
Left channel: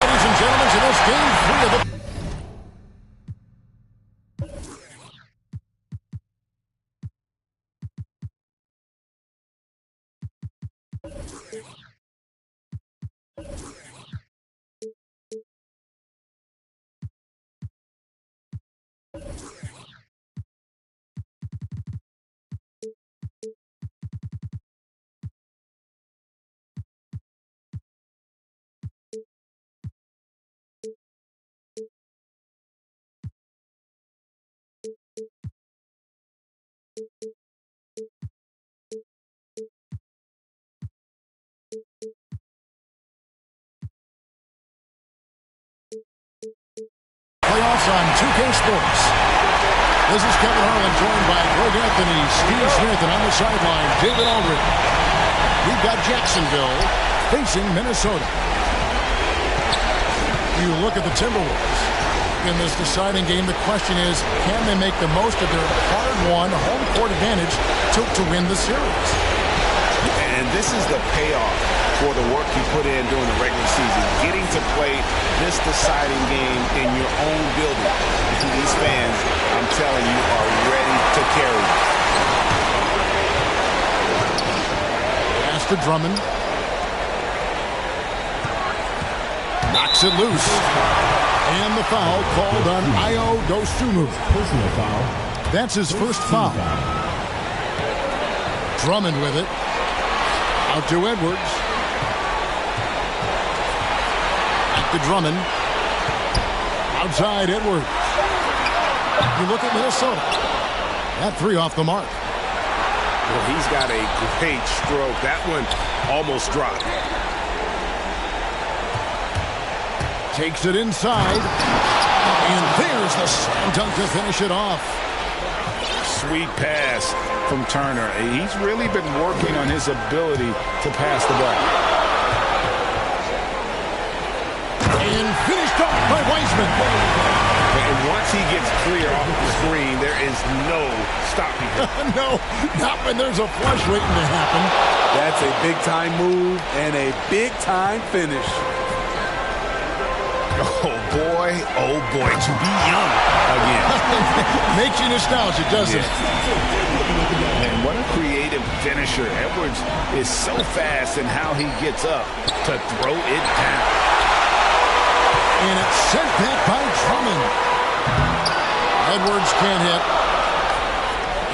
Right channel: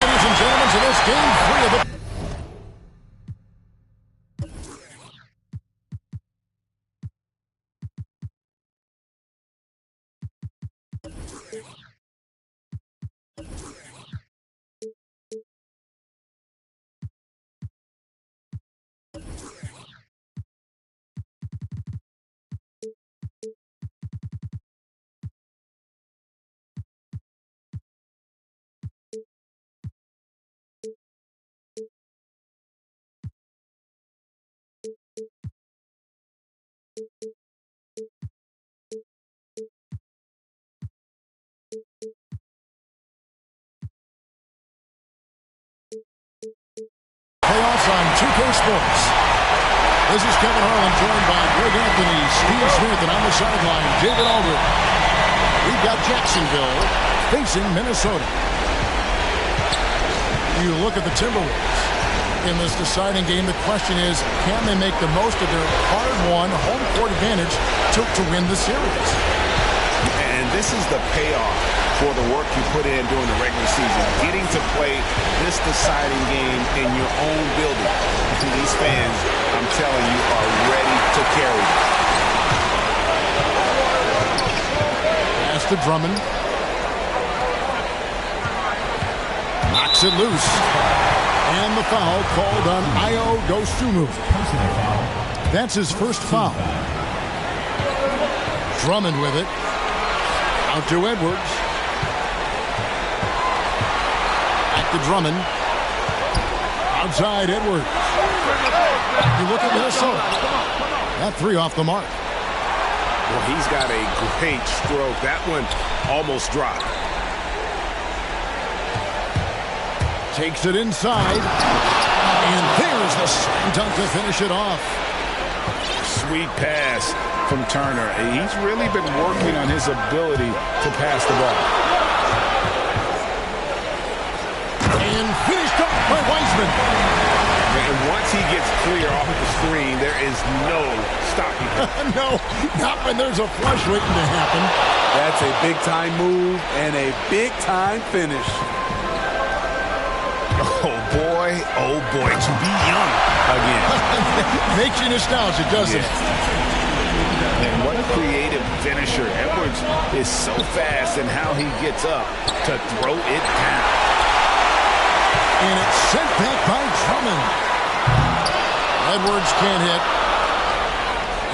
Ladies and gentlemen, to this game 3 of the playoffs on 2K Sports. This is Kevin Harlan, joined by Greg Anthony, Steve Smith, and on the sideline, David Aldridge. We've got Jacksonville facing Minnesota. You look at the Timberwolves in this deciding game. The question is, can they make the most of their hard-won home court advantage to win the series? And this is the payoff for the work you put in during the regular season. Getting to play this deciding game in your own building. And these fans, I'm telling you, are ready to carry them. Pass to Drummond. Knocks it loose. And the foul called on Ayo Dosunmu. Personal foul. That's his first foul. Drummond with it. Out to Edwards. to Drummond. Outside Edwards. You look at Minnesota. That three off the mark. Well, he's got a great stroke. That one almost dropped. Takes it inside. And there's the slam dunk to finish it off. Sweet pass from Turner. He's really been working on his ability to pass the ball. And finished off by Wiseman. And once he gets clear off the screen, there is no stopping him. No, not when there's a flush waiting to happen. That's a big-time move and a big-time finish. Oh, boy, to be young again. Makes you nostalgic, doesn't it? And what a creative finisher. Edwards is so fast in how he gets up to throw it down. And it's sent back by Drummond. Edwards can't hit.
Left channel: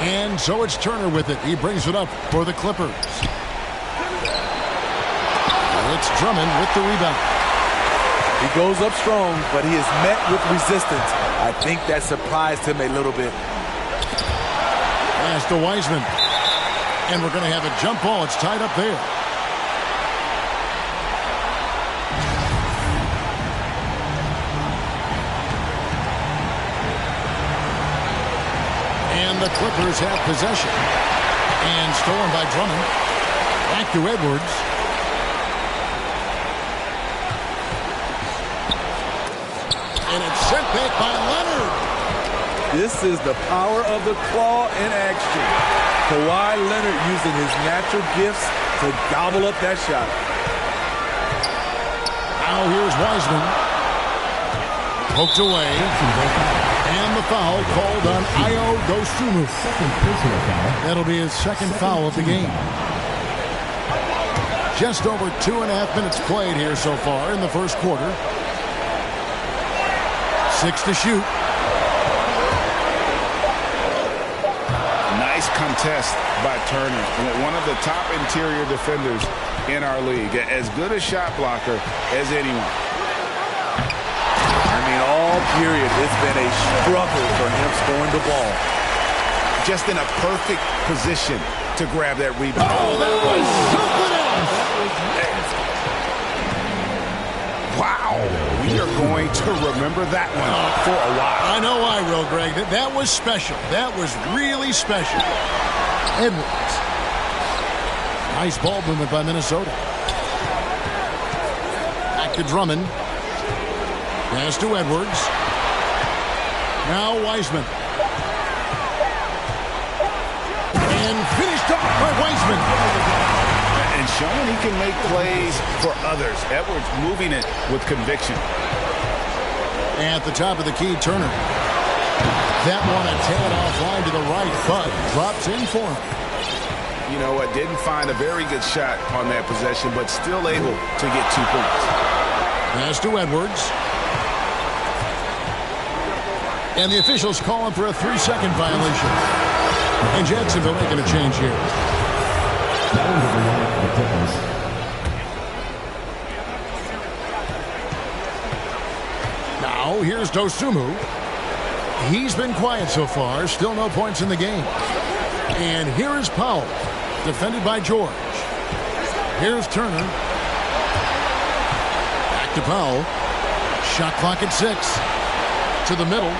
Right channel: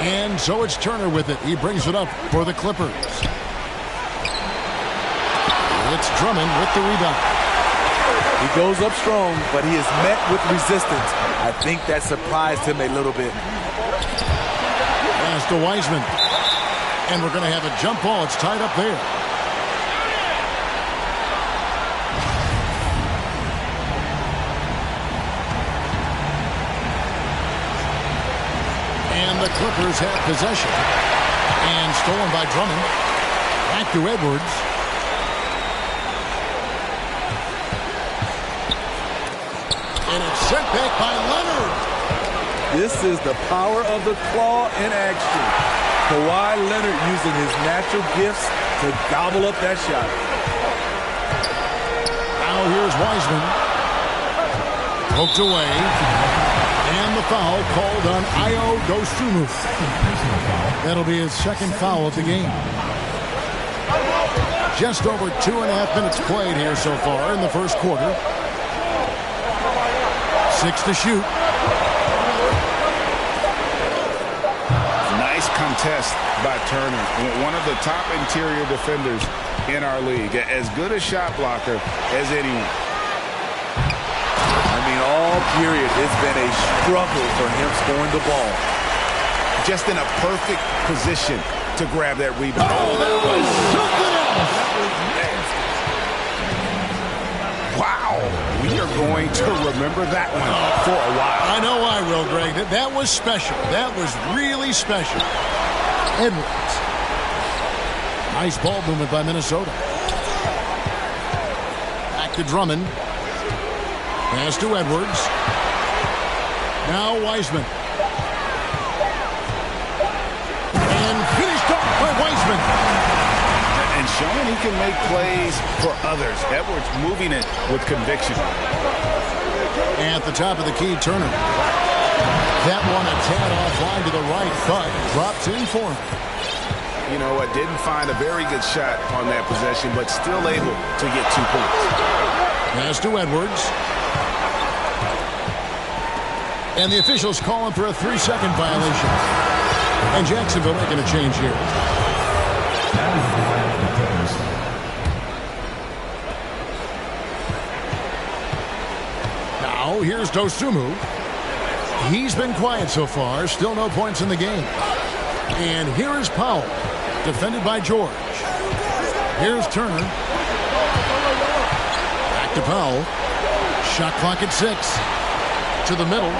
And so it's Turner with it. He brings it up for the Clippers. It's Drummond with the rebound. He goes up strong, but he is met with resistance. I think that surprised him a little bit. Pass to Wiseman. And we're going to have a jump ball. It's tied up there. And the Clippers have possession. And stolen by Drummond. Back to Edwards. And it's sent back by Leonard. This is the power of the claw in action. Kawhi Leonard using his natural gifts to gobble up that shot. Now here's Wiseman. Poked away. And the foul called on Ayo Dosunmu. That'll be his second foul of the game. Just over 2.5 minutes played here so far in the first quarter. 6 to shoot. Nice contest by Turner. One of the top interior defenders in our league. As good a shot blocker as anyone. I mean, all period, it's been a struggle for him scoring the ball. Just in a perfect position to grab that rebound. Oh, that was something else. That was nasty. Wow. We are going to remember that one for a while. I know I will, Greg. That was special. That was really special. Edwards. Nice ball movement by Minnesota. Back to Drummond. Pass to Edwards. Now Wiseman. And finished off by Wiseman. And showing he can make plays for others. Edwards moving it with conviction. At the top of the key, Turner. That one a tad offline to the right, but drops in for him. You know what? Didn't find a very good shot on that possession, but still able to get 2 points. Pass to Edwards. And the officials calling for a 3-second violation. And Jacksonville making a change here. Now, here's Dosunmu. He's been quiet so far. Still no points in the game. And here is Powell, defended by George. Here's Turner. Back to Powell. Shot clock at 6. To the middle.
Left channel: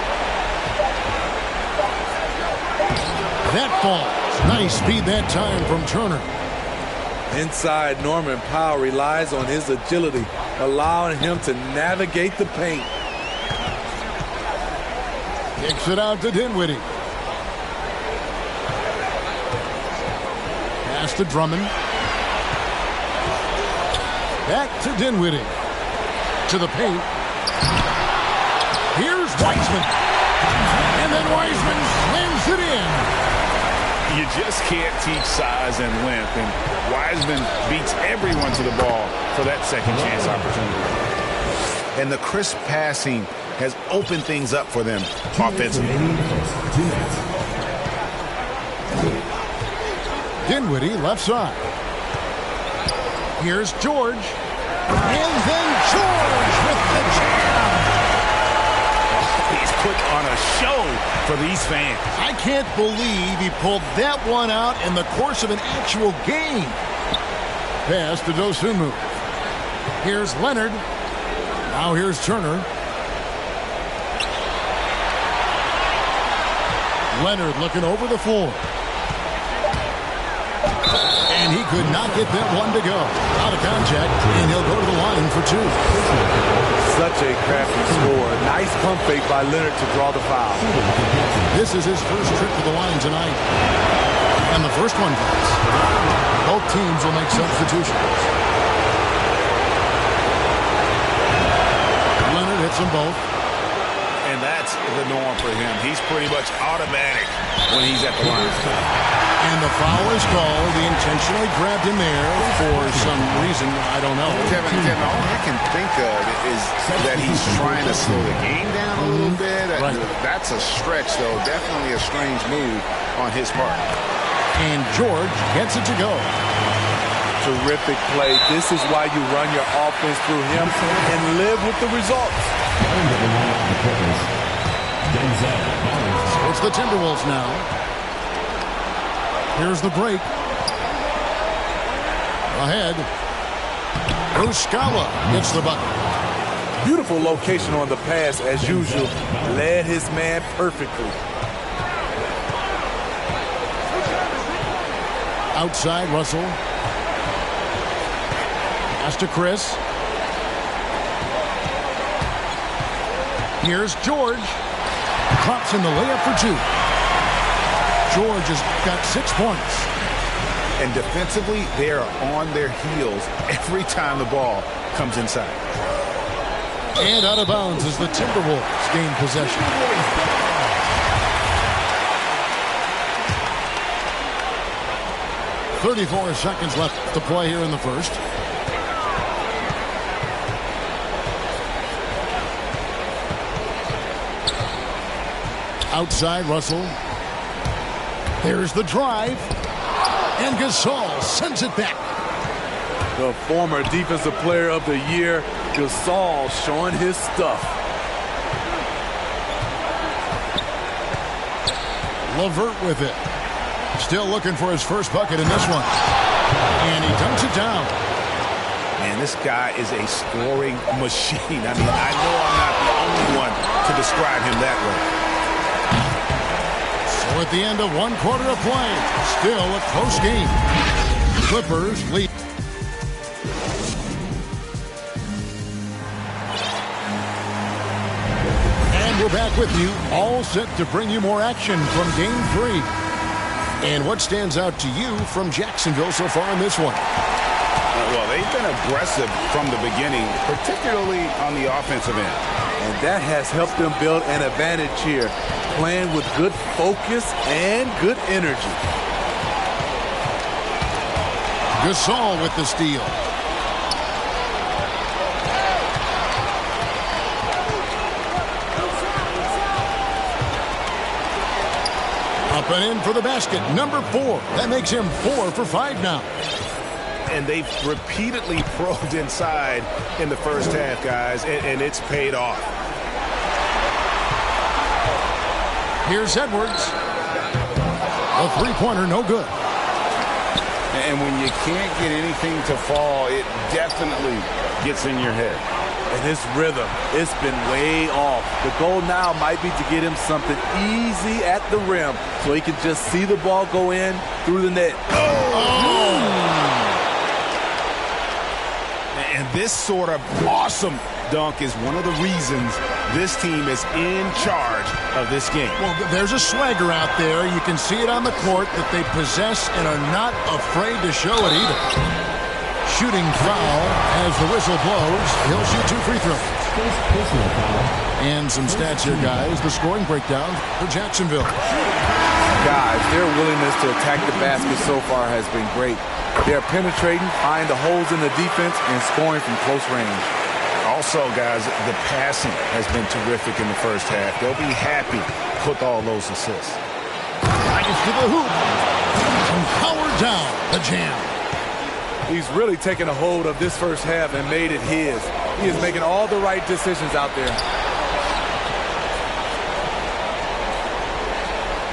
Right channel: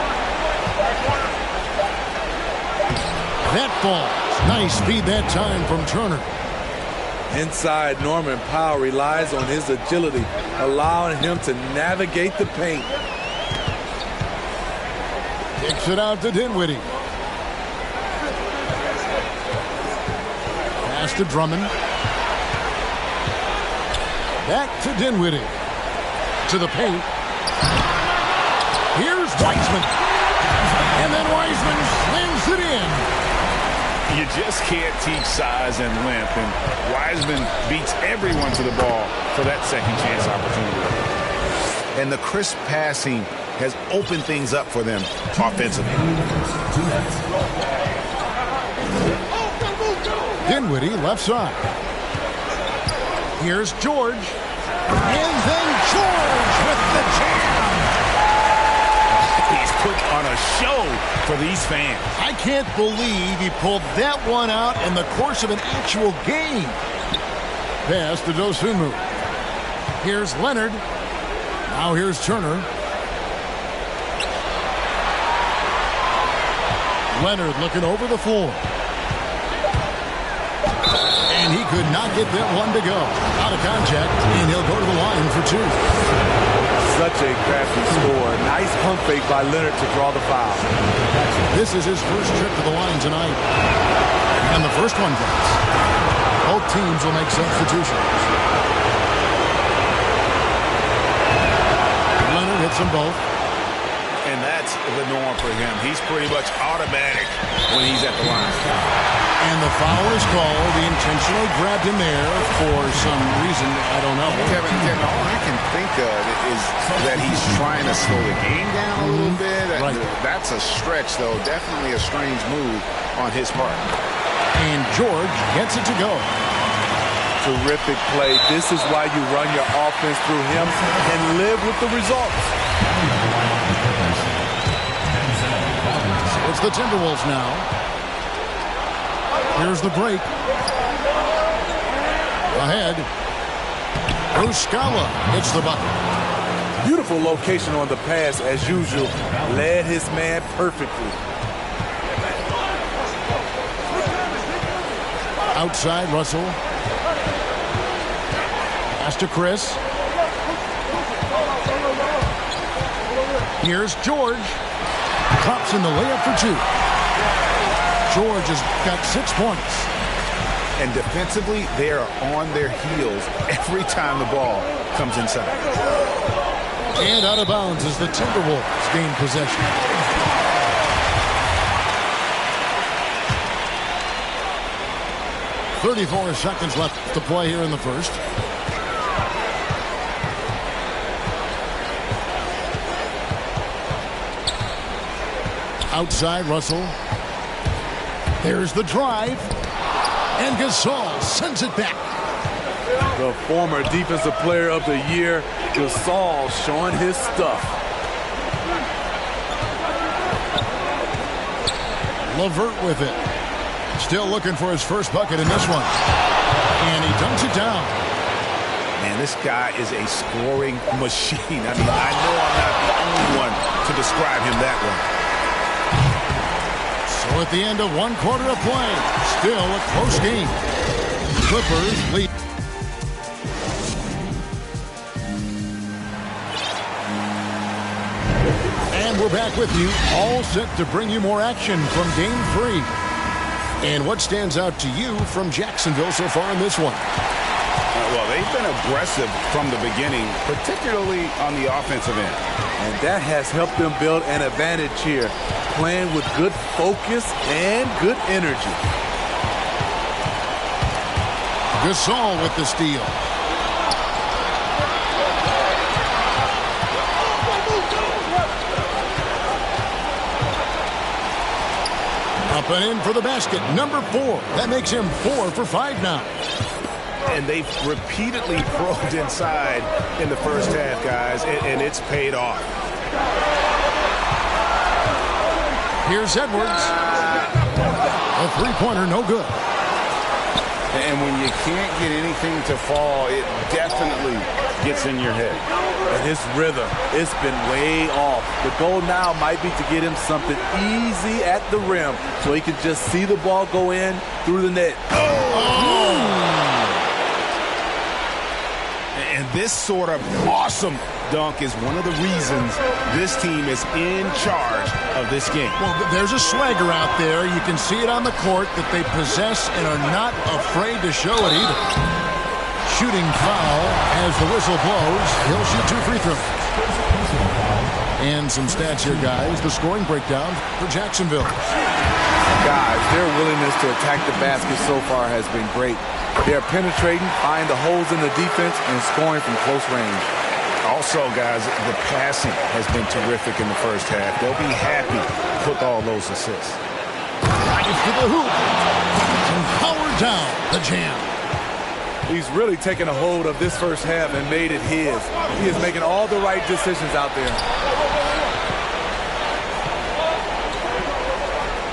That falls. Nice speed that time from Turner. Inside, Norman Powell relies on his agility, allowing him to navigate the paint. Kicks it out to Dinwiddie. Pass to Drummond. Back to Dinwiddie. To the paint. Here's Wiseman. And then Wiseman slams it in. You just can't teach size and length, and Wiseman beats everyone to the ball for that second chance opportunity. And the crisp passing has opened things up for them offensively. Dinwiddie left side. Here's George. And then George with the jam. He's put on a show for these fans. I can't believe he pulled that one out in the course of an actual game. Pass to Dosunmu. Here's Leonard. Now here's Turner. Leonard looking over the floor. And he could not get that one to go. Out of contact, and he'll go to the line for two. Such a crafty score. Nice pump fake by Leonard to draw the foul. This is his first trip to the line tonight. And the first one drops. Both teams will make substitutions. Leonard hits them both. And that's the norm for him. He's pretty much automatic when he's at the line. And the foul is called. He intentionally grabbed him there for some reason. I don't know. Kevin, all I can think of is that he's trying to slow the game down a little bit. Right. That's a stretch, though. Definitely a strange move on his part. And George gets it to go. Terrific play. This is why you run your offense through him and live with the results. So it's the Timberwolves now. Here's the break. Ahead. Muscala gets the bucket. Beautiful location on the pass as usual. Led his man perfectly. Outside, Russell. Pass to Chris. Here's George. Drops in the layup for two. George has got 6 points. And defensively, they are on their heels every time the ball comes inside. And out of bounds as the Timberwolves gain possession. .34 seconds left to play here in the first. Outside, Russell. There's the drive. And Gasol sends it back. The former Defensive Player of the Year, Gasol, showing his stuff. LeVert with it. Still looking for his first bucket in this one. And he dunks it down. Man, this guy is a scoring machine. I mean, I know I'm not the only one to describe him that way. So at the end of 1 quarter of play, still a close game. Clippers lead. And we're back with you, all set to bring you more action from Game 3. And what stands out to you from Jacksonville so far in this one? Well, they've been aggressive from the beginning, particularly on the offensive end. And that has helped them build an advantage here, playing with good focus and good energy. Gasol with the steal. Up and in for the basket, number 4. That makes him 4 for 5 now. And they've repeatedly probed inside in the first half, guys, and it's paid off. Here's Edwards. A three-pointer, no good. And when you can't get anything to fall, it definitely gets in your head. And his rhythm, it's been way off. The goal now might be to get him something easy at the rim so he can just see the ball go in through the net. And this sort of awesome dunk is one of the reasons this team is in charge of this game. Well, there's a swagger out there. You can see it on the court that they possess and are not afraid to show it either. Shooting foul as the whistle blows. He'll shoot 2 free throws. And some stats here, guys. The scoring breakdown for Jacksonville. Guys, their willingness to attack the basket so far has been great. They're penetrating, finding the holes in the defense, and scoring from close range. Also, guys, the passing has been terrific in the first half. They'll be happy with all those assists. Drives to the hoop. And power down the jam. He's really taken a hold of this first half and made it his. He is making all the right decisions out there.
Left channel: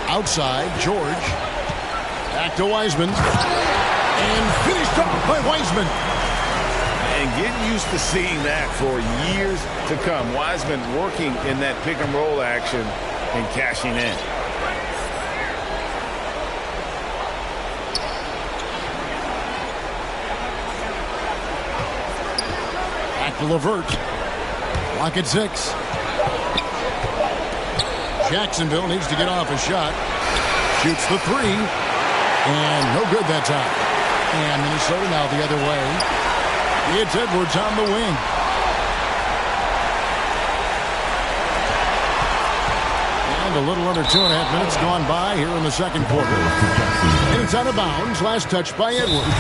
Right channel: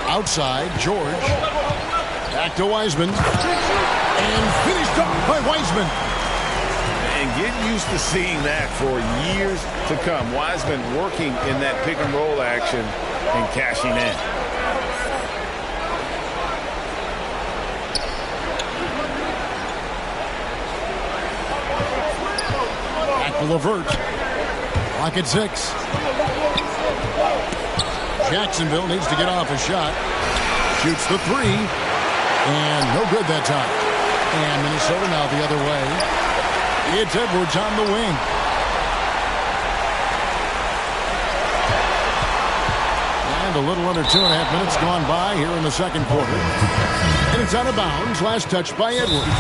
Outside, George. Back to Wiseman. And finished off by Wiseman. And get used to seeing that for years to come. Wiseman working in that pick and roll action and cashing in. Back to LeVert. Clock at 6. Jacksonville needs to get off a shot. Shoots the 3. And no good that time. And Minnesota now the other way. It's Edwards on the wing. And a little under 2.5 minutes gone by here in the second quarter. And it's out of bounds. Last touch by Edwards.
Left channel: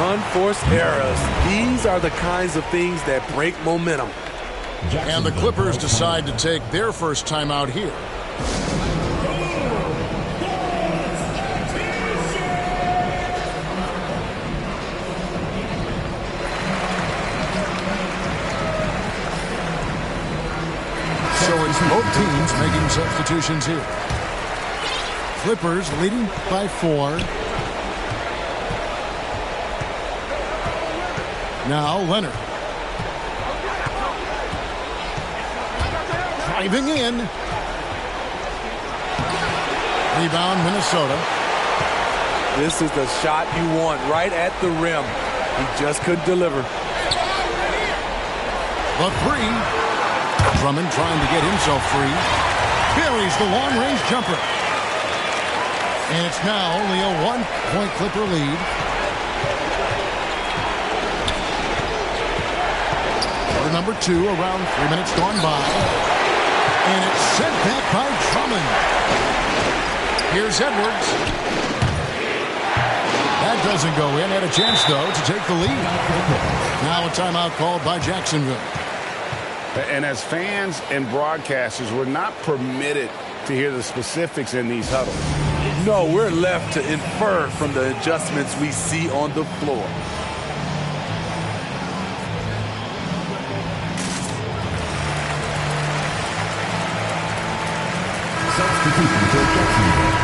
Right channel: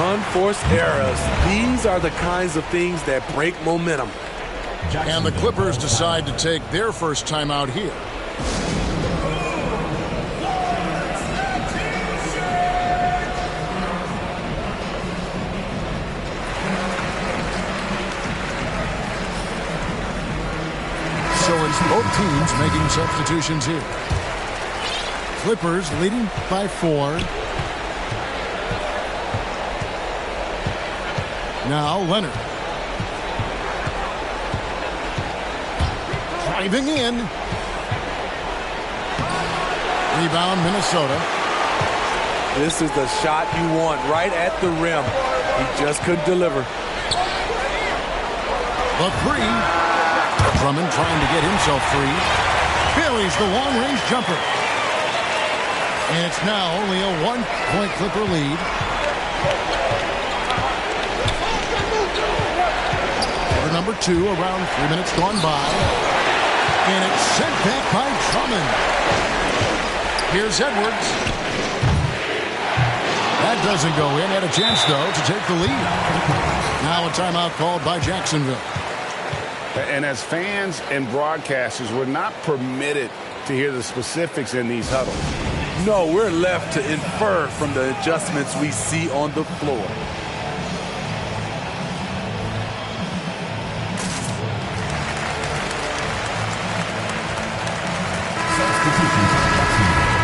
Unforced errors. These are the kinds of things that break momentum. And the Clippers decide to take their first time out here. So it's both teams making substitutions here. Clippers leading by 4. Now Leonard. Driving in. Rebound Minnesota. This is the shot you want right at the rim. He just couldn't deliver. The 3. Drummond trying to get himself free. Buries the long-range jumper. And it's now only a 1-point Clipper lead. Quarter number 2, around 3 minutes gone by. And it's sent back by Drummond. Here's Edwards. That doesn't go in. Had a chance, though, to take the lead. Now a timeout called by Jacksonville. And as fans and broadcasters, we're not permitted to hear the specifics in these huddles. No, we're left to infer from the adjustments we see on the floor. Substitution for Jacksonville.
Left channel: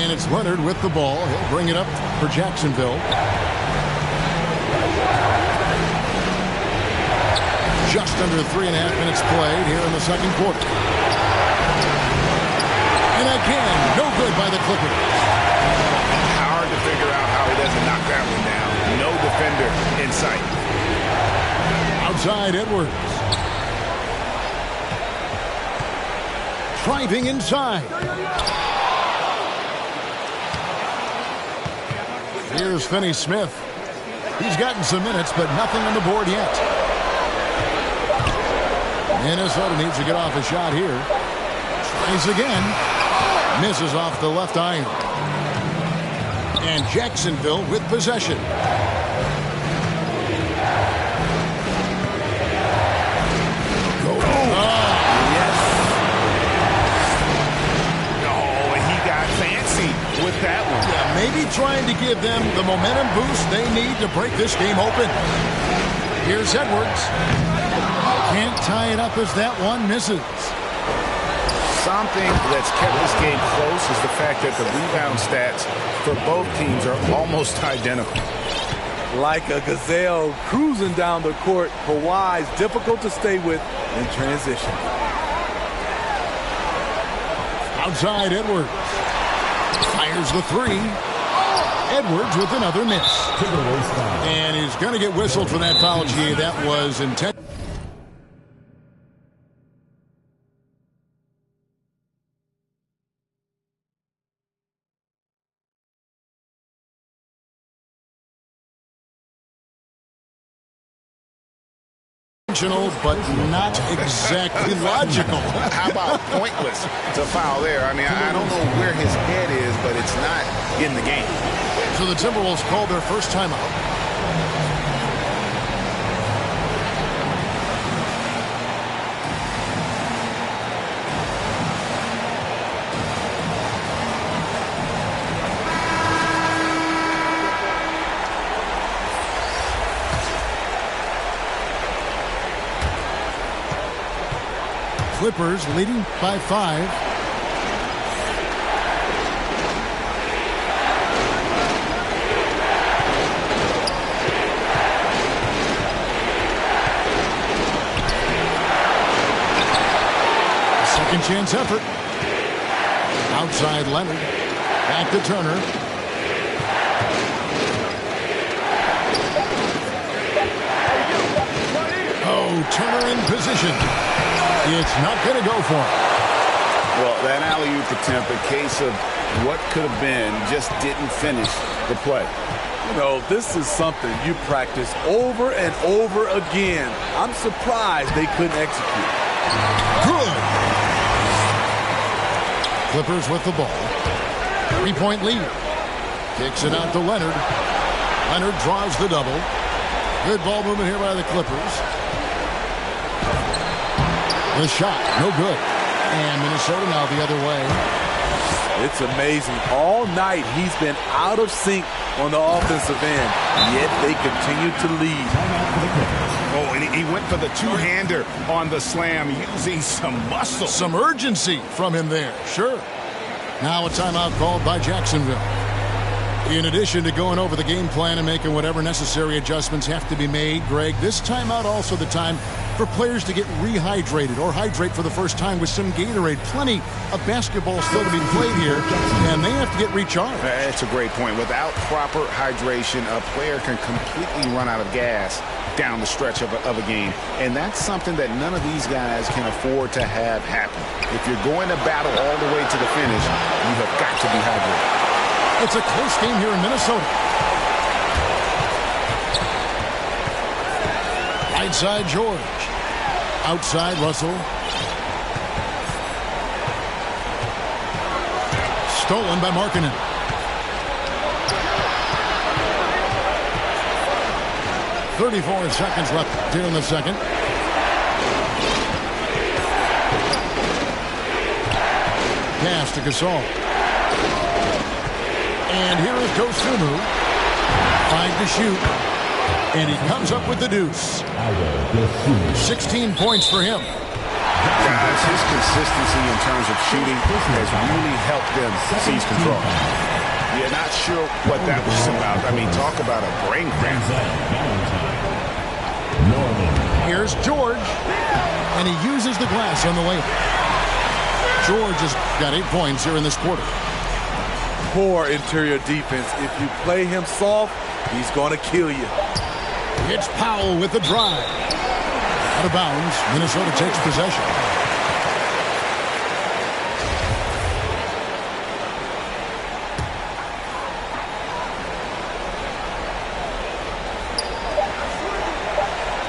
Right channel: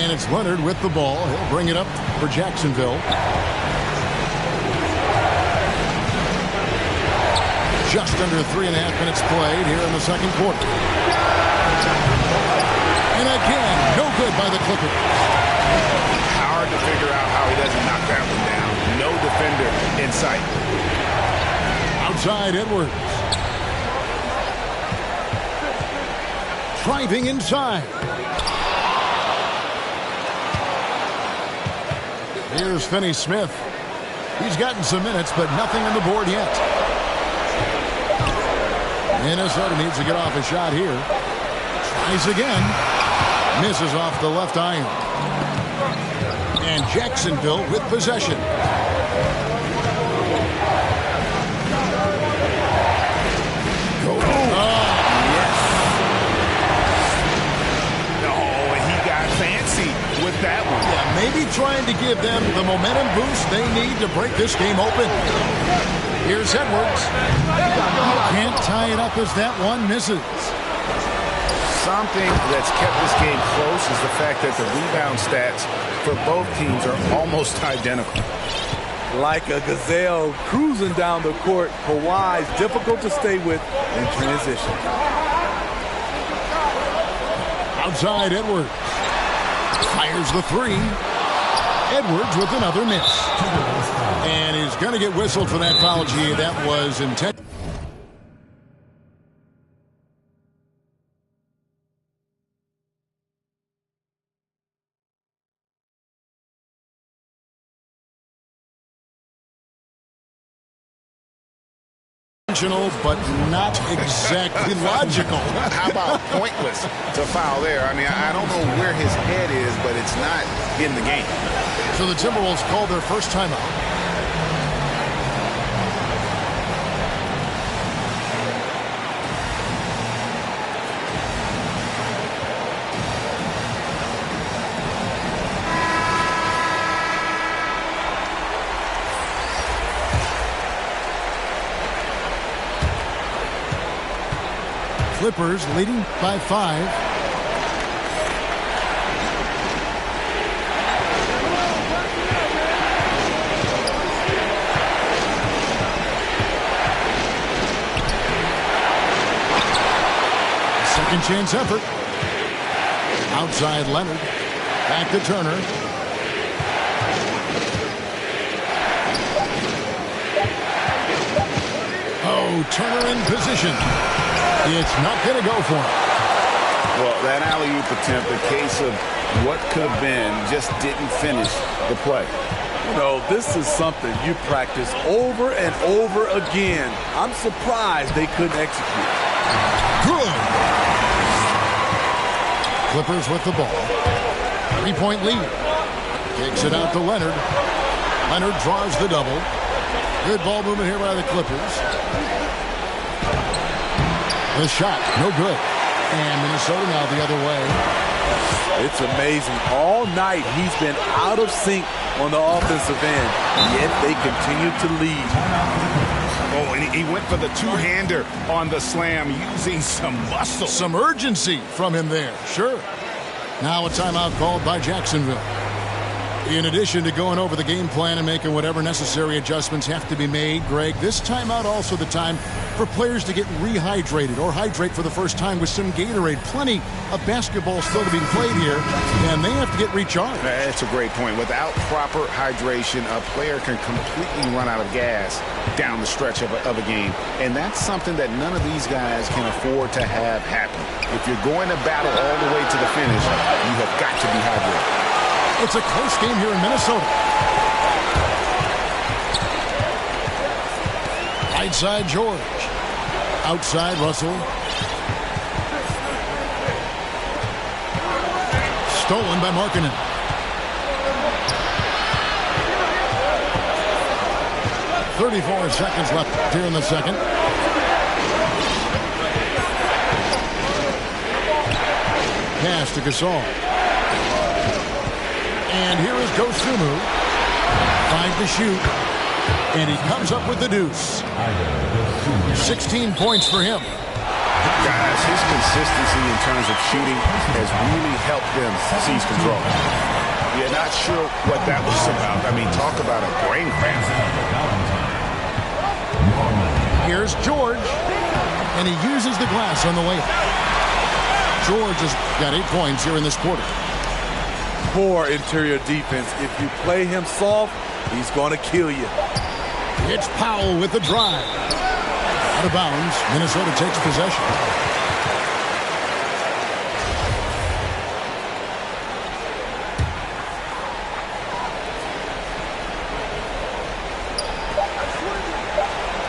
And it's Leonard with the ball. He'll bring it up for Jacksonville. Just under 3.5 minutes played here in the second quarter. And again, no good by the Clippers. Hard to figure out how he doesn't knock that one down. No defender in sight. Outside Edwards. Driving inside. Here's Finney-Smith. He's gotten some minutes, but nothing on the board yet. Minnesota needs to get off a shot here. Tries again. Misses off the left iron. And Jacksonville with possession. Go. Oh, yes. Oh, and he got fancy with that one. Yeah, maybe trying to give them the momentum boost they need to break this game open. Here's Edwards. Can't tie it up as that one misses. Something that's kept this game close is the fact that the rebound stats for both teams are almost identical. Like a gazelle cruising down the court, Kawhi's difficult to stay with in transition. Outside Edwards. Fires the 3. Edwards with another miss. And he's going to get whistled for that foul. Gee, that was intentional. But not exactly logical. How about pointless to foul there? I mean, I don't know where his head is, but it's not in the game. So the Timberwolves called their first timeout. Clippers leading by 5. Second chance effort. Outside Leonard. Back to Turner. Oh, Turner in position. It's not going to go for him. Well, that alley-oop attempt, a case of what could have been, just didn't finish the play. You know, this is something you practice over and over again. I'm surprised they couldn't execute. Good. Clippers with the ball. 3-point lead. Kicks it out to Leonard. Leonard draws the double. Good ball movement here by the Clippers. The shot, no good. And Minnesota now the other way. It's amazing. All night he's been out of sync on the offensive end, yet they continue to lead. Oh, and he went for the two-hander on the slam using some muscle. Some urgency from him there, sure. Now a timeout called by Jacksonville. In addition to going over the game plan and making whatever necessary adjustments have to be made, Greg, this timeout also the time for players to get rehydrated or hydrate for the first time with some Gatorade. Plenty of basketball still to be played here, and they have to get recharged. That's a great point. Without proper hydration, a player can completely run out of gas down the stretch of a game, and that's something that none of these guys can afford to have happen. If you're going to battle all the way to the finish, you have got to be hydrated. It's a close game here in Minnesota. Right side George. Outside Russell. Stolen by Markkanen. .34 seconds left here in the second. Pass to Gasol. And here is Dosunmu. 5 to shoot. And he comes up with the deuce. 16 points for him. Guys, his consistency in terms of shooting has really helped them seize control. Yeah, not sure what that was about. I mean, talk about a brain cramp. Here's George. And he uses the glass on the way. George has got 8 points here in this quarter. Poor interior defense. If you play him soft, he's going to kill you. It's Powell with the drive. Out of bounds. Minnesota takes possession.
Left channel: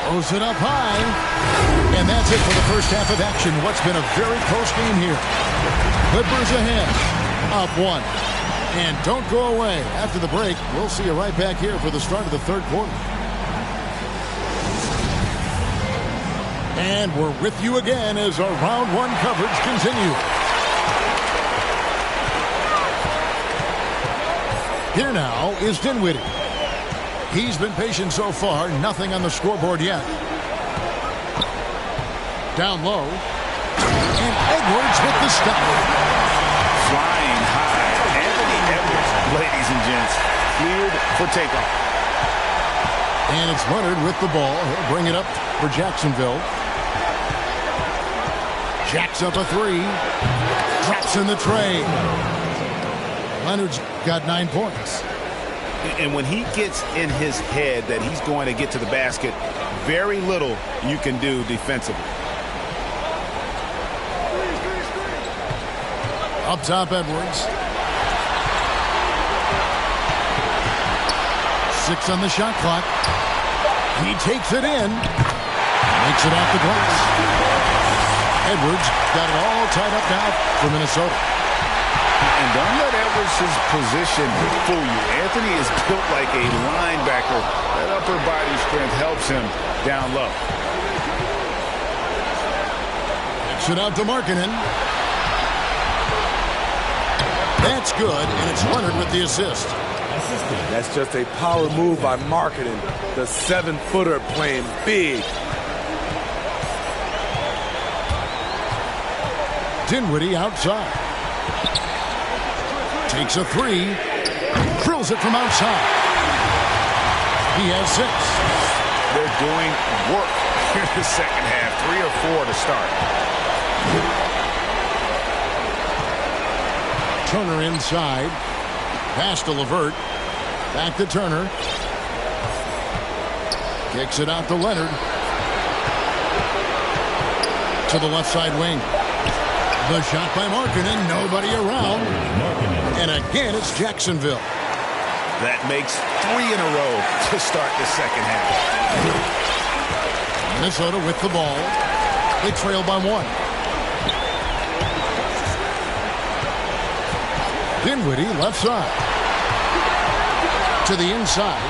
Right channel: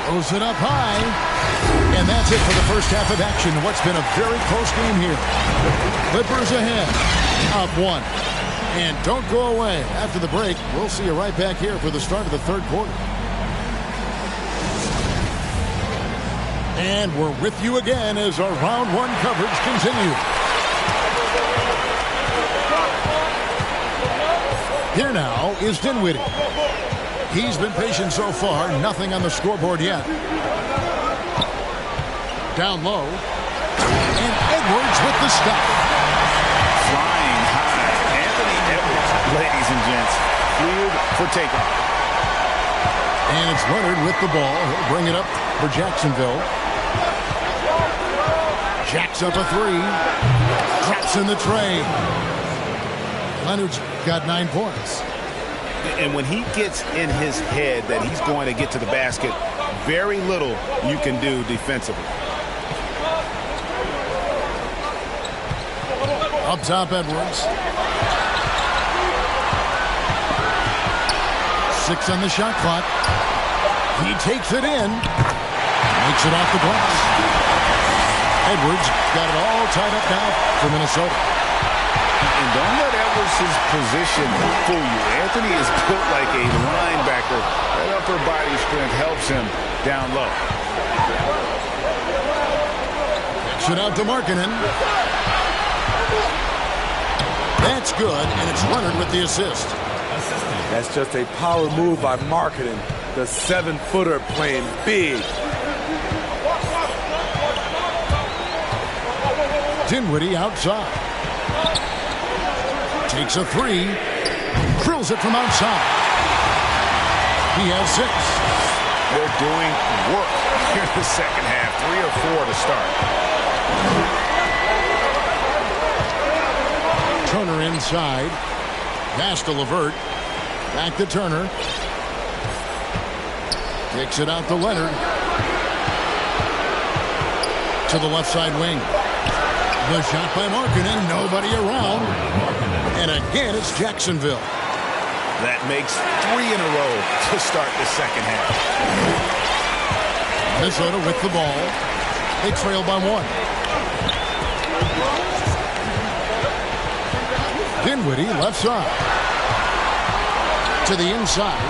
Throws it up high. And that's it for the first half of action. What's been a very close game here. Clippers ahead. Up 1. And don't go away. After the break, we'll see you right back here for the start of the third quarter. And we're with you again as our round 1 coverage continues. Here now is Dinwiddie. He's been patient so far. Nothing on the scoreboard yet. Down low. And Edwards with the stop. Flying high. Anthony Edwards, ladies and gents, cleared for takeoff. And it's Leonard with the ball. He'll bring it up for Jacksonville. Jacks up a 3. Drops in the tray. Leonard's got 9 points. And when he gets in his head that he's going to get to the basket, very little you can do defensively. Up top, Edwards. 6 on the shot clock. He takes it in. Makes it off the glass. Edwards got it all tied up now for Minnesota. And don't let Edwards' position fool you. Anthony is built like a linebacker. That upper body strength helps him down low. Kicks it out to Markkanen. That's good, and it's Leonard with the assist. That's just a power move by Markkanen. The 7-footer playing big. Dinwiddie outside. Takes a three. Drills it from outside. He has 6. They're doing work here in the second half. 3 or 4 to start. Turner inside. Pass to LeVert. Back to Turner. Kicks it out to Leonard. To the left side wing. The shot by Markkanen. Nobody around. And again, it's Jacksonville. That makes 3 in a row to start the second half. Minnesota with the ball. They trail by 1. Dinwiddie left side. To the inside.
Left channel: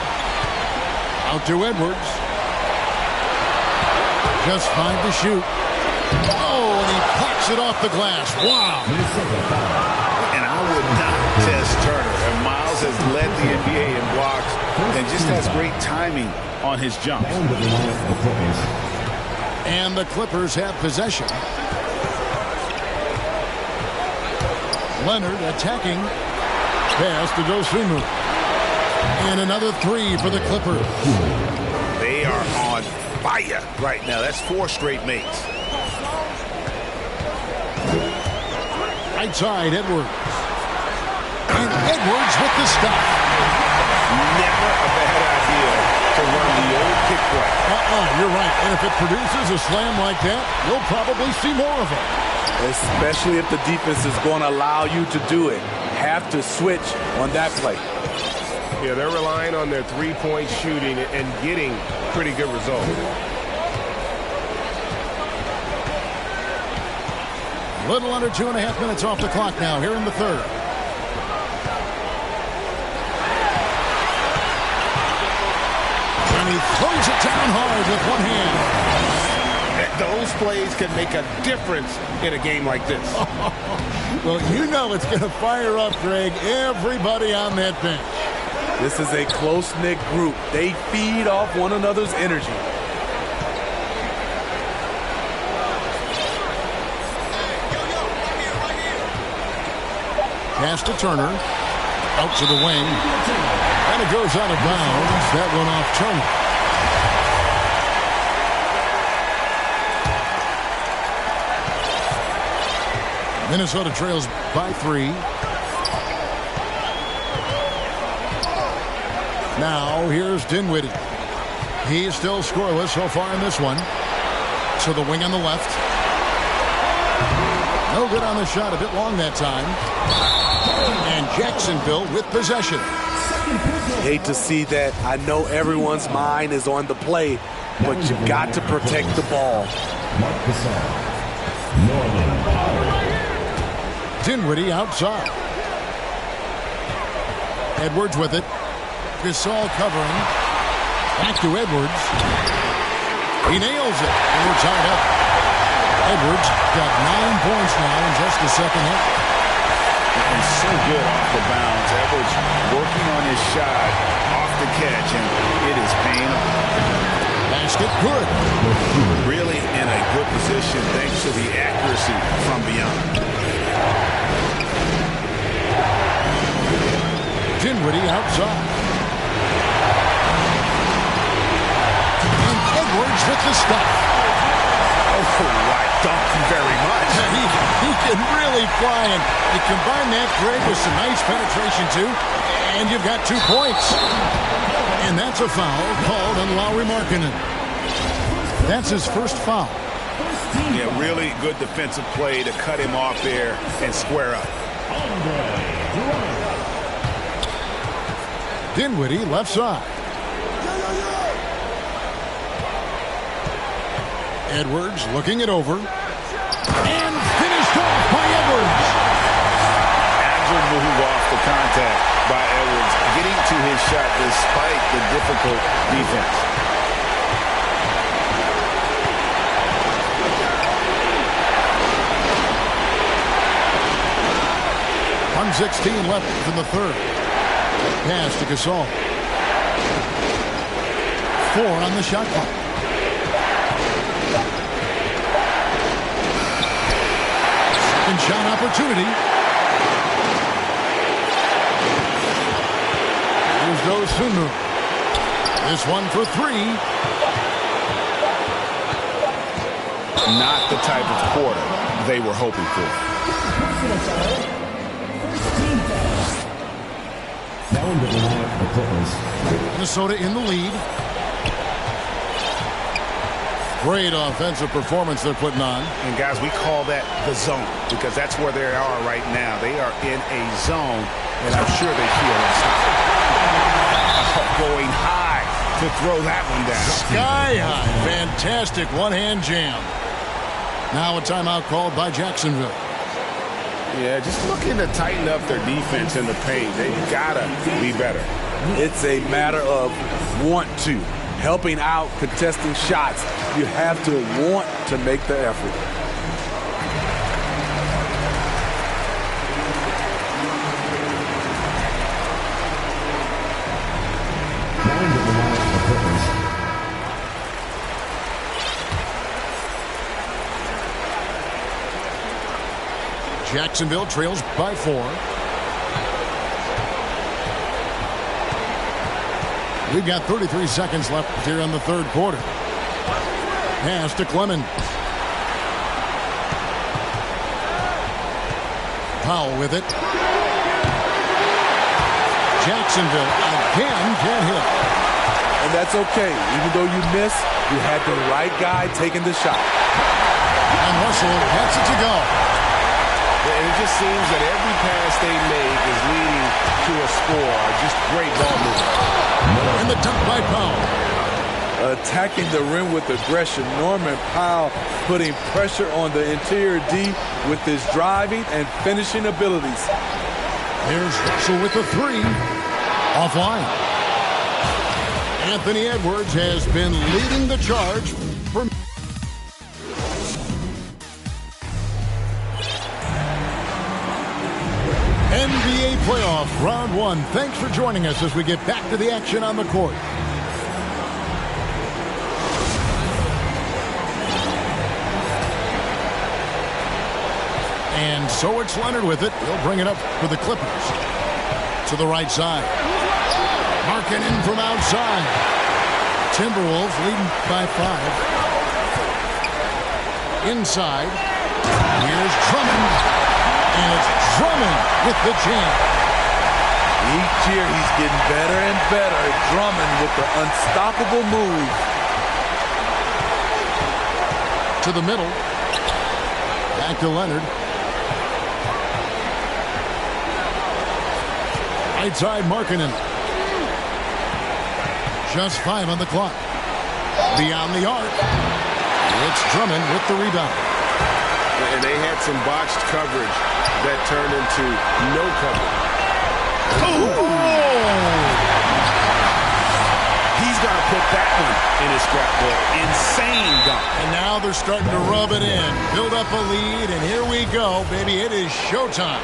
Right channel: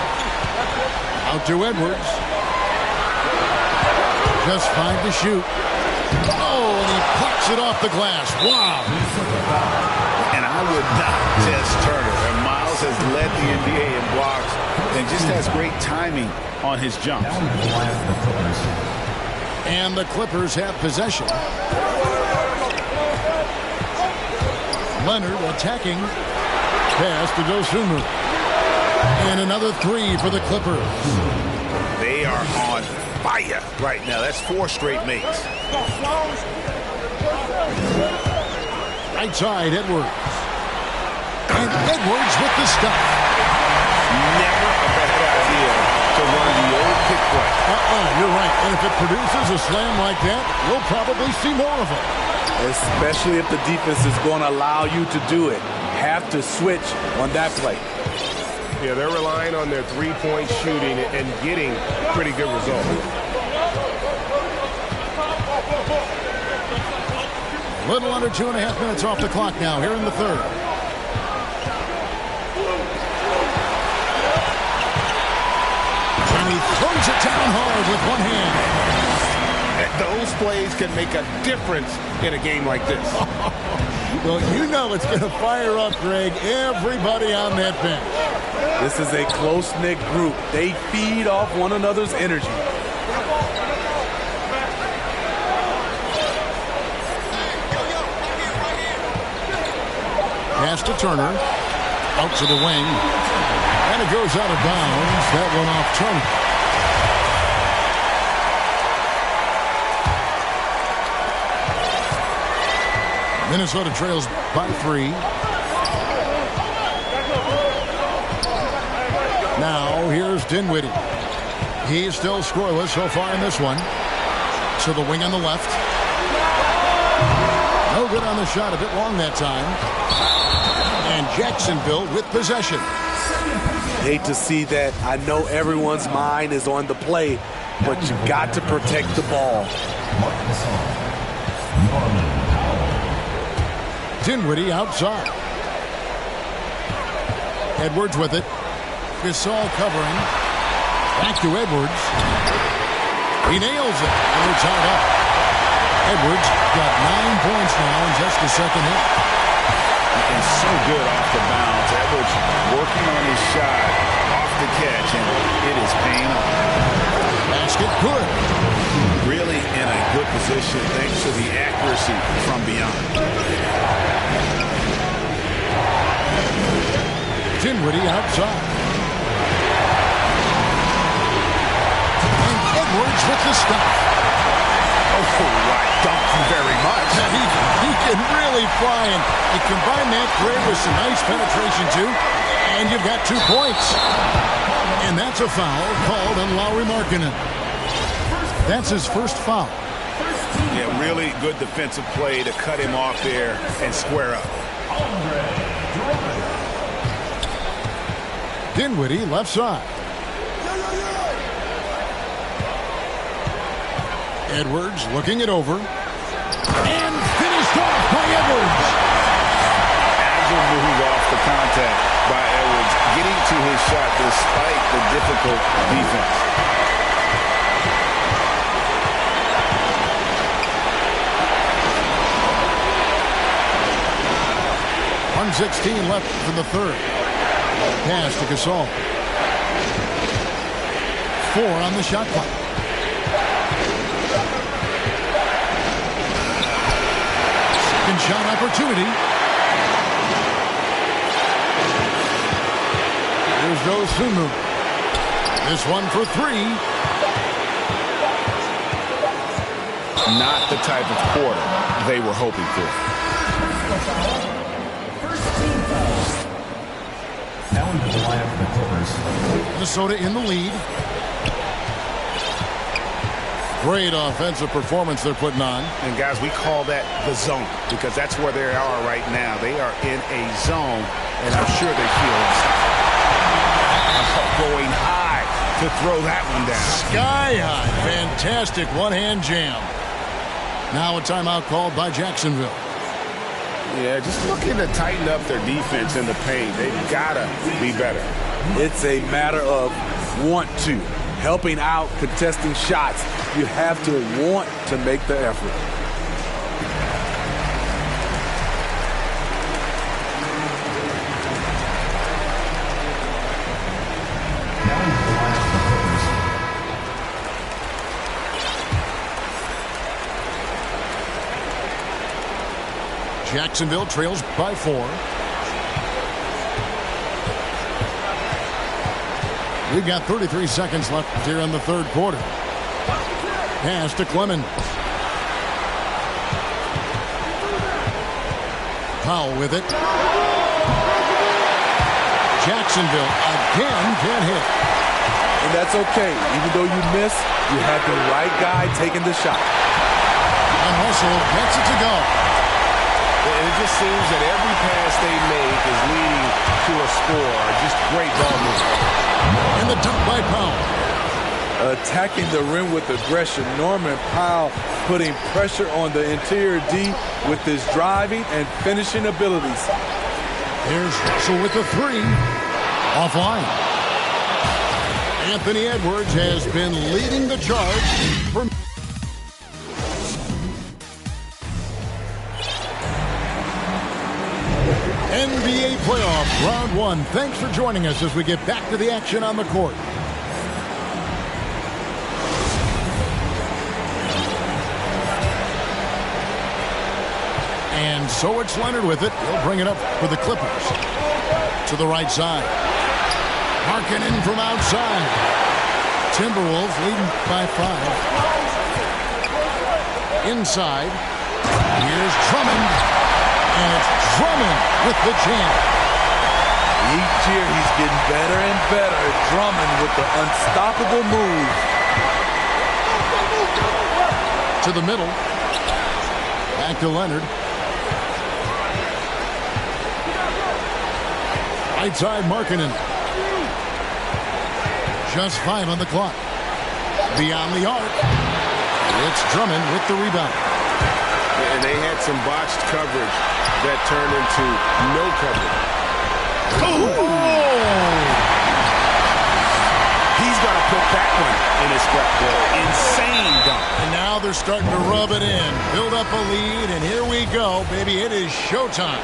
Out to Edwards. Just 5 to shoot. Oh, and he pops it off the glass. Wow. And I would not test Turner. And Miles has led the NBA in blocks and just has great timing on his jumps. And the Clippers have possession. Leonard attacking. Pass to Dosunmu. And another 3 for the Clippers. They are on fire right now. That's 4 straight makes. Right side, Edwards. And Edwards with the stop. Never a bad idea to run the old pick play. You're right. And if it produces a slam like that, you'll probably see more of them. Especially if the defense is going to allow you to do it. Have to switch on that play. Yeah, they're relying on their 3-point shooting and getting pretty good results. A little under 2.5 minutes off the clock now here in the third. And he throws it down hard with one hand. Those plays can make a difference in a game like this. Well, you know it's going to fire up, Greg, everybody on that bench. This is a close-knit group. They feed off one another's energy. Pass to Turner. Out to the wing. And it goes out of bounds. That one off Turner. Minnesota trails by 3. Now here's Dinwiddie. He's still scoreless so far in this one. To the wing on the left. No good on the shot. A bit long that time. And Jacksonville with possession. Hate to see that. I know everyone's mind is on the play, but you've got to protect the ball. Marc Gasol. Norman Powell. Dinwiddie outside. Edwards with it. Gasol covering. Back to Edwards. He nails it. And we're tied up. Edwards got 9 points now in just the second half. And so good off the bounce. Edwards working on his shot off the catch, and it is paying off. Basket good. Really in a good position thanks to the accuracy from beyond. Dinwiddie outside. And Edwards with the stop. Oh, right. Thank you very much. He can really fly, and you combine that, Greg, with some nice penetration, too, and you've got 2 points. And that's a foul called on Lauri Markkanen. That's his first foul. Yeah, really good defensive play to cut him off there and square up. Dinwiddie left side. Edwards looking it over. And finished off by Edwards. Agile move off the contact by Edwards, getting to his shot despite the difficult defense. .116 left in the third. Pass to Gasol. 4 on the shot clock. Second shot opportunity. Here's Dosunmu. This one for three. Not the type of quarter they were hoping for. Now into the lineup for the Clippers. Minnesota in the lead. Great offensive performance they're putting on. And guys, we call that the zone because that's where they are right now. They are in a zone, and I'm sure they feel unstoppable. Going high to throw that one down. Sky high. Fantastic one-hand jam. Now a timeout called by Jacksonville. Yeah, just looking to tighten up their defense in the paint. They've got to be better. It's a matter of want to. Helping out, contesting shots. You have to want to make the effort. Now into the lineup for the Clippers. Jacksonville trails by 4. We've got 33 seconds left here in the third quarter. Pass to Clemens. Powell with it. Jacksonville again can't hit. And that's okay. Even though you miss, you had the right guy taking the shot. And Russell gets it to go. And it just seems that every pass they make is leading to a score. Just great ball movement. And the dunk by Powell. Attacking the rim with aggression. Norman Powell putting pressure on the interior D with his driving and finishing abilities. Here's Russell with the three. Offline. Anthony Edwards has been leading the charge for NBA playoff round 1. Thanks for joining us as we get back to the action on the court. And so it's Leonard with it. He'll bring it up for the Clippers. To the right side. Markkanen from outside. Timberwolves leading by 5. Inside. Here's Drummond. And it's Drummond with the jam. Each year he's getting better and better. Drummond with the unstoppable move. To the middle. Back to Leonard. Right side, Markkanen. Just 5 on the clock. Beyond the arc. It's Drummond with the rebound. And they had some botched coverage that turned into no coverage. Oh! He's got to put that one in his scrapbook. Insane dunk. And now they're starting to rub it in. Build up a lead, and here we go, baby. It is showtime.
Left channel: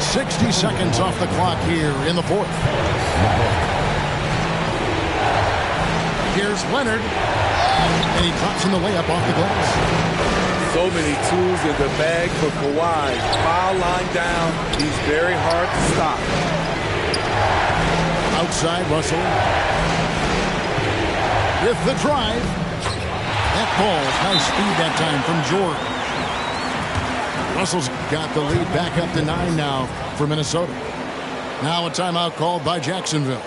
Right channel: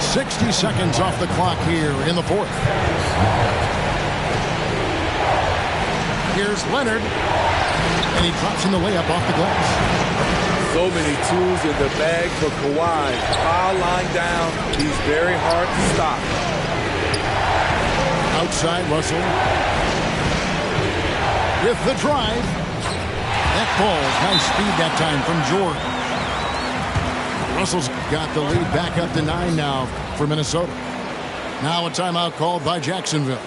60 seconds off the clock here in the fourth. Here's Leonard. And he drops in the layup off the glass. So many tools in the bag for Kawhi. Foul line down. He's very hard to stop. Outside, Russell. With the drive. That ball's nice speed that time from George. Russell's got the lead back up to 9 now for Minnesota. Now a timeout called by Jacksonville.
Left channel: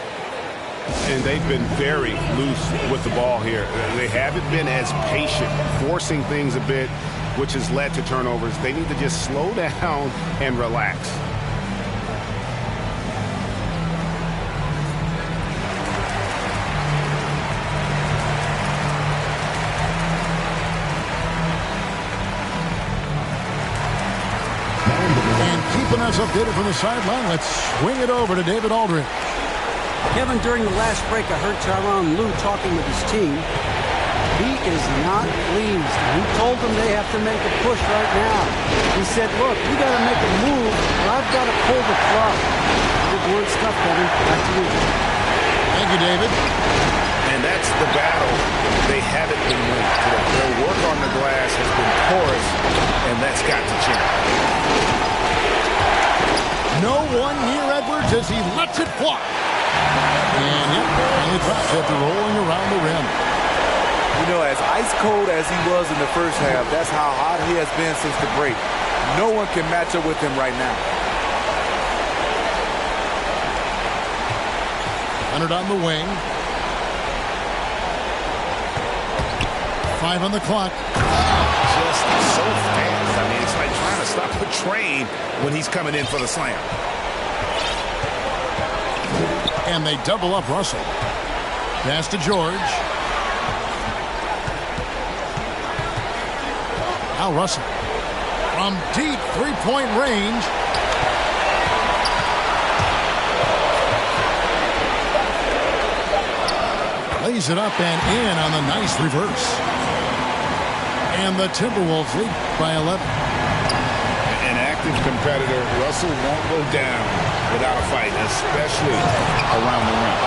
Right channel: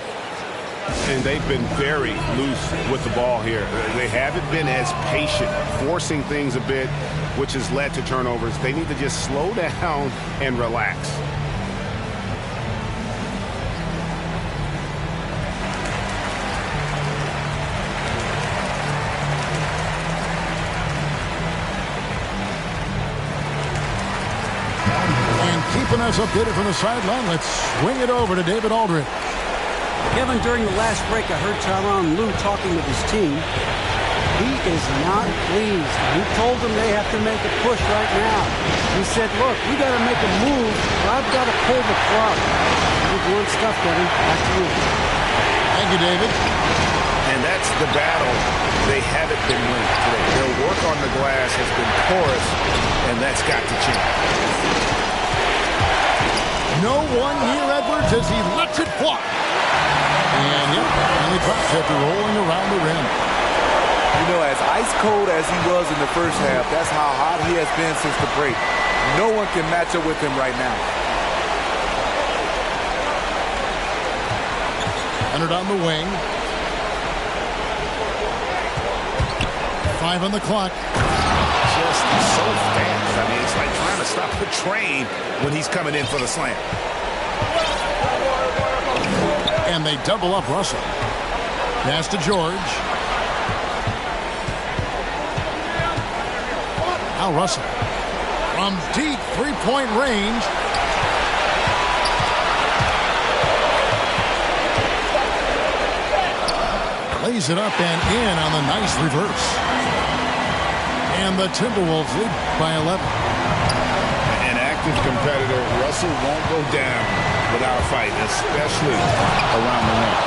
And they've been very loose with the ball here. They haven't been as patient, forcing things a bit, which has led to turnovers. They need to just slow down and relax. And keeping us updated from the sideline, let's swing it over to David Aldridge. Kevin, during the last break, I heard Tyronn Lue talking with his team. He is not pleased. He told them they have to make a push right now. He said, look, we got to make a move, or I've got to pull the plug. Good blunt stuff, Kevin. Back to you. Thank you, David. And that's the battle they haven't been winning today. Their work on the glass has been porous, and that's got to change. No one near Edwards as he lets it fly. And, yep, finally drops after rolling around the rim. You know, as ice cold as he was in the first half, that's how hot he has been since the break. No one can match up with him right now. Leonard on the wing. 5 on the clock. Just so fast. I mean, it's like trying to stop a train when he's coming in for the slam. And they double up Russell. Pass to George. Now Russell. From deep three-point range. Lays it up and in on the nice reverse. And the Timberwolves lead by 11. An active competitor, Russell won't go down without a fight, especially around the rim.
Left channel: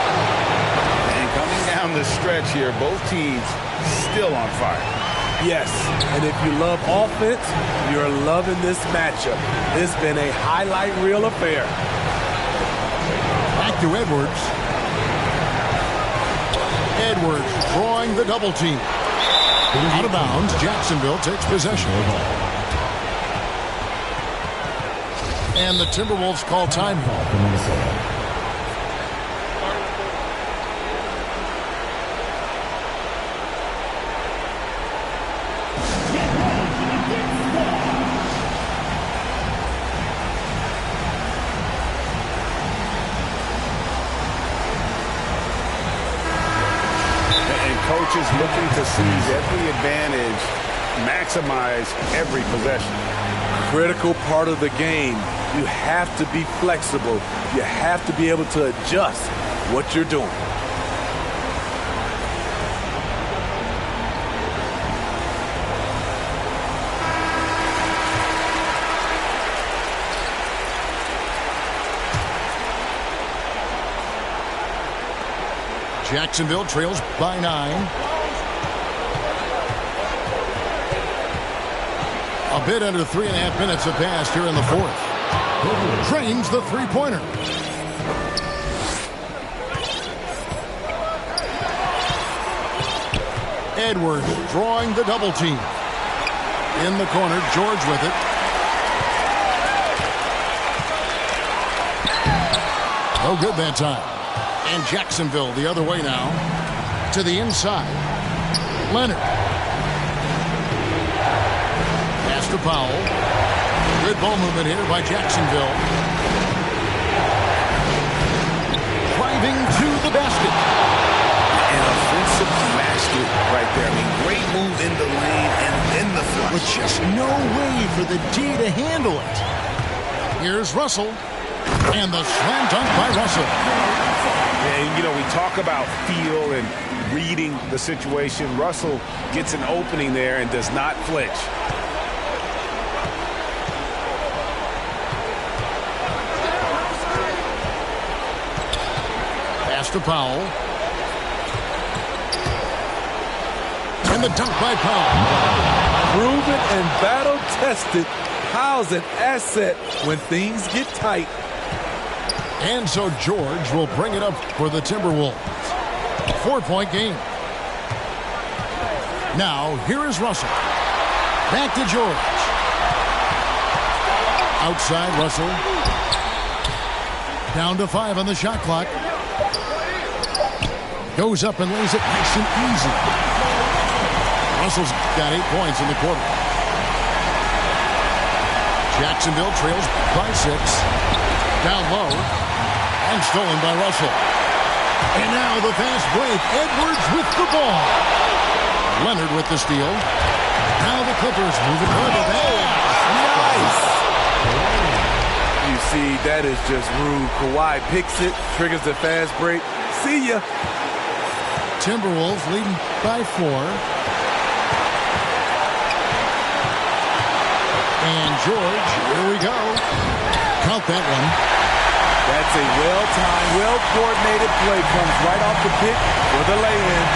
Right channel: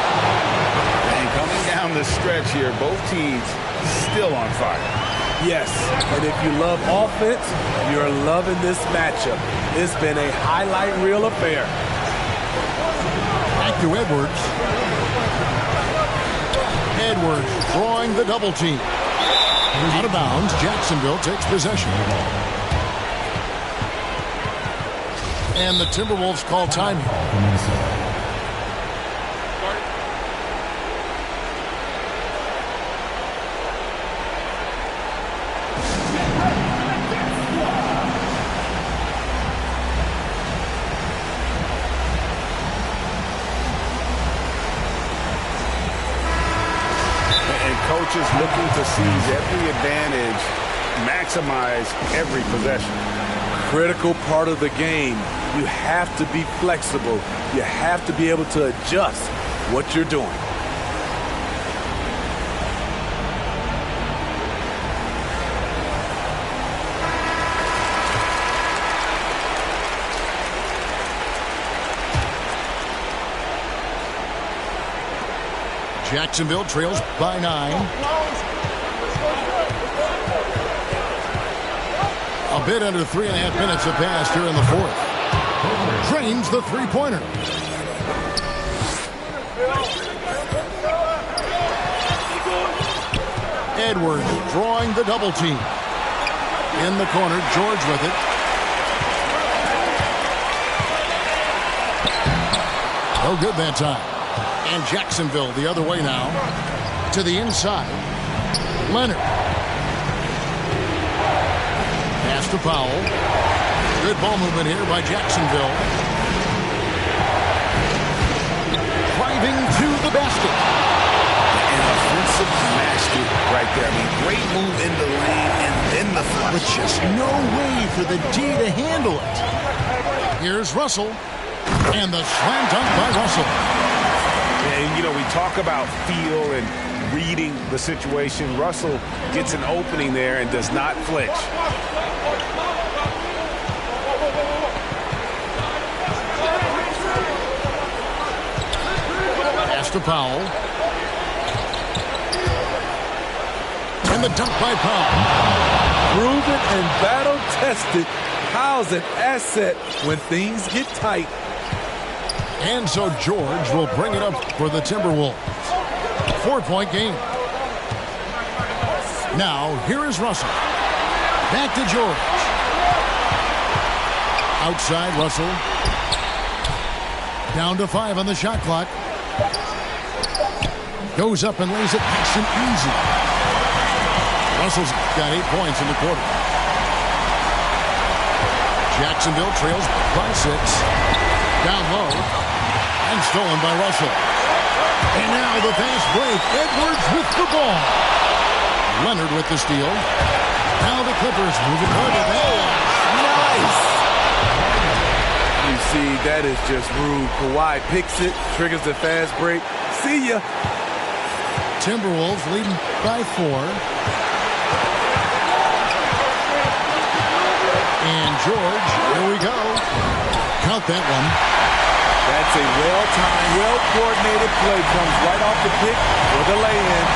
And coming down the stretch here, both teams still on fire. Yes, and if you love offense, you're loving this matchup. It's been a highlight reel affair. Back to Edwards. Edwards drawing the double team. Out of bounds, Jacksonville takes possession. And the Timberwolves call time. Coaches looking to seize every advantage, maximize every possession. Critical part of the game. You have to be flexible. You have to be able to adjust what you're doing. Jacksonville trails by 9. A bit under 3.5 minutes have passed here in the fourth. Drains the three-pointer. Edwards drawing the double team. In the corner, George with it. No good that time. And Jacksonville the other way now. To the inside. Leonard. Pass to Powell. Good ball movement here by Jacksonville. Driving to the basket. An offensive mastery right there. I mean, great move in the lane and then the flush. With just no way for the D to handle it. Here's Russell. And the slam dunk by Russell. And, you know, we talk about feel and reading the situation. Russell gets an opening there and does not flinch. Pass to Powell. And the dunk by Powell. Proven and battle-tested. Powell's an asset when things get tight. And so George will bring it up for the Timberwolves. 4-point game. Now, here is Russell. Back to George. Outside Russell. Down to 5 on the shot clock. Goes up and lays it nice and easy. Russell's got 8 points in the quarter. Jacksonville trails by 6. Down low. And stolen by Russell. And now the fast break. Edwards with the ball. Leonard with the steal. Now the Clippers moving toward the pass. Nice. You see, that is just rude. Kawhi picks it, triggers the fast break. See ya. Timberwolves leading by 4. And George, here we go. Count that one. That's a well-timed, well-coordinated play. Comes right off the pick for the lay-in.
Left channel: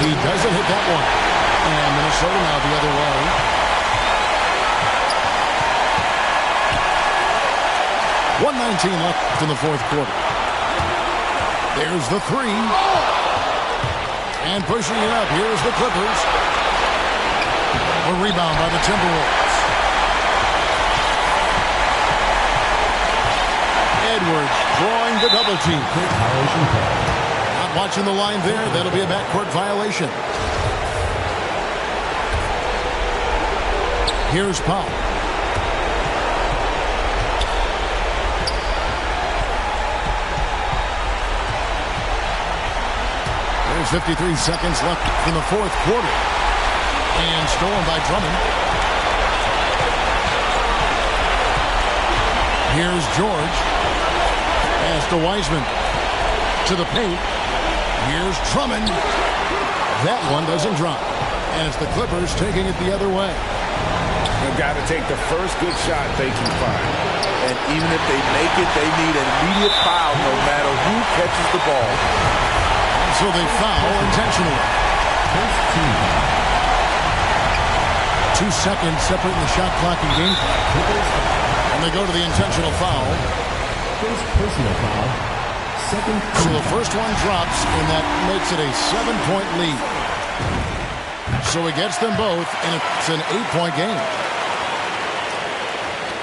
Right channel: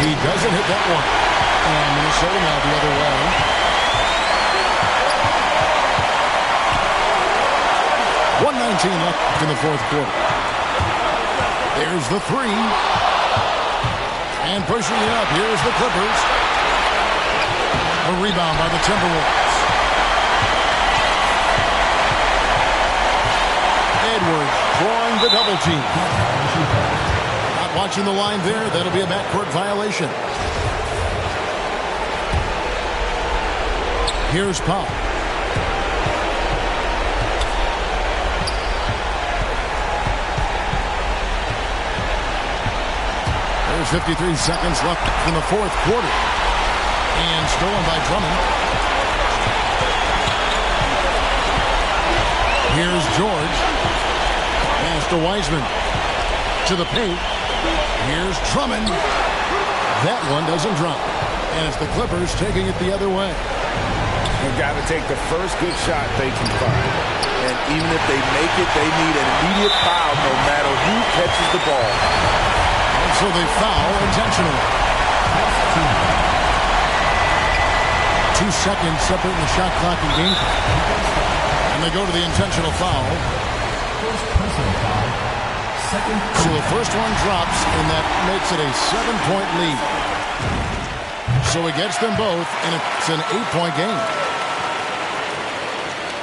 He doesn't hit that one. And Minnesota now the other way. .119 left in the fourth quarter. There's the three. And pushing it up. Here's the Clippers. A rebound by the Timberwolves. Edwards drawing the double team. Not watching the line there. That'll be a backcourt violation. Here's Powell. There's 53 seconds left in the fourth quarter. And stolen by Drummond. Here's George. Pass to Wiseman. To the paint. Here's Drummond. That one doesn't drop. And it's the Clippers taking it the other way. They've got to take the first good shot they can find. And even if they make it, they need an immediate foul no matter who catches the ball. And so they foul intentionally. 2 seconds separating the shot clock and game clock. And they go to the intentional foul. First personal foul. Second. So the first one drops, and that makes it a 7-point lead. So he gets them both, and it's an 8-point game.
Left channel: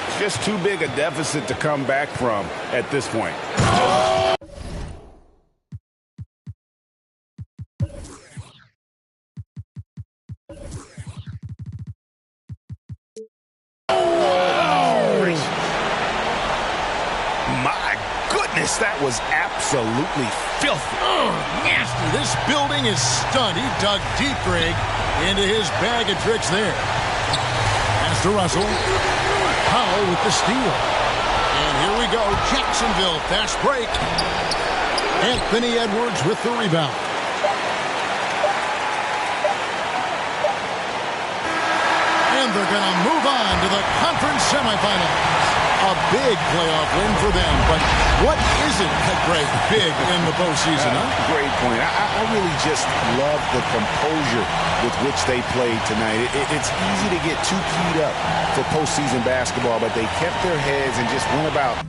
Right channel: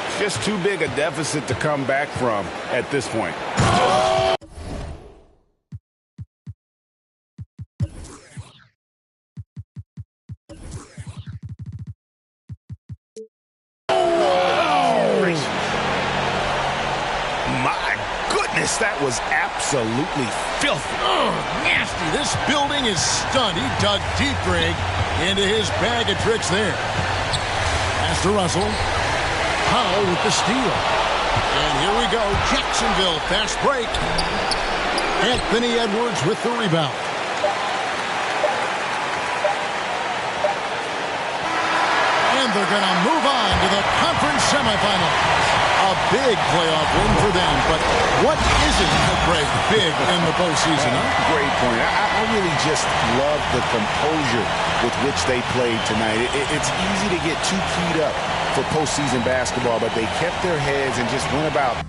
It's just too big a deficit to come back from at this point. My goodness, that was absolutely filthy. Oh, nasty. This building is stunned. He dug deep, Greg, into his bag of tricks there. Pass to Russell. Powell with the steal. And here we go. Jacksonville, fast break. Anthony Edwards with the rebound. And they're going to move on to the conference semifinals. A big playoff win for them, but what isn't, Greg, big in the postseason, huh? Great point. I really just love the composure with which they played tonight. It's easy to get too keyed up for postseason basketball, but they kept their heads and just went about